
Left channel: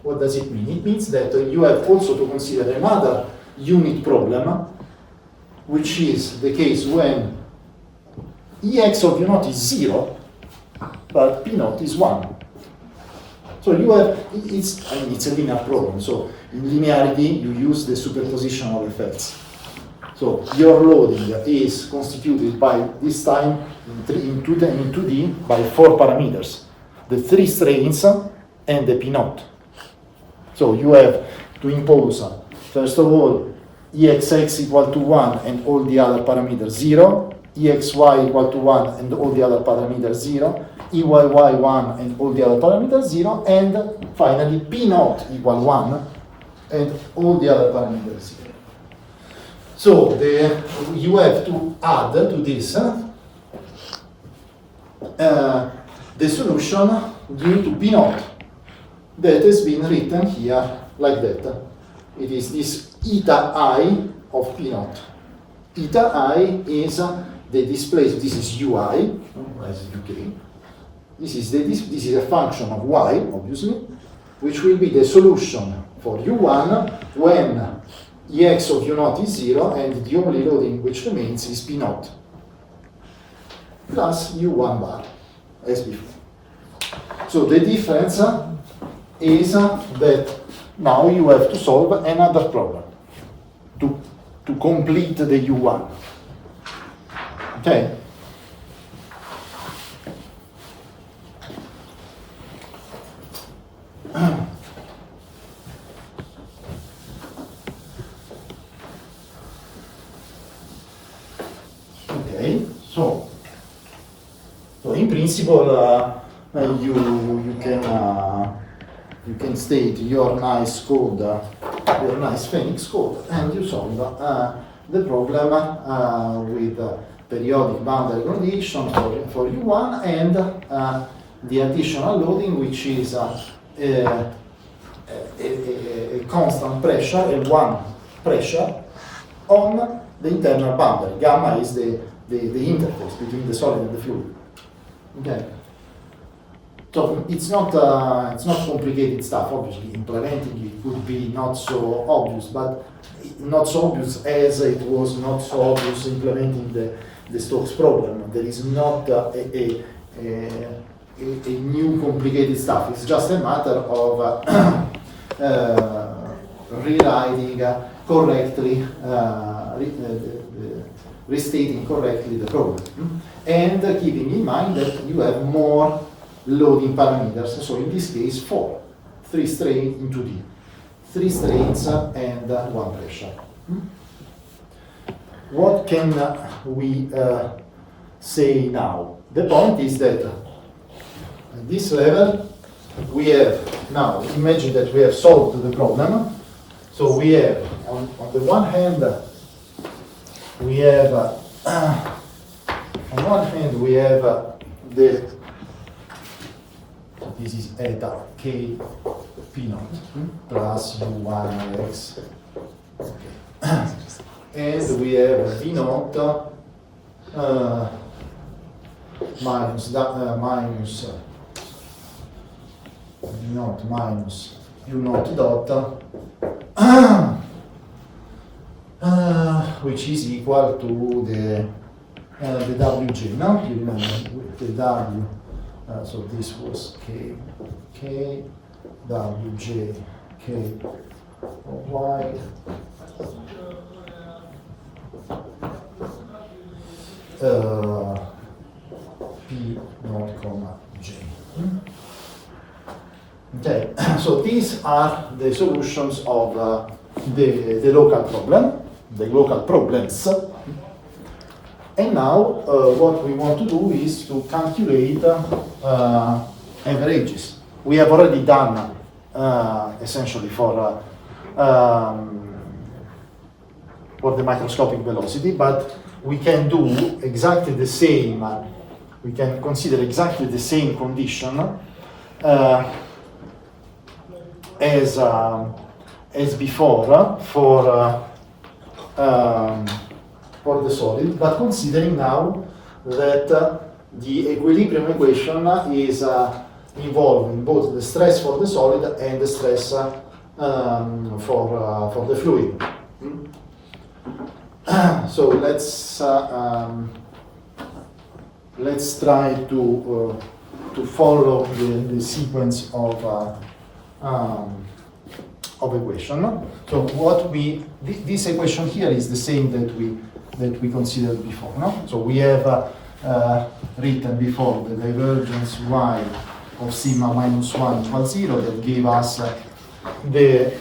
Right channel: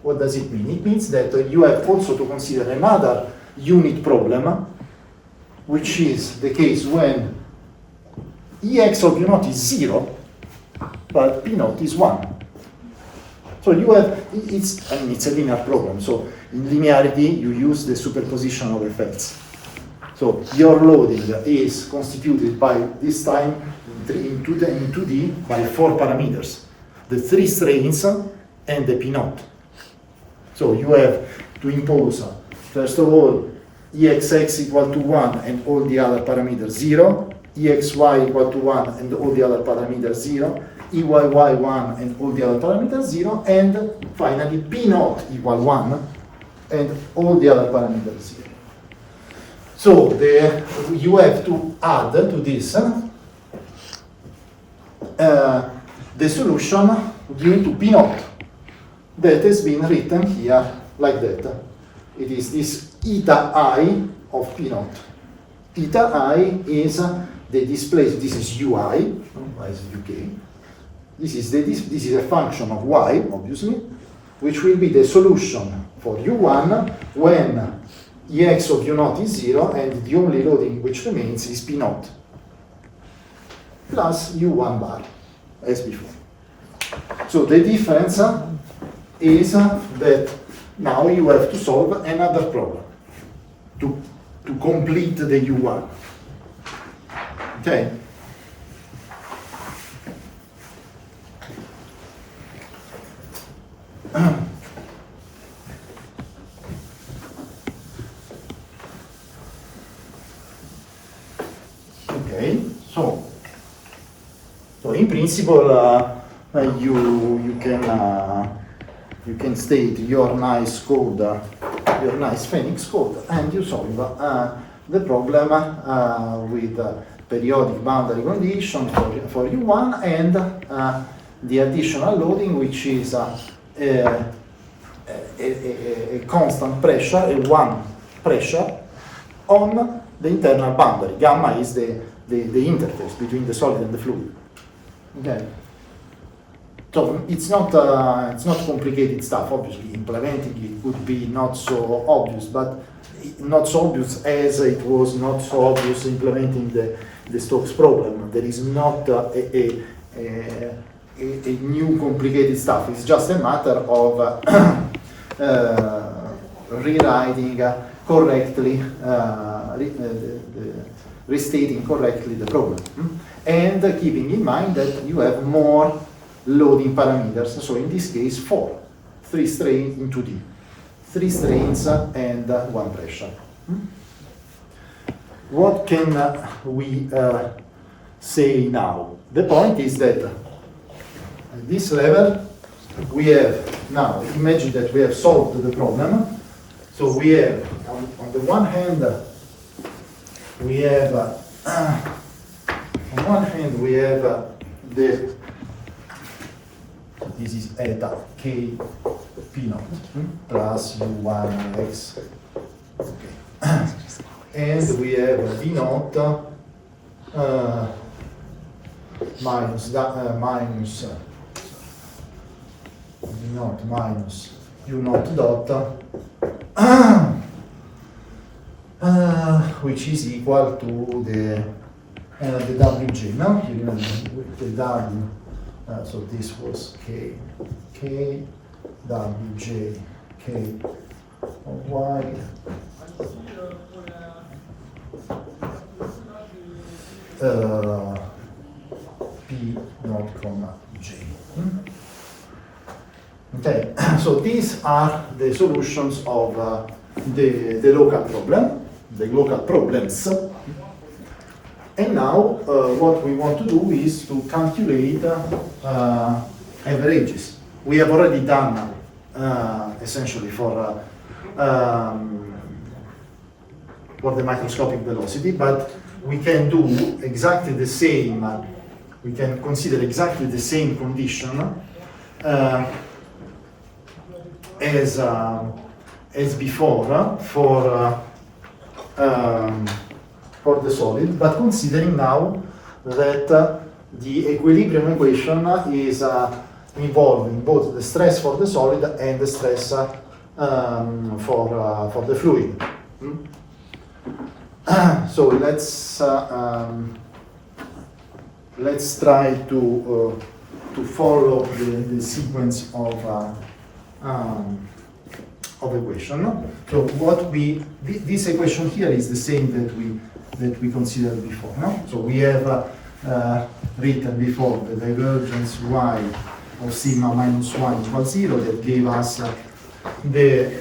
What does it mean? It means that you have also to consider another unit problem, which is the case when Ex of U naught is 0, but P naught is 1. So you have, it's a linear problem. So in linearity, you use the superposition of effects. So your loading is constituted by, this time in 2D, by 4 parameters. The 3 strains and the P naught. So you have to impose, first of all, Exx equal to 1 and all the other parameters 0, Exy equal to 1 and all the other parameters 0, Eyy1 and all the other parameters 0, and finally P naught equal 1 and all the other parameters 0. So you have to add to this the solution due to P naught that has been written here like that. It is this eta I of P naught. Eta I is the displacement. This is Ui, is UK. This is a function of y, obviously, which will be the solution for U1 when Ex of U naught is 0 and the only loading which remains is P naught plus U1 bar, as before. So the difference is that now you have to solve another problem to complete the U1. Okay? Okay, so in principle, you can state your nice code, your nice Phoenix code, and you solve the problem with periodic boundary condition for U1 and the additional loading, which is a constant pressure, a one pressure on the internal boundary. Gamma is the interface between the solid and the fluid. Okay. So it's not complicated stuff. Obviously, implementing it would be not so obvious, but not so obvious as it was not so obvious implementing the Stokes problem. There is not a new complicated stuff. It's just a matter of rewriting correctly, restating correctly the problem, and keeping in mind that you have more loading parameters. So in this case, 4, 3 strains in 2D, 3 strains and 1 pressure. What can we say now? The point is that At this level, we have, now imagine that we have solved the problem. So we have, on the one hand, we have, on one hand, we have the, this is eta k p naught plus u1 x. Okay. And we have v naught minus v naught minus u naught dot, which is equal to the wj, no? You remember the w, so this was k wj k of y p naught comma j. Okay, so these are the solutions of the local problem, the local problems. And now what we want to do is to calculate averages. We have already done essentially for the microscopic velocity, but we can do exactly the same, we can consider exactly the same condition as before for the solid, but considering now that the equilibrium equation is involving both the stress for the solid and the stress for the fluid. So let's try to follow the sequence of equation. So what this equation here is the same that we considered before. No? So we have written before the divergence y of sigma minus 1 equals 0 that gave us the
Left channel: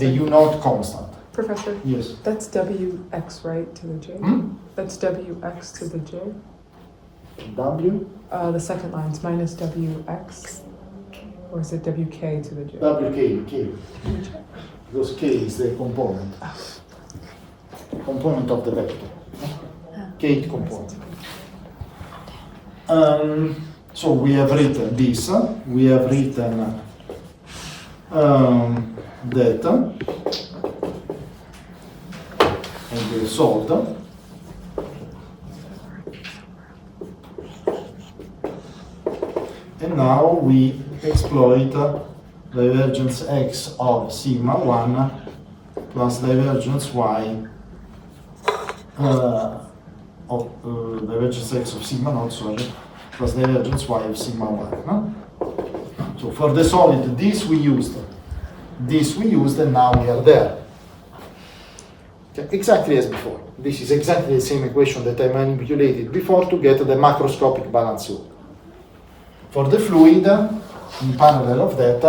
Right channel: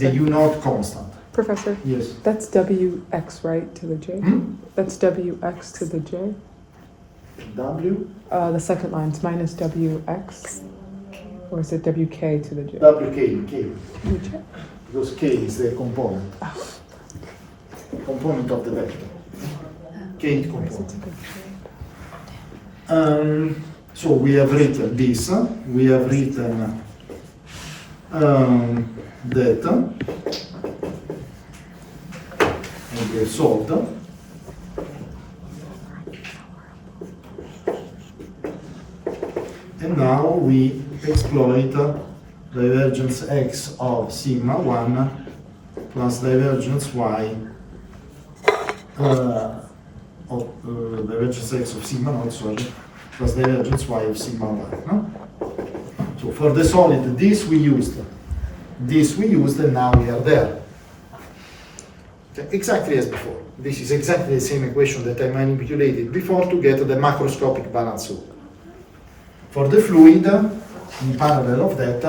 u naught constant. Professor? Yes. That's Wx, right, to the j? That's Wx to the j? W? The second line's minus Wx, or is it Wk to the j? WK, K. Because K is the component of the vector. K component. So we have written this, we have written that, and we have solved. And now we exploit divergence x of sigma 1 plus divergence y of divergence x of sigma naught, sorry, plus divergence y of sigma 1. No? So for the solid, this we used, and now we are there. Okay, exactly as before. This is exactly the same equation that I manipulated before to get the macroscopic balance law. For the fluid, in parallel of that,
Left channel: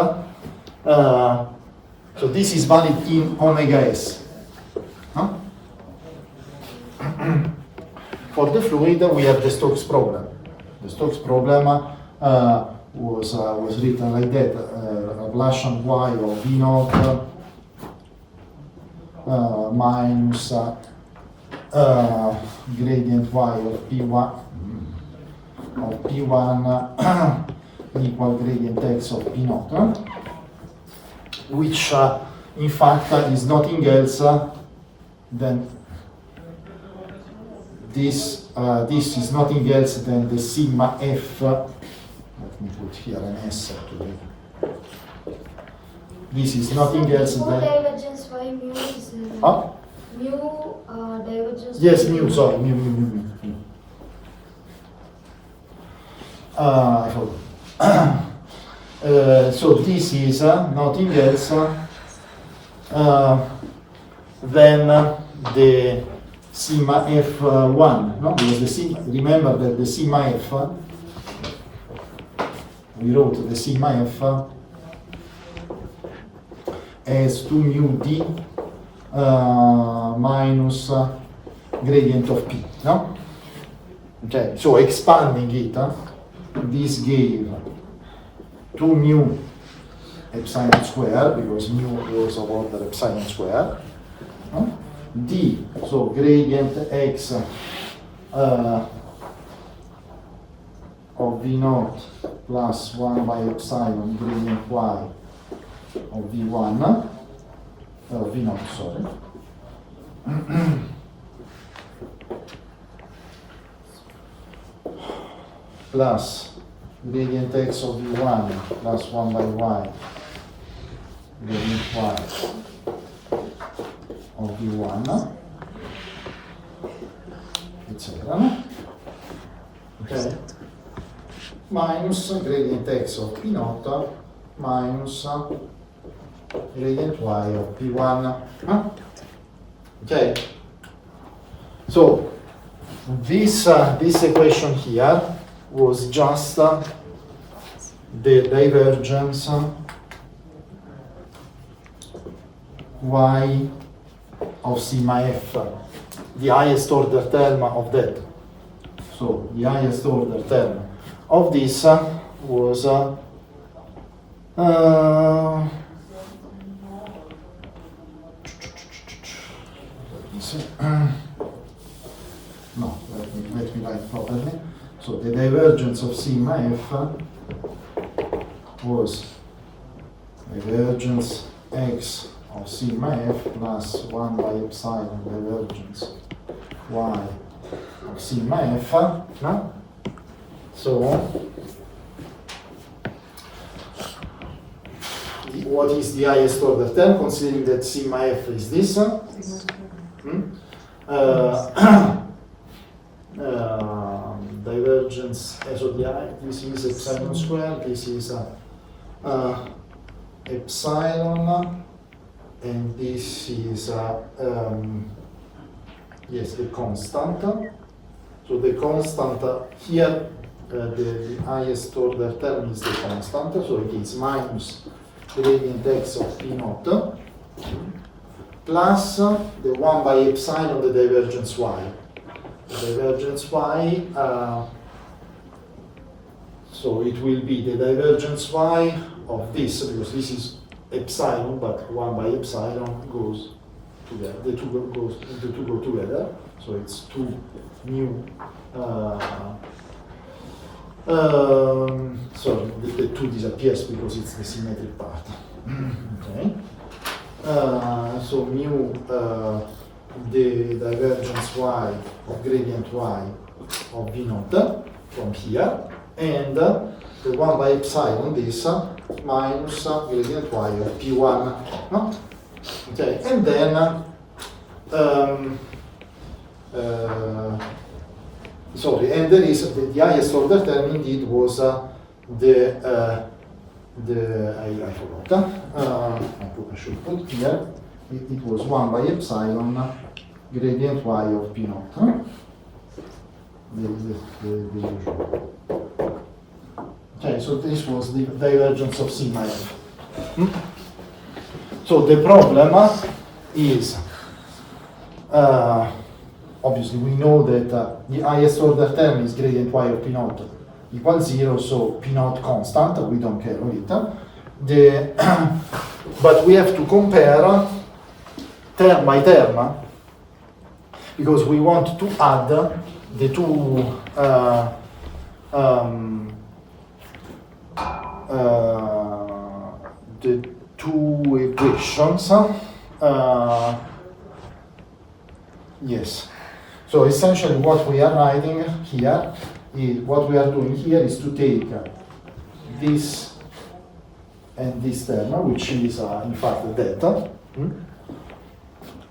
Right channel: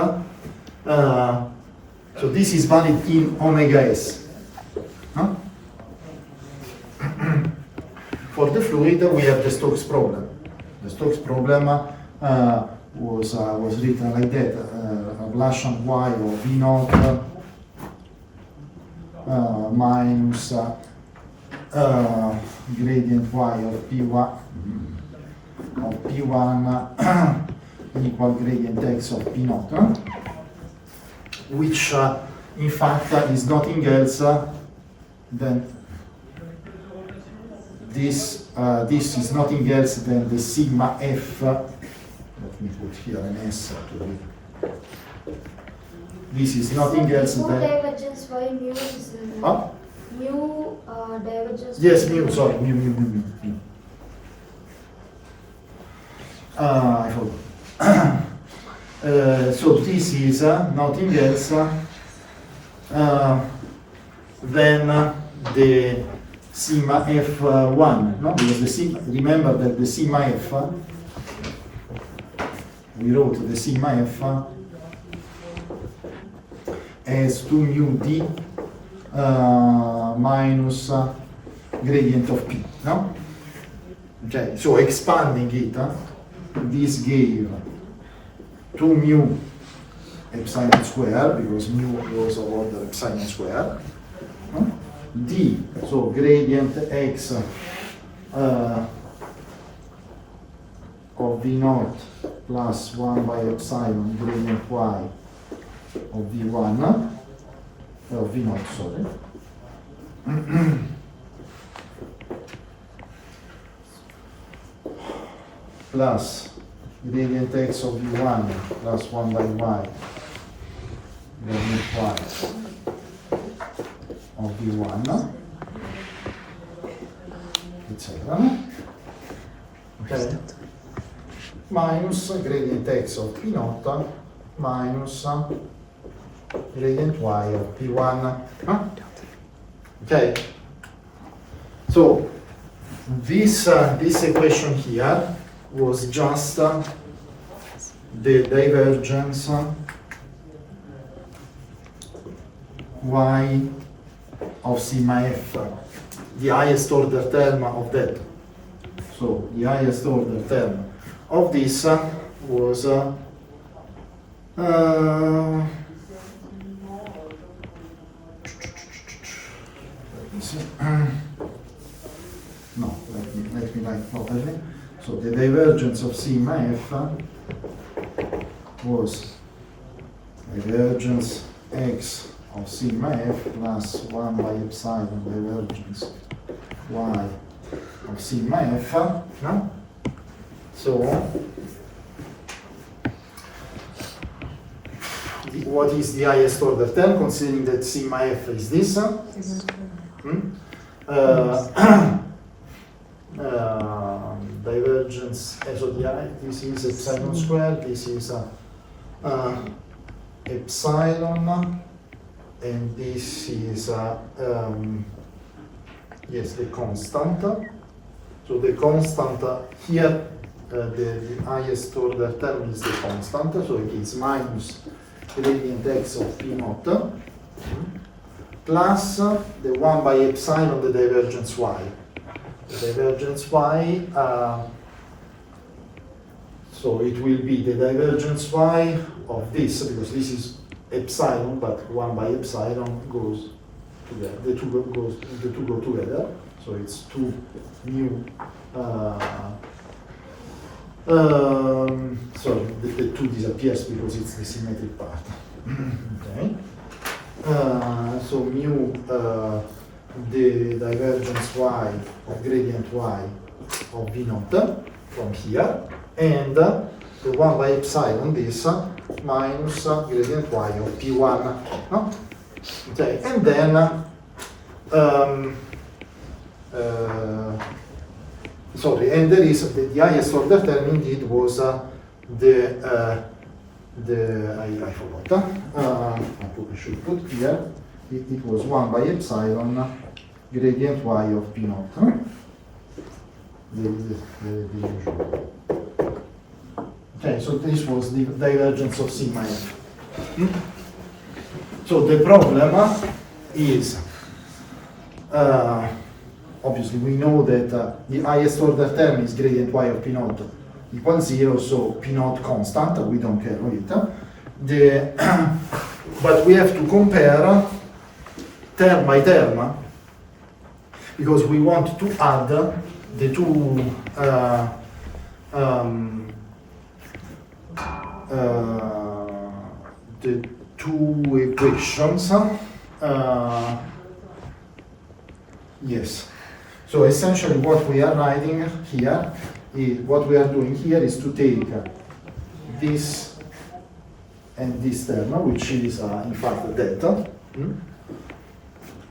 so this is valid in omega s. Huh? For the fluid, we have the Stokes problem. The Stokes problem was written like that: Laplacian y of v naught minus gradient y of p1 equal gradient x of p naught, which in fact is nothing else than this. This is nothing else than the sigma f. Let me put here an s to it. This is nothing else than. Divergence y mu is Huh? mu divergence. Yes, mu. Sorry, mu. I forgot. So this is nothing else than the sigma f1, no? Because the sigma, remember that the sigma f, we wrote the sigma f as 2 mu d minus gradient of p, no? Okay, so expanding it, this gave 2 mu epsilon square, because mu was of order epsilon square. D, so gradient x of V naught plus 1 by epsilon gradient y of V1, of V naught, sorry. Plus gradient x of V1 plus 1 by y gradient y of V1, etc. Okay? Minus gradient x of P naught minus gradient y of P1. Okay? So this equation here was just the divergence y of sigma f, the highest order term of that. So the highest order term of this was no, let me write properly. So the divergence of sigma f was divergence x of sigma f plus 1 by epsilon divergence y of sigma f. No? So what is the highest order term, considering that sigma f is this? Divergence, so this is epsilon square, this is epsilon, and this is yes, the constant. So the constant here, the highest order term is the constant, so it is minus gradient x of P naught plus the 1 by epsilon, the divergence y. The divergence y, so it will be the divergence y of this, because this is epsilon, but 1 by epsilon goes together, the two go together, so it's 2 mu, sorry, the 2 disappears because it's the symmetric part. Okay, so mu, the divergence y of gradient y of V naught from here, and the 1 by epsilon, this minus gradient y of P1. No? Okay, and then sorry, and there is the highest order term indeed was I forgot. I should put here. It was 1 by epsilon gradient y of P naught. The usual. Okay, so this was the divergence of sigma f. So the problem is, obviously we know that the highest order term is gradient y of P naught equals 0, so P naught constant, we don't care of it. But we have to compare term by term, because we want to add the two equations. Yes. So essentially what we are writing here, what we are doing here is to take this and this term, which is in fact delta.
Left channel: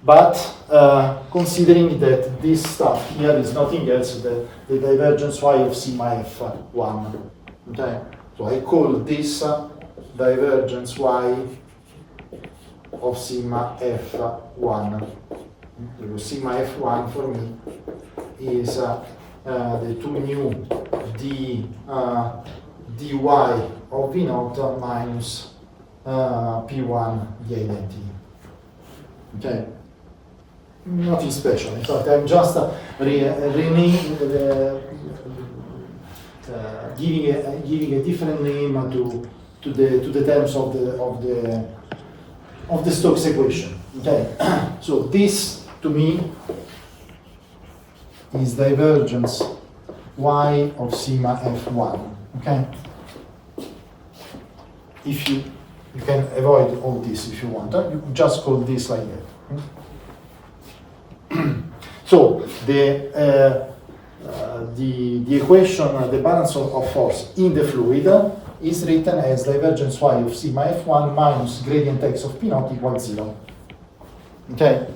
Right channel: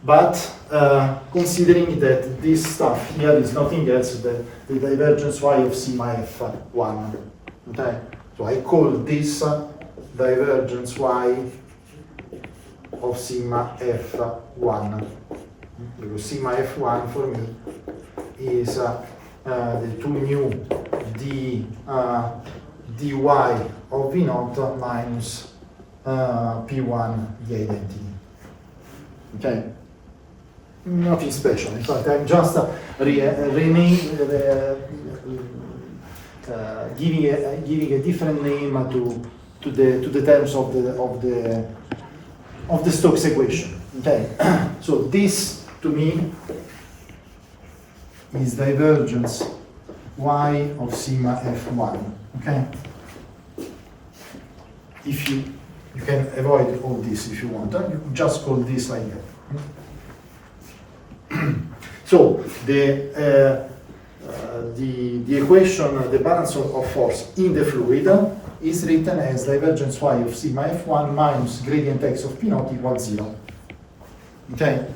But considering that this stuff here is nothing else than the divergence y of sigma f1. Okay? So I call this divergence y of sigma f1. Because sigma f1 for me is the 2 mu dy of V naught minus P1 the identity. Okay? Nothing giving a different name to the terms of the Stokes equation. Okay, so this to me is divergence y of sigma f1. Okay, if you can avoid all this if you want. You just call this like that. So the equation, the balance of force in the fluid is written as divergence y of sigma f1 minus gradient x of p naught equals 0. Okay?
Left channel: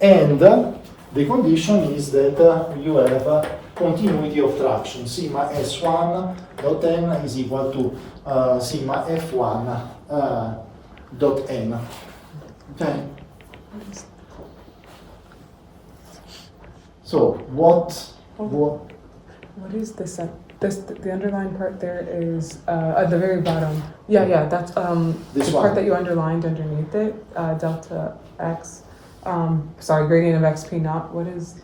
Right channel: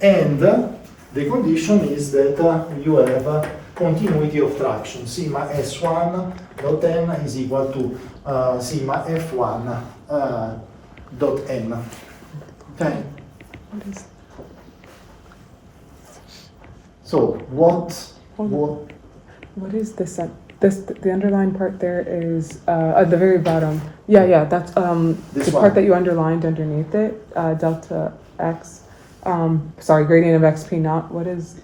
And the condition is that you have continuity of traction. Sigma s1 dot n is equal to sigma f1 dot n. Okay? So what is this? The underlined part there is at the very bottom. Yeah, that's This the one. part that you underlined underneath it. Delta x. Gradient of xp naught. What is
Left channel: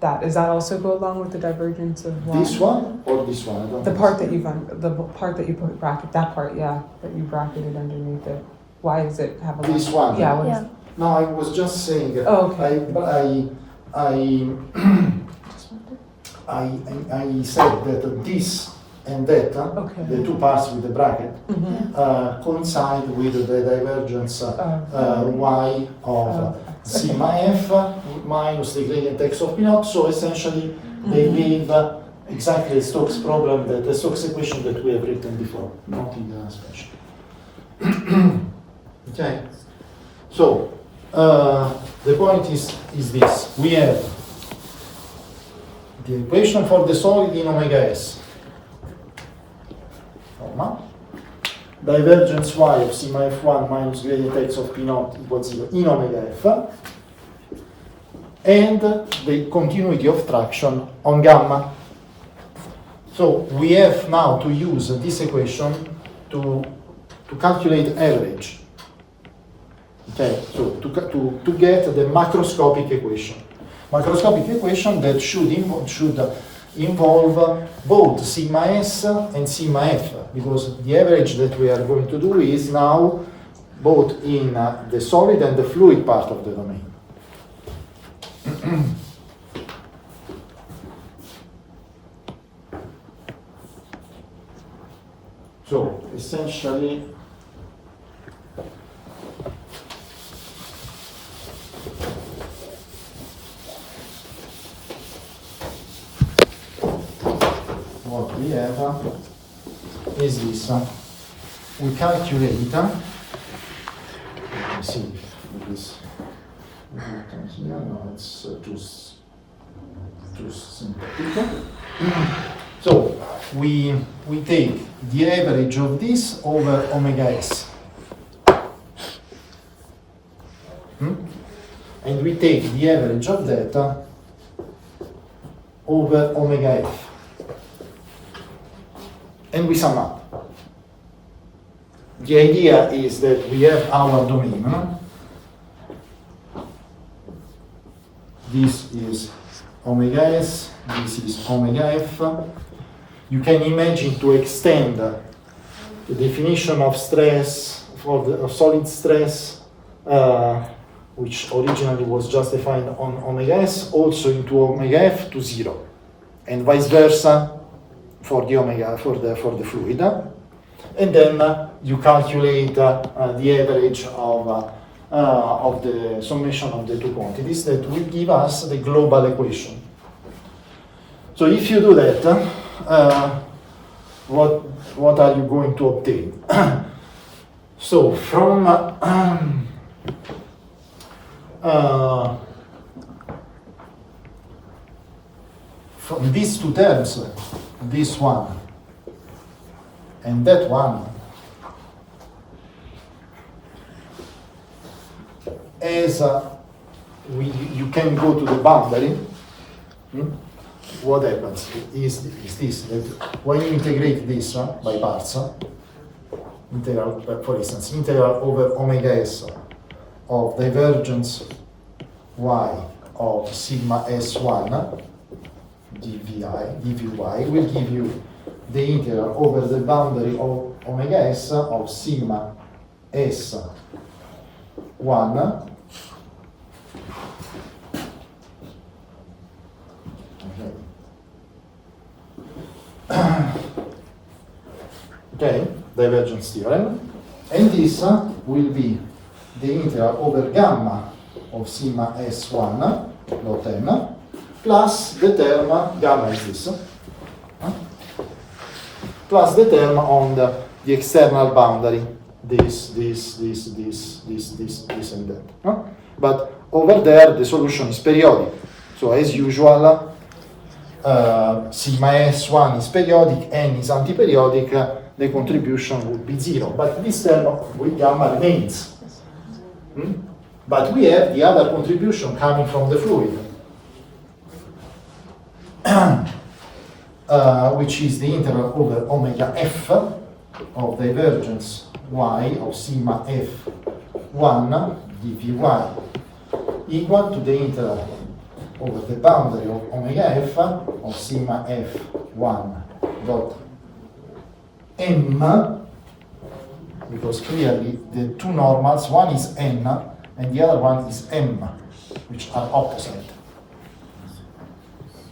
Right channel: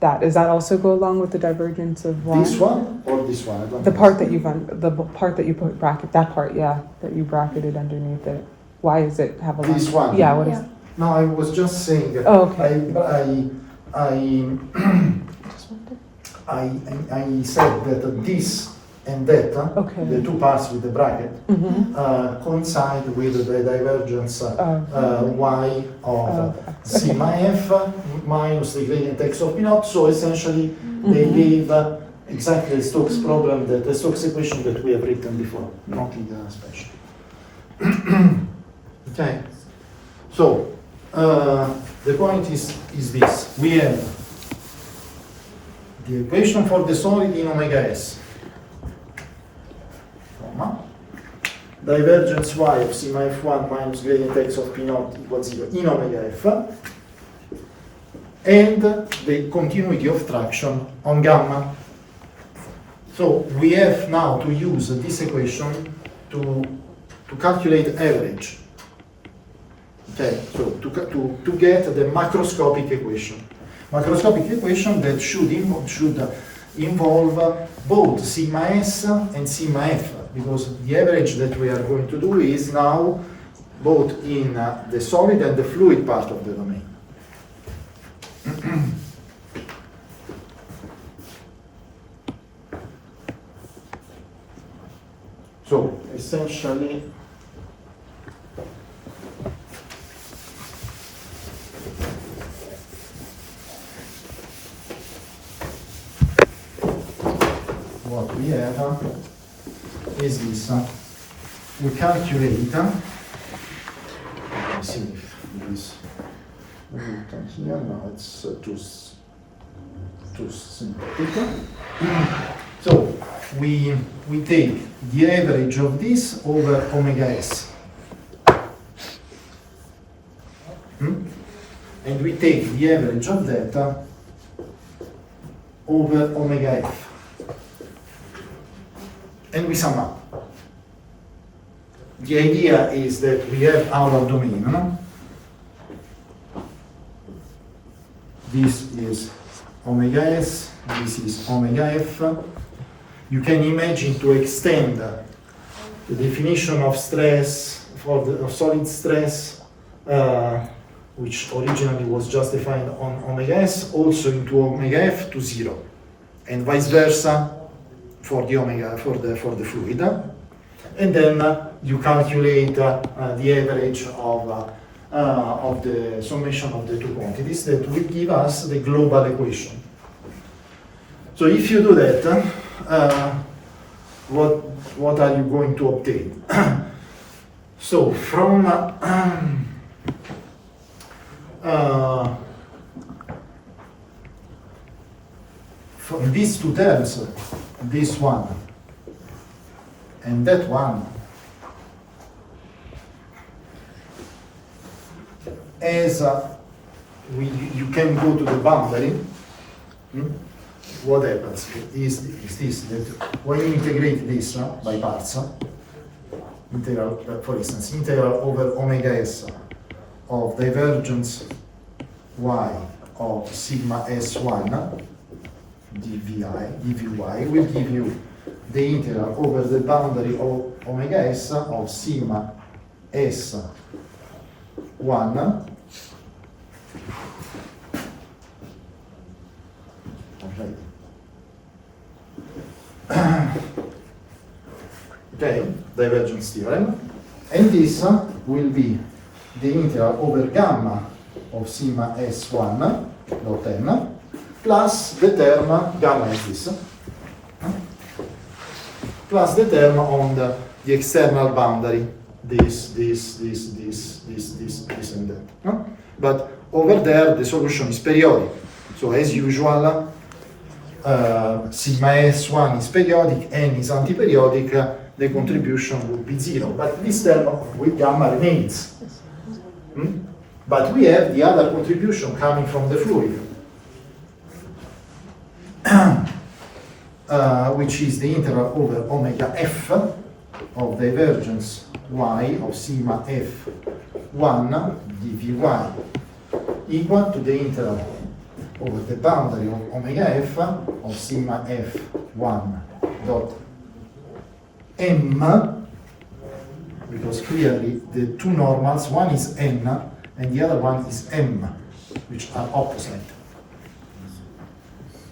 that? Does that also go along with the divergence of y? this one or this one? I don't The part understand. that the part that you put bracket. That part, yeah, that you bracketed underneath it. Why is it have a This one? Yeah. Yeah. No, I was just saying that Oh, okay. I said that this and that, Okay. the two parts with the bracket, Mhm. coincide with the divergence y of Okay. sigma f minus the gradient x of p naught. So essentially, they gave exactly the Stokes problem, the Stokes equation that we have written before, nothing special. Okay. So the point is this: we have the equation for the solid in omega s, comma, divergence y of sigma f1 minus gradient x of p naught equals 0 in omega f, and the continuity of traction on gamma. So we have now to use this equation to calculate average. Okay, so to get the macroscopic equation. Macroscopic equation that should involve both sigma s and sigma f, because the average that we are going to do is now both in the solid and the fluid part of the domain. So essentially, what we have is this. We calculate, let me see if it is written here, no, it's too synthetic. So we take the average of this over omega s. And we take the average of that over omega f. And we sum up. The idea is that we have our domain. This is omega s, this is omega f. You can imagine to extend the definition of stress of solid stress, which originally was just defined on omega s, also into omega f to 0, and vice versa for the omega for the fluid, and then you calculate the average of the summation of the two quantities that will give us the global equation. So if you do that, what are you going to obtain? So from these two terms, this one and that one, as you can go to the boundary, what happens is this, that when you integrate this by parts, integral, for instance, integral over omega s of divergence y of sigma s1 dvy will give you the integral over the boundary of omega s of sigma s1 okay, divergence theorem, and this will be the integral over gamma of sigma s1 dot n plus the term, gamma is this, plus the term on the external boundary, this, and that. But over there, the solution is periodic. So as usual, sigma s1 is periodic, n is antiperiodic, the contribution would be 0. But this term with gamma remains. But we have the other contribution coming from the fluid, which is the integral over omega f of divergence y of sigma f1 dvy equal to the integral over the boundary of omega f of sigma f1 dot m, because clearly the two normals, one is n and the other one is m, which are opposite,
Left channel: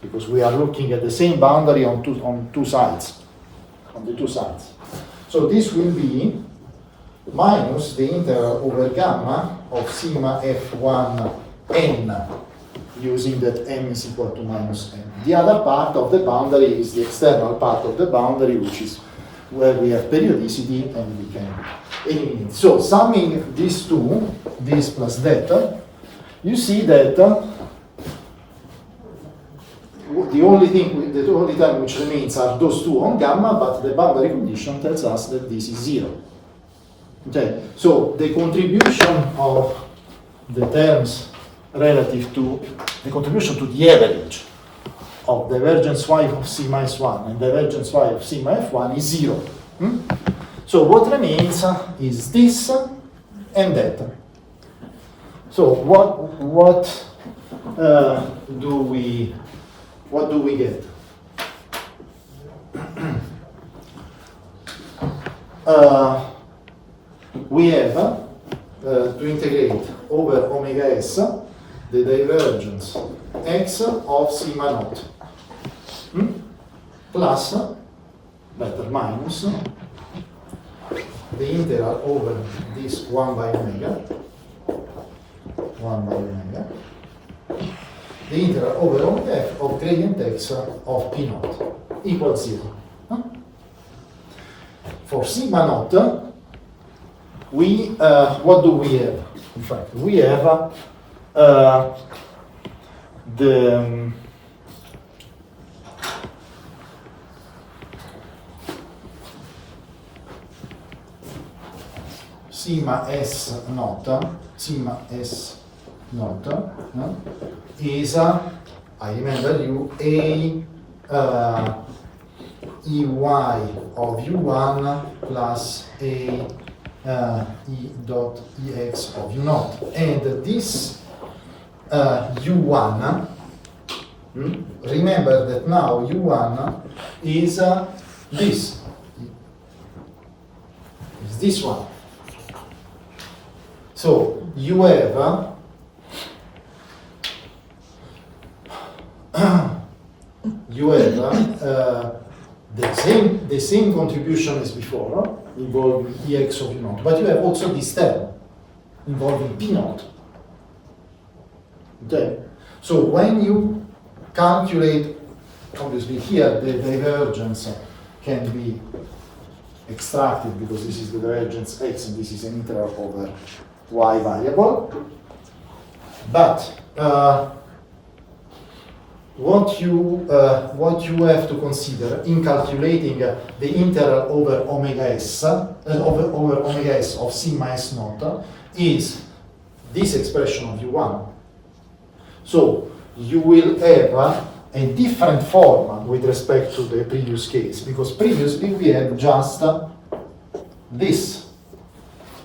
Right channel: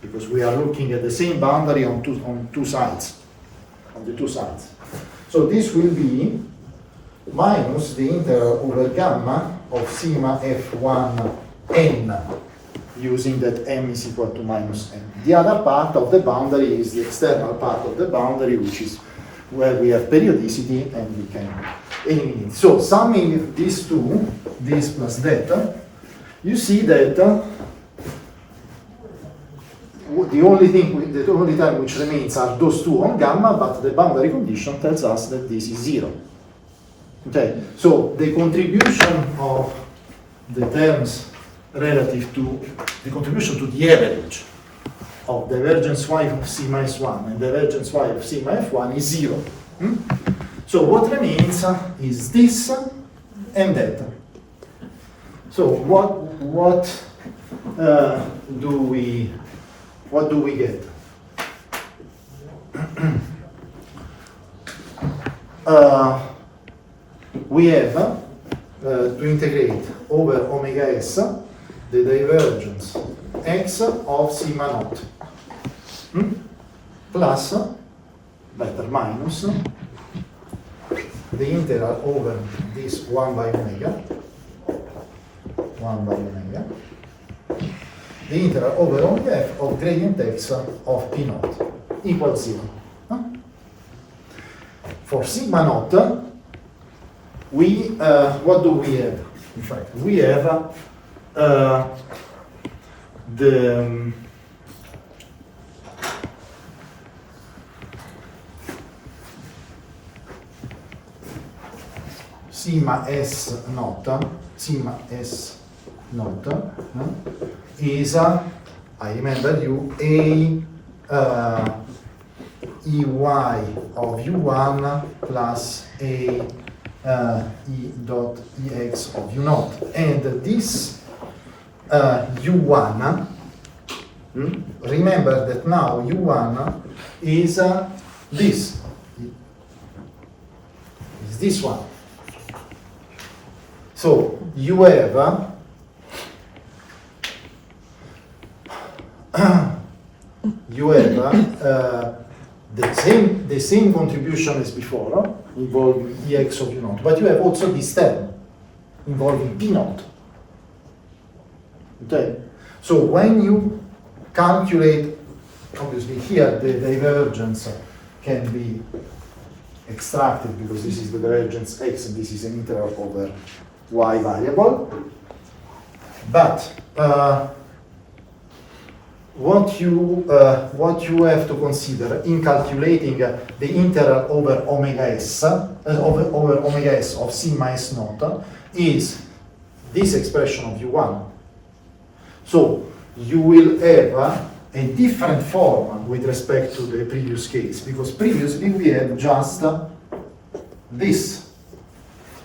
because we are looking at the same boundary on two sides, on the two sides. So this will be minus the integral over gamma of sigma f1 n, using that m is equal to minus n. The other part of the boundary is the external part of the boundary, which is where we have periodicity and we can eliminate. So summing these two, this plus that, you see that the only term which remains are those two on gamma, but the boundary condition tells us that this is 0. Okay, so the contribution of the terms relative to the contribution to the average of divergence y of sigma s1 and divergence y of sigma f1 is 0. So what remains is this and that. So what do we get? We have to integrate over omega s the divergence x of sigma naught plus, better, minus the integral over this 1 by omega, the integral over omega f of gradient x of p naught equals 0. For sigma naught, we what do we have? In fact, we have the sigma s naught is, I remember you, a ey of u1 plus a e dot ex of u naught, and this u1, remember that now u1 is this one. So you have the same contribution as before, involving ex of u naught, but you have also this term involving p naught. Okay, so when you calculate, obviously here the divergence can be extracted because this is the divergence x and this is an integral over y variable, but what you have to consider in calculating the integral over omega s over omega s of sigma s naught is this expression of u1. So you will have a different form with respect to the previous case, because previously we had just this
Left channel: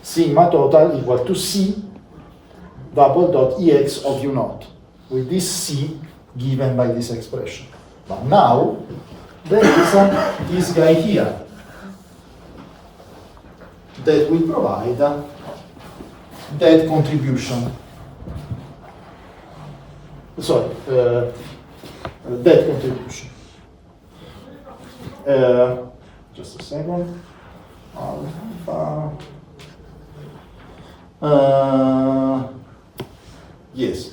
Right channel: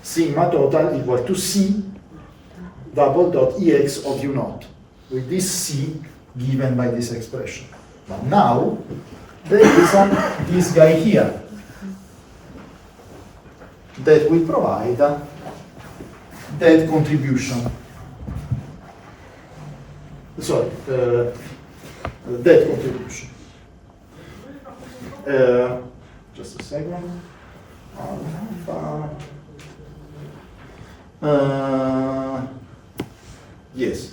sigma total equal to c double dot ex of u naught, with this c given by this expression. But now, there is this guy here that will provide that contribution. Sorry, that contribution. Just a second. Yes.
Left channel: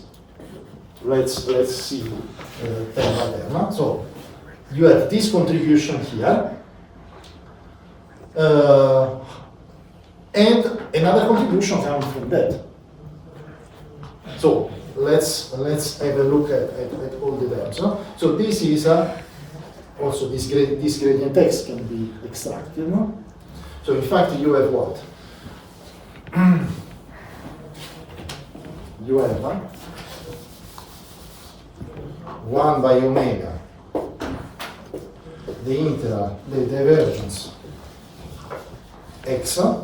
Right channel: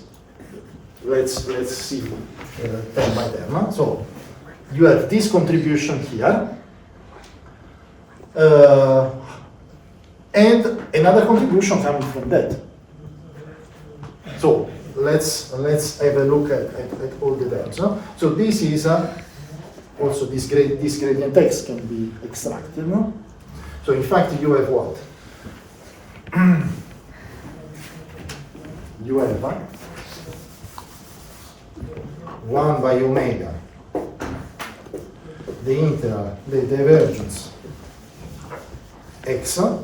Let's see term by term. So you have this contribution here, and another contribution coming from that. So let's have a look at all the terms. Huh? So this is also this gradient x can be extracted. No? So in fact you have what? You have 1 by omega, the integral, the divergence x of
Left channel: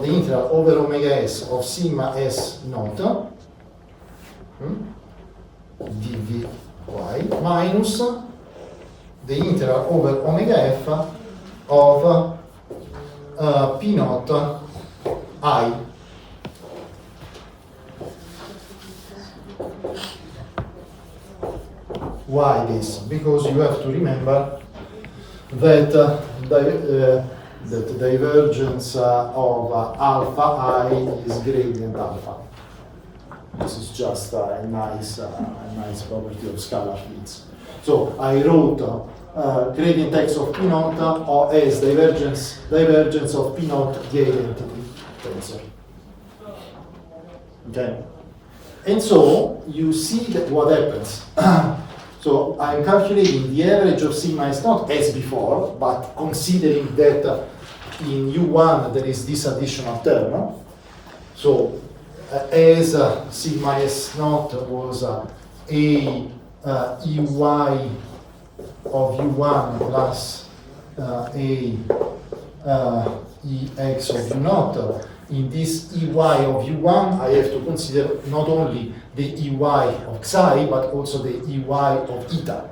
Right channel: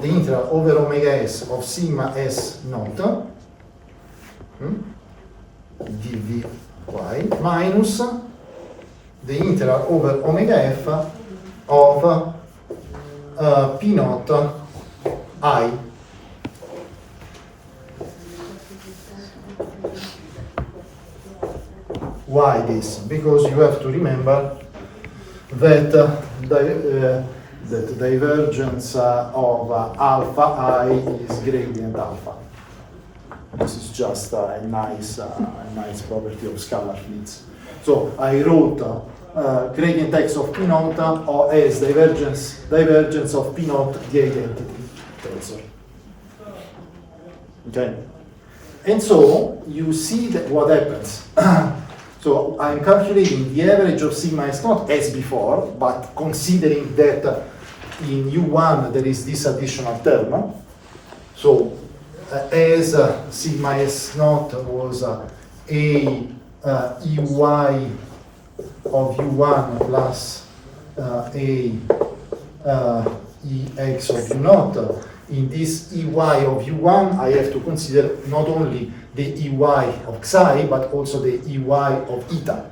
the integral over omega s of sigma s naught dvy minus the integral over omega f of p naught I. Why this? Because you have to remember that the divergence of alpha I is gradient alpha. This is just a nice property of scalar fields. So I wrote gradient x of p naught as divergence of p naught the identity tensor. Okay, and so you see that what happens. So I'm calculating the average of sigma s naught as before, but considering that in U1 there is this additional term. So as sigma s naught was a EY of U1 plus EX of U naught, in this EY of U1 I have to consider not only the EY of Xi, but also the EY of eta,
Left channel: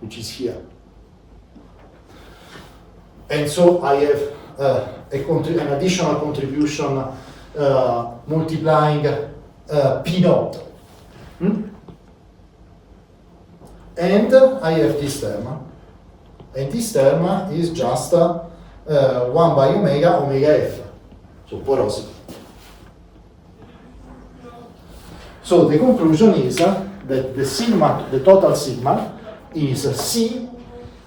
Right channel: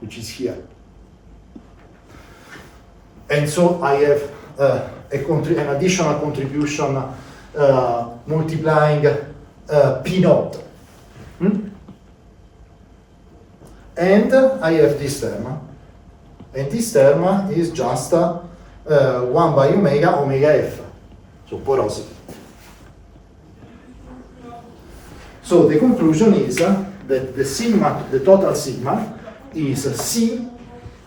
which is here. And so I have an additional contribution multiplying P naught. And I have this term. And this term is just 1 by omega f, so porosity. So the conclusion is that the total sigma is C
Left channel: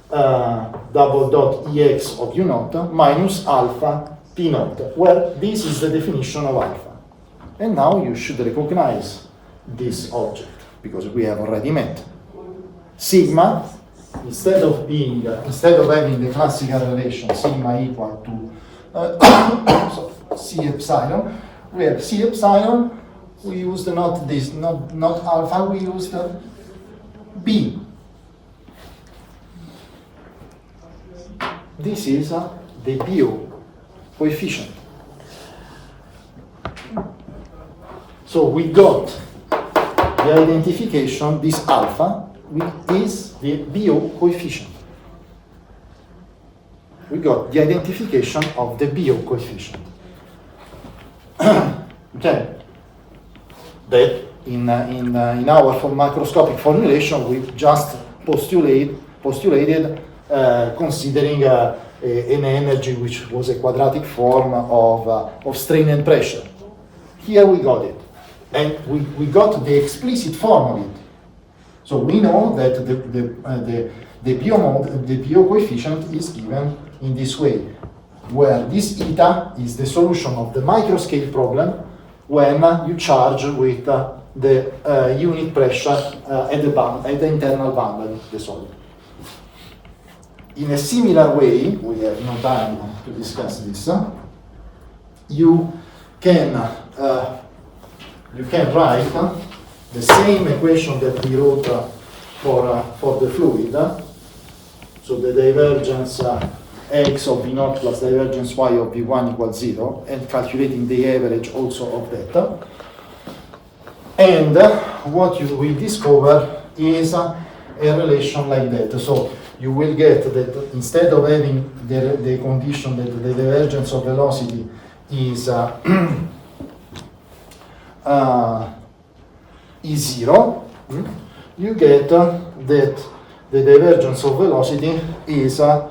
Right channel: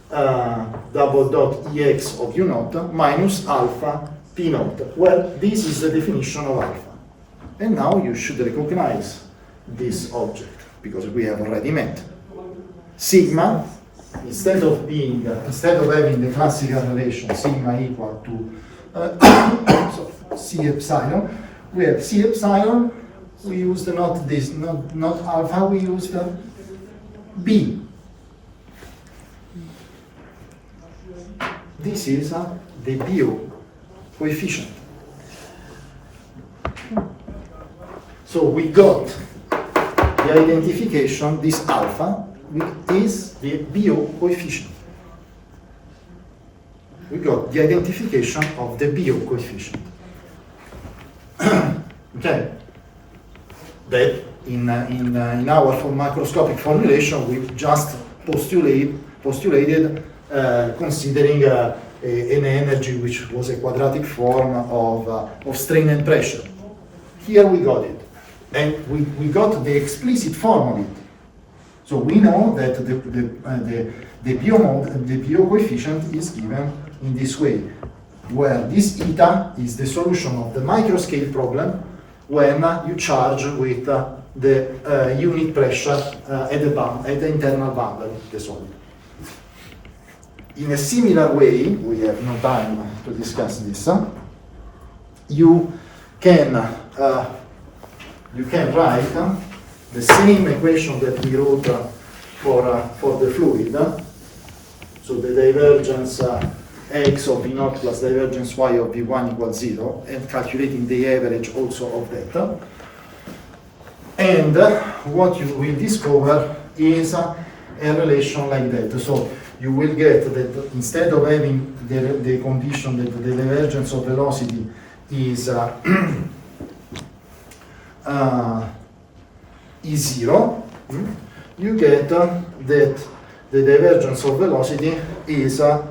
double dot EX of U naught minus alpha P naught, where this is the definition of alpha. And now you should recognize this object, because we have already met. Sigma, instead of having the classical relation sigma equal to C epsilon, we have C epsilon. We used not alpha, we used B. This is the Biot coefficient. So we got the identification, this alpha is the Biot coefficient. We got the identification of the Biot coefficient. Okay. That in our macroscopic formulation we just postulated considering an energy which was a quadratic form of strain and pressure. Here we got it, and we got the explicit form of it. So we know that the Biot coefficient is given in this way, where this eta is the solution of the microscale problem when you charge with the unit pressure at the internal boundary, the solid. In a similar way, we have no time to discuss this. You can write the same equation that we wrote for the fluid. So the divergence x of v naught plus divergence y of v1 equals 0, and calculating the average also of that. And what you will discover is a relation like that. So you will get that instead of having the condition that the divergence of velocity is 0, you get that the divergence of velocity is the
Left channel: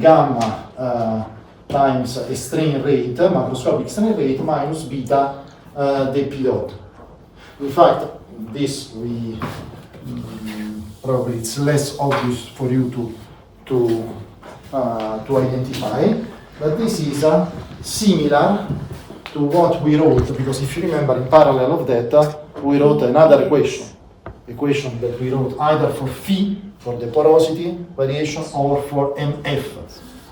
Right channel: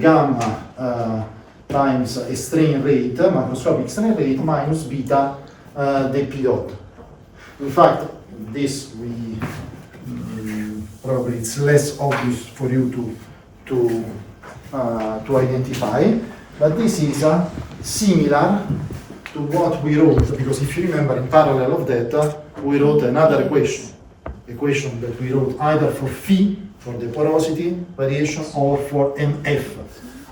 gamma times a strain rate, macroscopic strain rate, minus beta the p dot. In fact, this probably it's less obvious for you to identify, but this is similar to what we wrote, because if you remember, in parallel of that, we wrote another equation that we wrote either for phi, for the porosity variation, or for mf.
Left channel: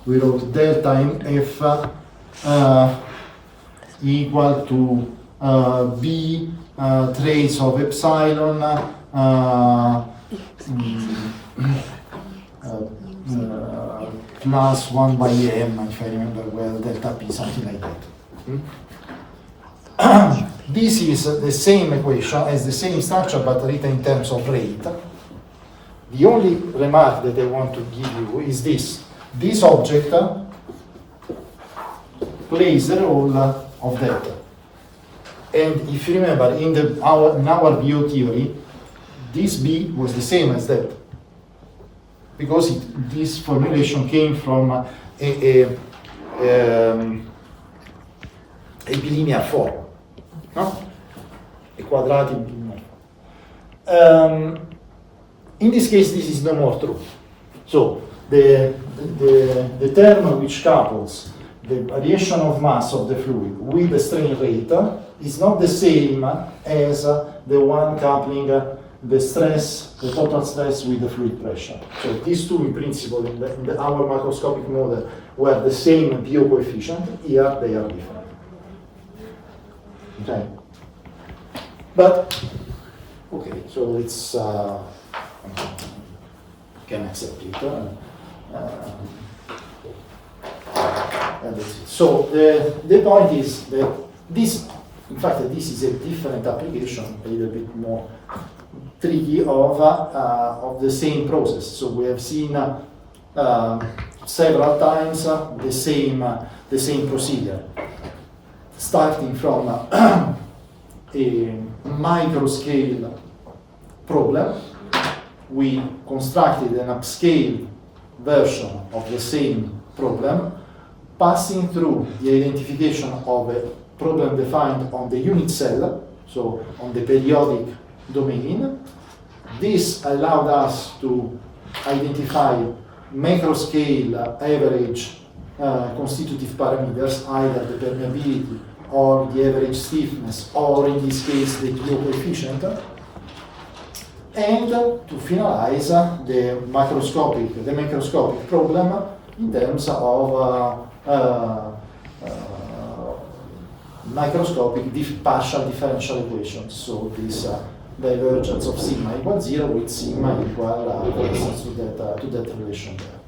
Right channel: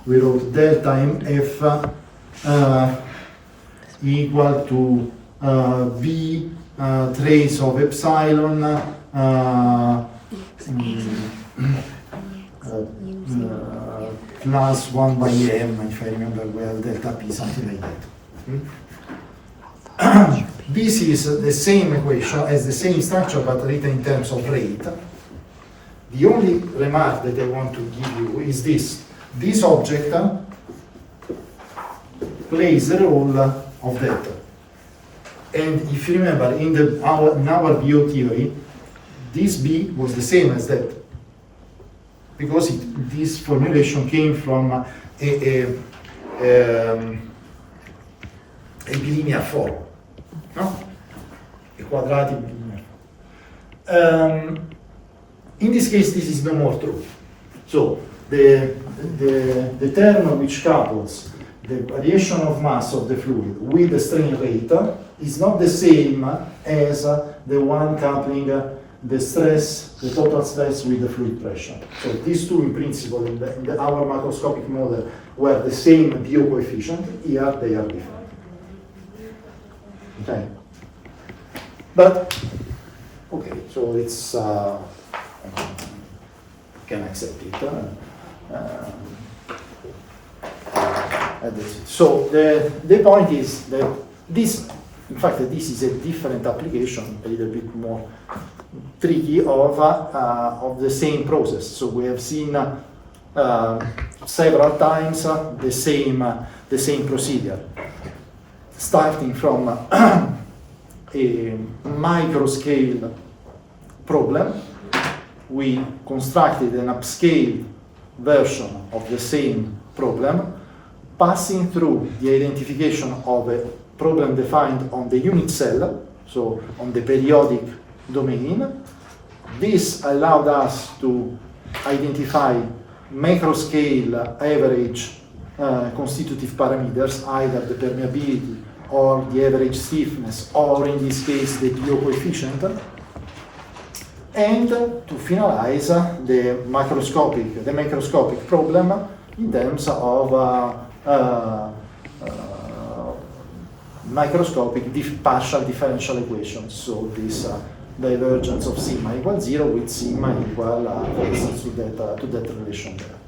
We wrote delta mf equal to v trace of epsilon plus 1 by m, if I remember well, delta p, something like that. This is the same equation, has the same structure, but written in terms of rate. The only remark that I want to give you is this. This object plays the role of that. And if you remember, in our BO theory, this B was the same as that. Because this formulation came from a bilinear form, no? A quadratic bilinear. In this case, this is no more true. So the term which couples the variation of mass of the fluid with the strain rate is not the same as the one coupling the stress, the total stress with the fluid pressure. So these two, in principle, in our macroscopic model, were the same BO coefficient. Here they are different. Okay. But okay, so it's can accept it. So the point is that this, in fact, this is a different application, a little bit more tricky of the same process. So we have seen several times the same procedure, starting from a micro scale problem. We constructed an upscale version of the same problem, passing through the identification of a problem defined on the unit cell, so on the periodic domain. This allowed us to identify macro-scale average constitutive parameters, either the permeability or the average stiffness, or in this case the BO coefficient, and to finalize the macroscopic problem in terms of microscopic partial differential equations. So this divergence of sigma equals 0 with sigma equal, for instance, to that relation there.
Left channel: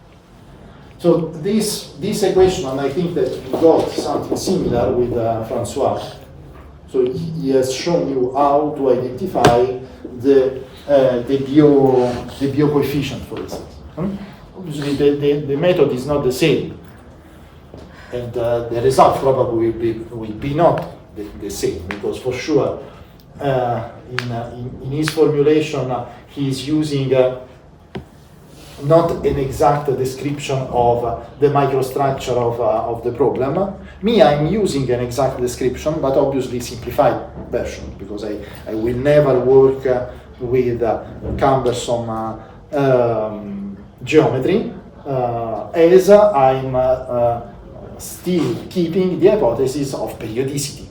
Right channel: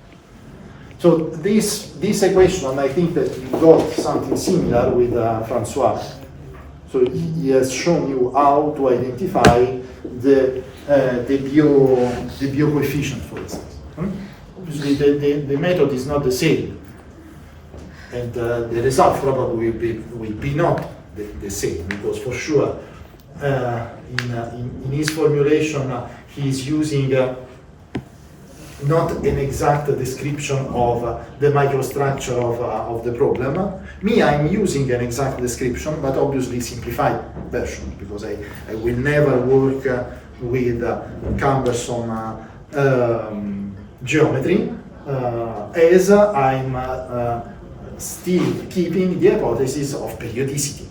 So this equation, and I think that we got something similar with Francois. So he has shown you how to identify the BO coefficient, for instance. Obviously, the method is not the same, and the result probably will be not the same, because for sure in his formulation he is using not an exact description of the microstructure of the problem. Me, I'm using an exact description, but obviously simplified version, because I will never work with cumbersome geometry, as I'm still keeping the hypothesis of periodicity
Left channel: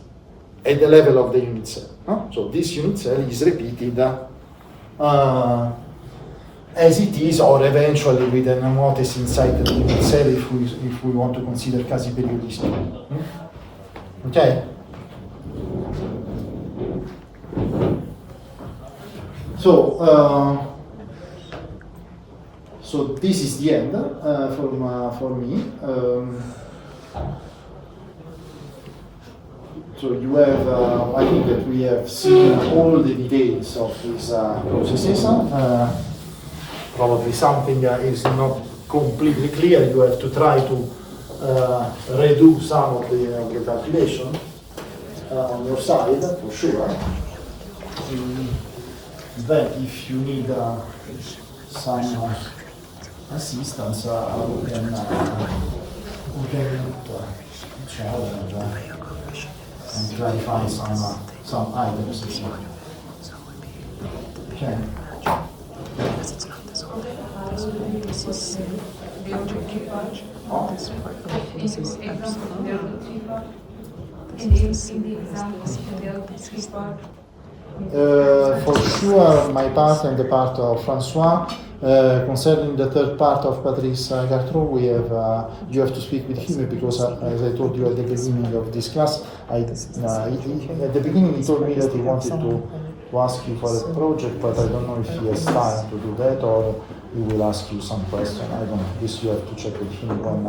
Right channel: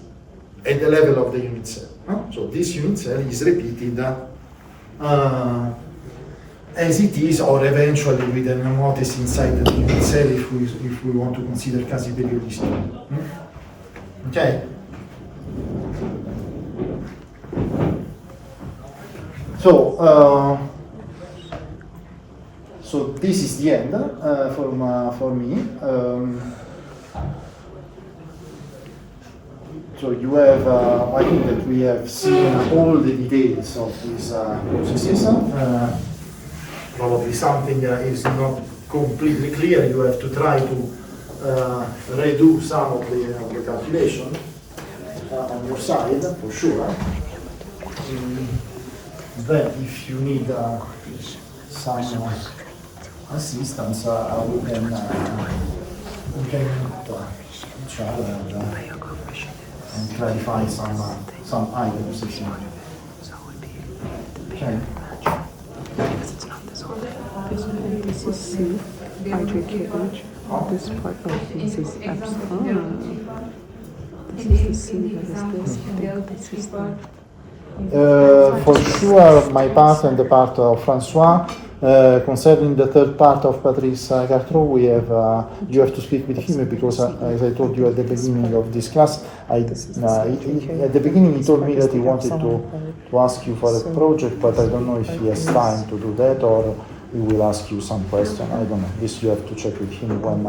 at the level of the unit cell. So this unit cell is repeated as it is, or eventually with an hypothesis inside the unit cell if we want to consider quasi-periodicity. Okay? So this is the end for me. So you have, I think that we have seen all the details of these processes. Probably something is not completely clear. You have to try to redo some of the calculation on your side, for sure. Then, if you need some assistance, we can meet each other and clarify some items. Okay. This is C. This part, this is For sure, my part and the part of Francois. Concerning the third part of Patrice Gartrot, we have you have to speak with him because, as I told you at the beginning of this class, at the beginning he told me that he wanted to ask you for a project, but I don't know if he has time to do that or he will ask you some question. I don't know. This you have to check with him when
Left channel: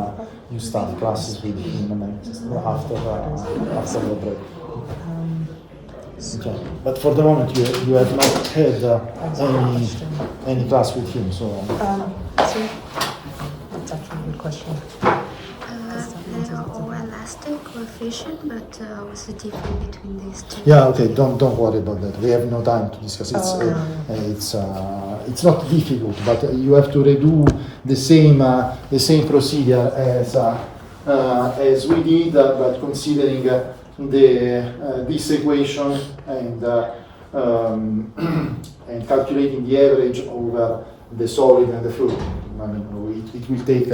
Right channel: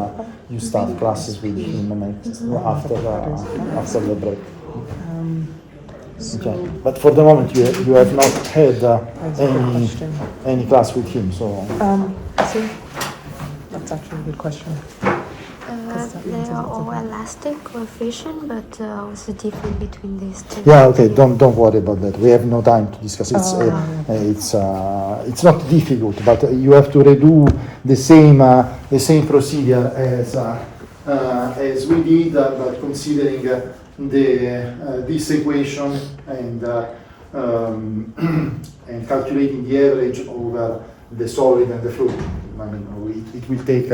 you start classes with him after the break. Okay. But for the moment, you have not had any class with him, so. That's actually a good question. They are all elastic coefficient, but what's the difference between these two? Yeah. Okay. Don't worry about that. We have no time to discuss. It's not difficult, but you have to redo the same procedure as we did, but considering this equation and calculating the average over the solid and the fluid. I mean, it will take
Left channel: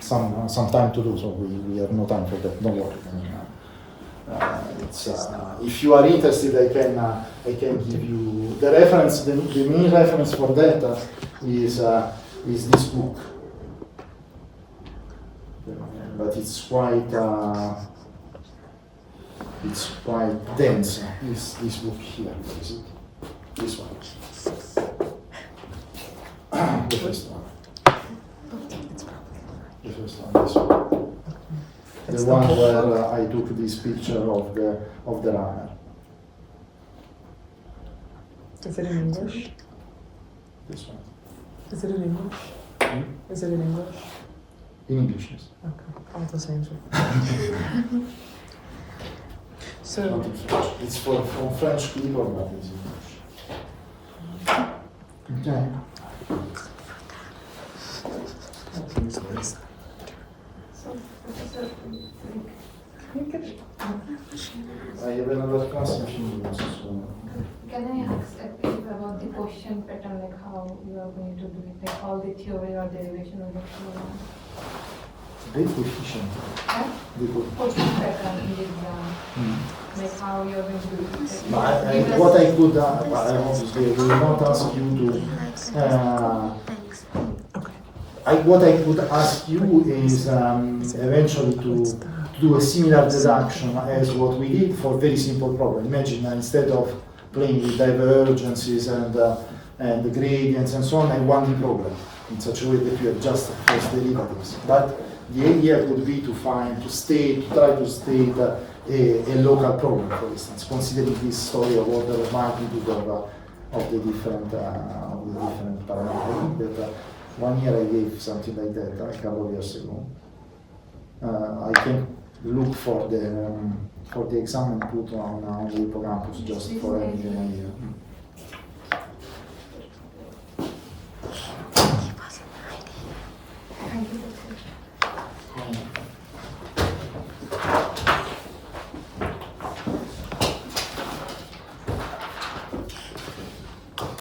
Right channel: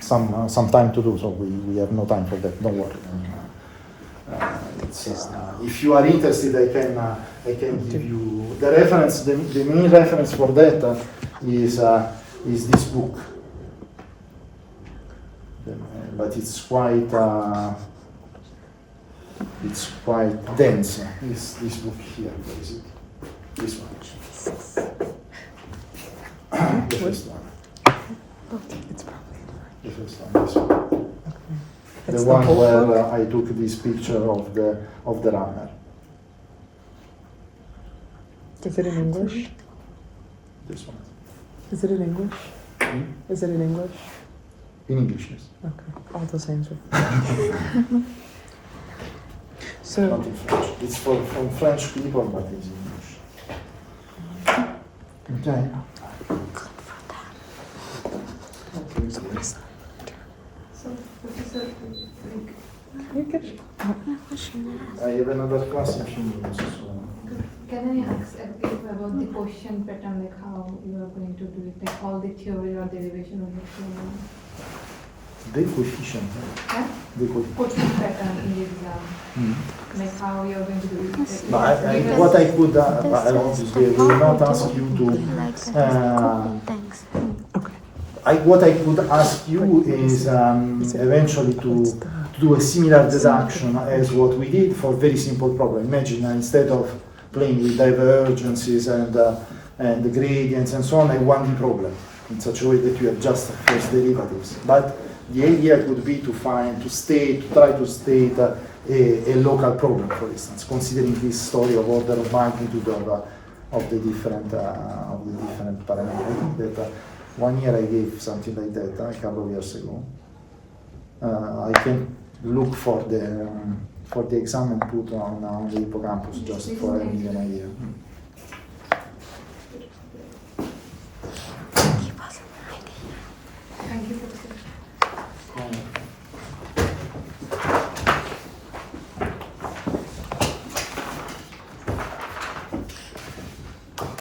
some time to do, so we have no time for that. Don't worry. If you are interested, I can give you the reference. The main reference for that is this book, but it's quite dense. This book here. What is it? This one. The first one. The first one. This one. The one where I took this picture of the runner. Is it in English? This one. Is it in English? Is it in English? In English, yes. Okay, all the same. So, Not in French. It's from French people, but it's English. Okay. I have another class in few minutes. So. Can I ask about the question pattern, like how you are going to do it, like all the theory or derivation of the theory? The coefficient. Huh? The coefficient. Question pattern in the exam, like how you are going to do it. Like, But what I could, obviously, I will not ask you to. What I could ask you is eventually to do a similar deduction as what we did for very simple problem. Imagine instead of playing with divergences and the gradients and so on, a 1D problem in such a way that you have just first derivatives. But the idea could be to try to state a local problem, for instance, considering this story of order of magnitude of the different parameters. I think that 1 year I gave something like that a couple of years ago. I can look for the exam and put on the hippocampus just for having an idea.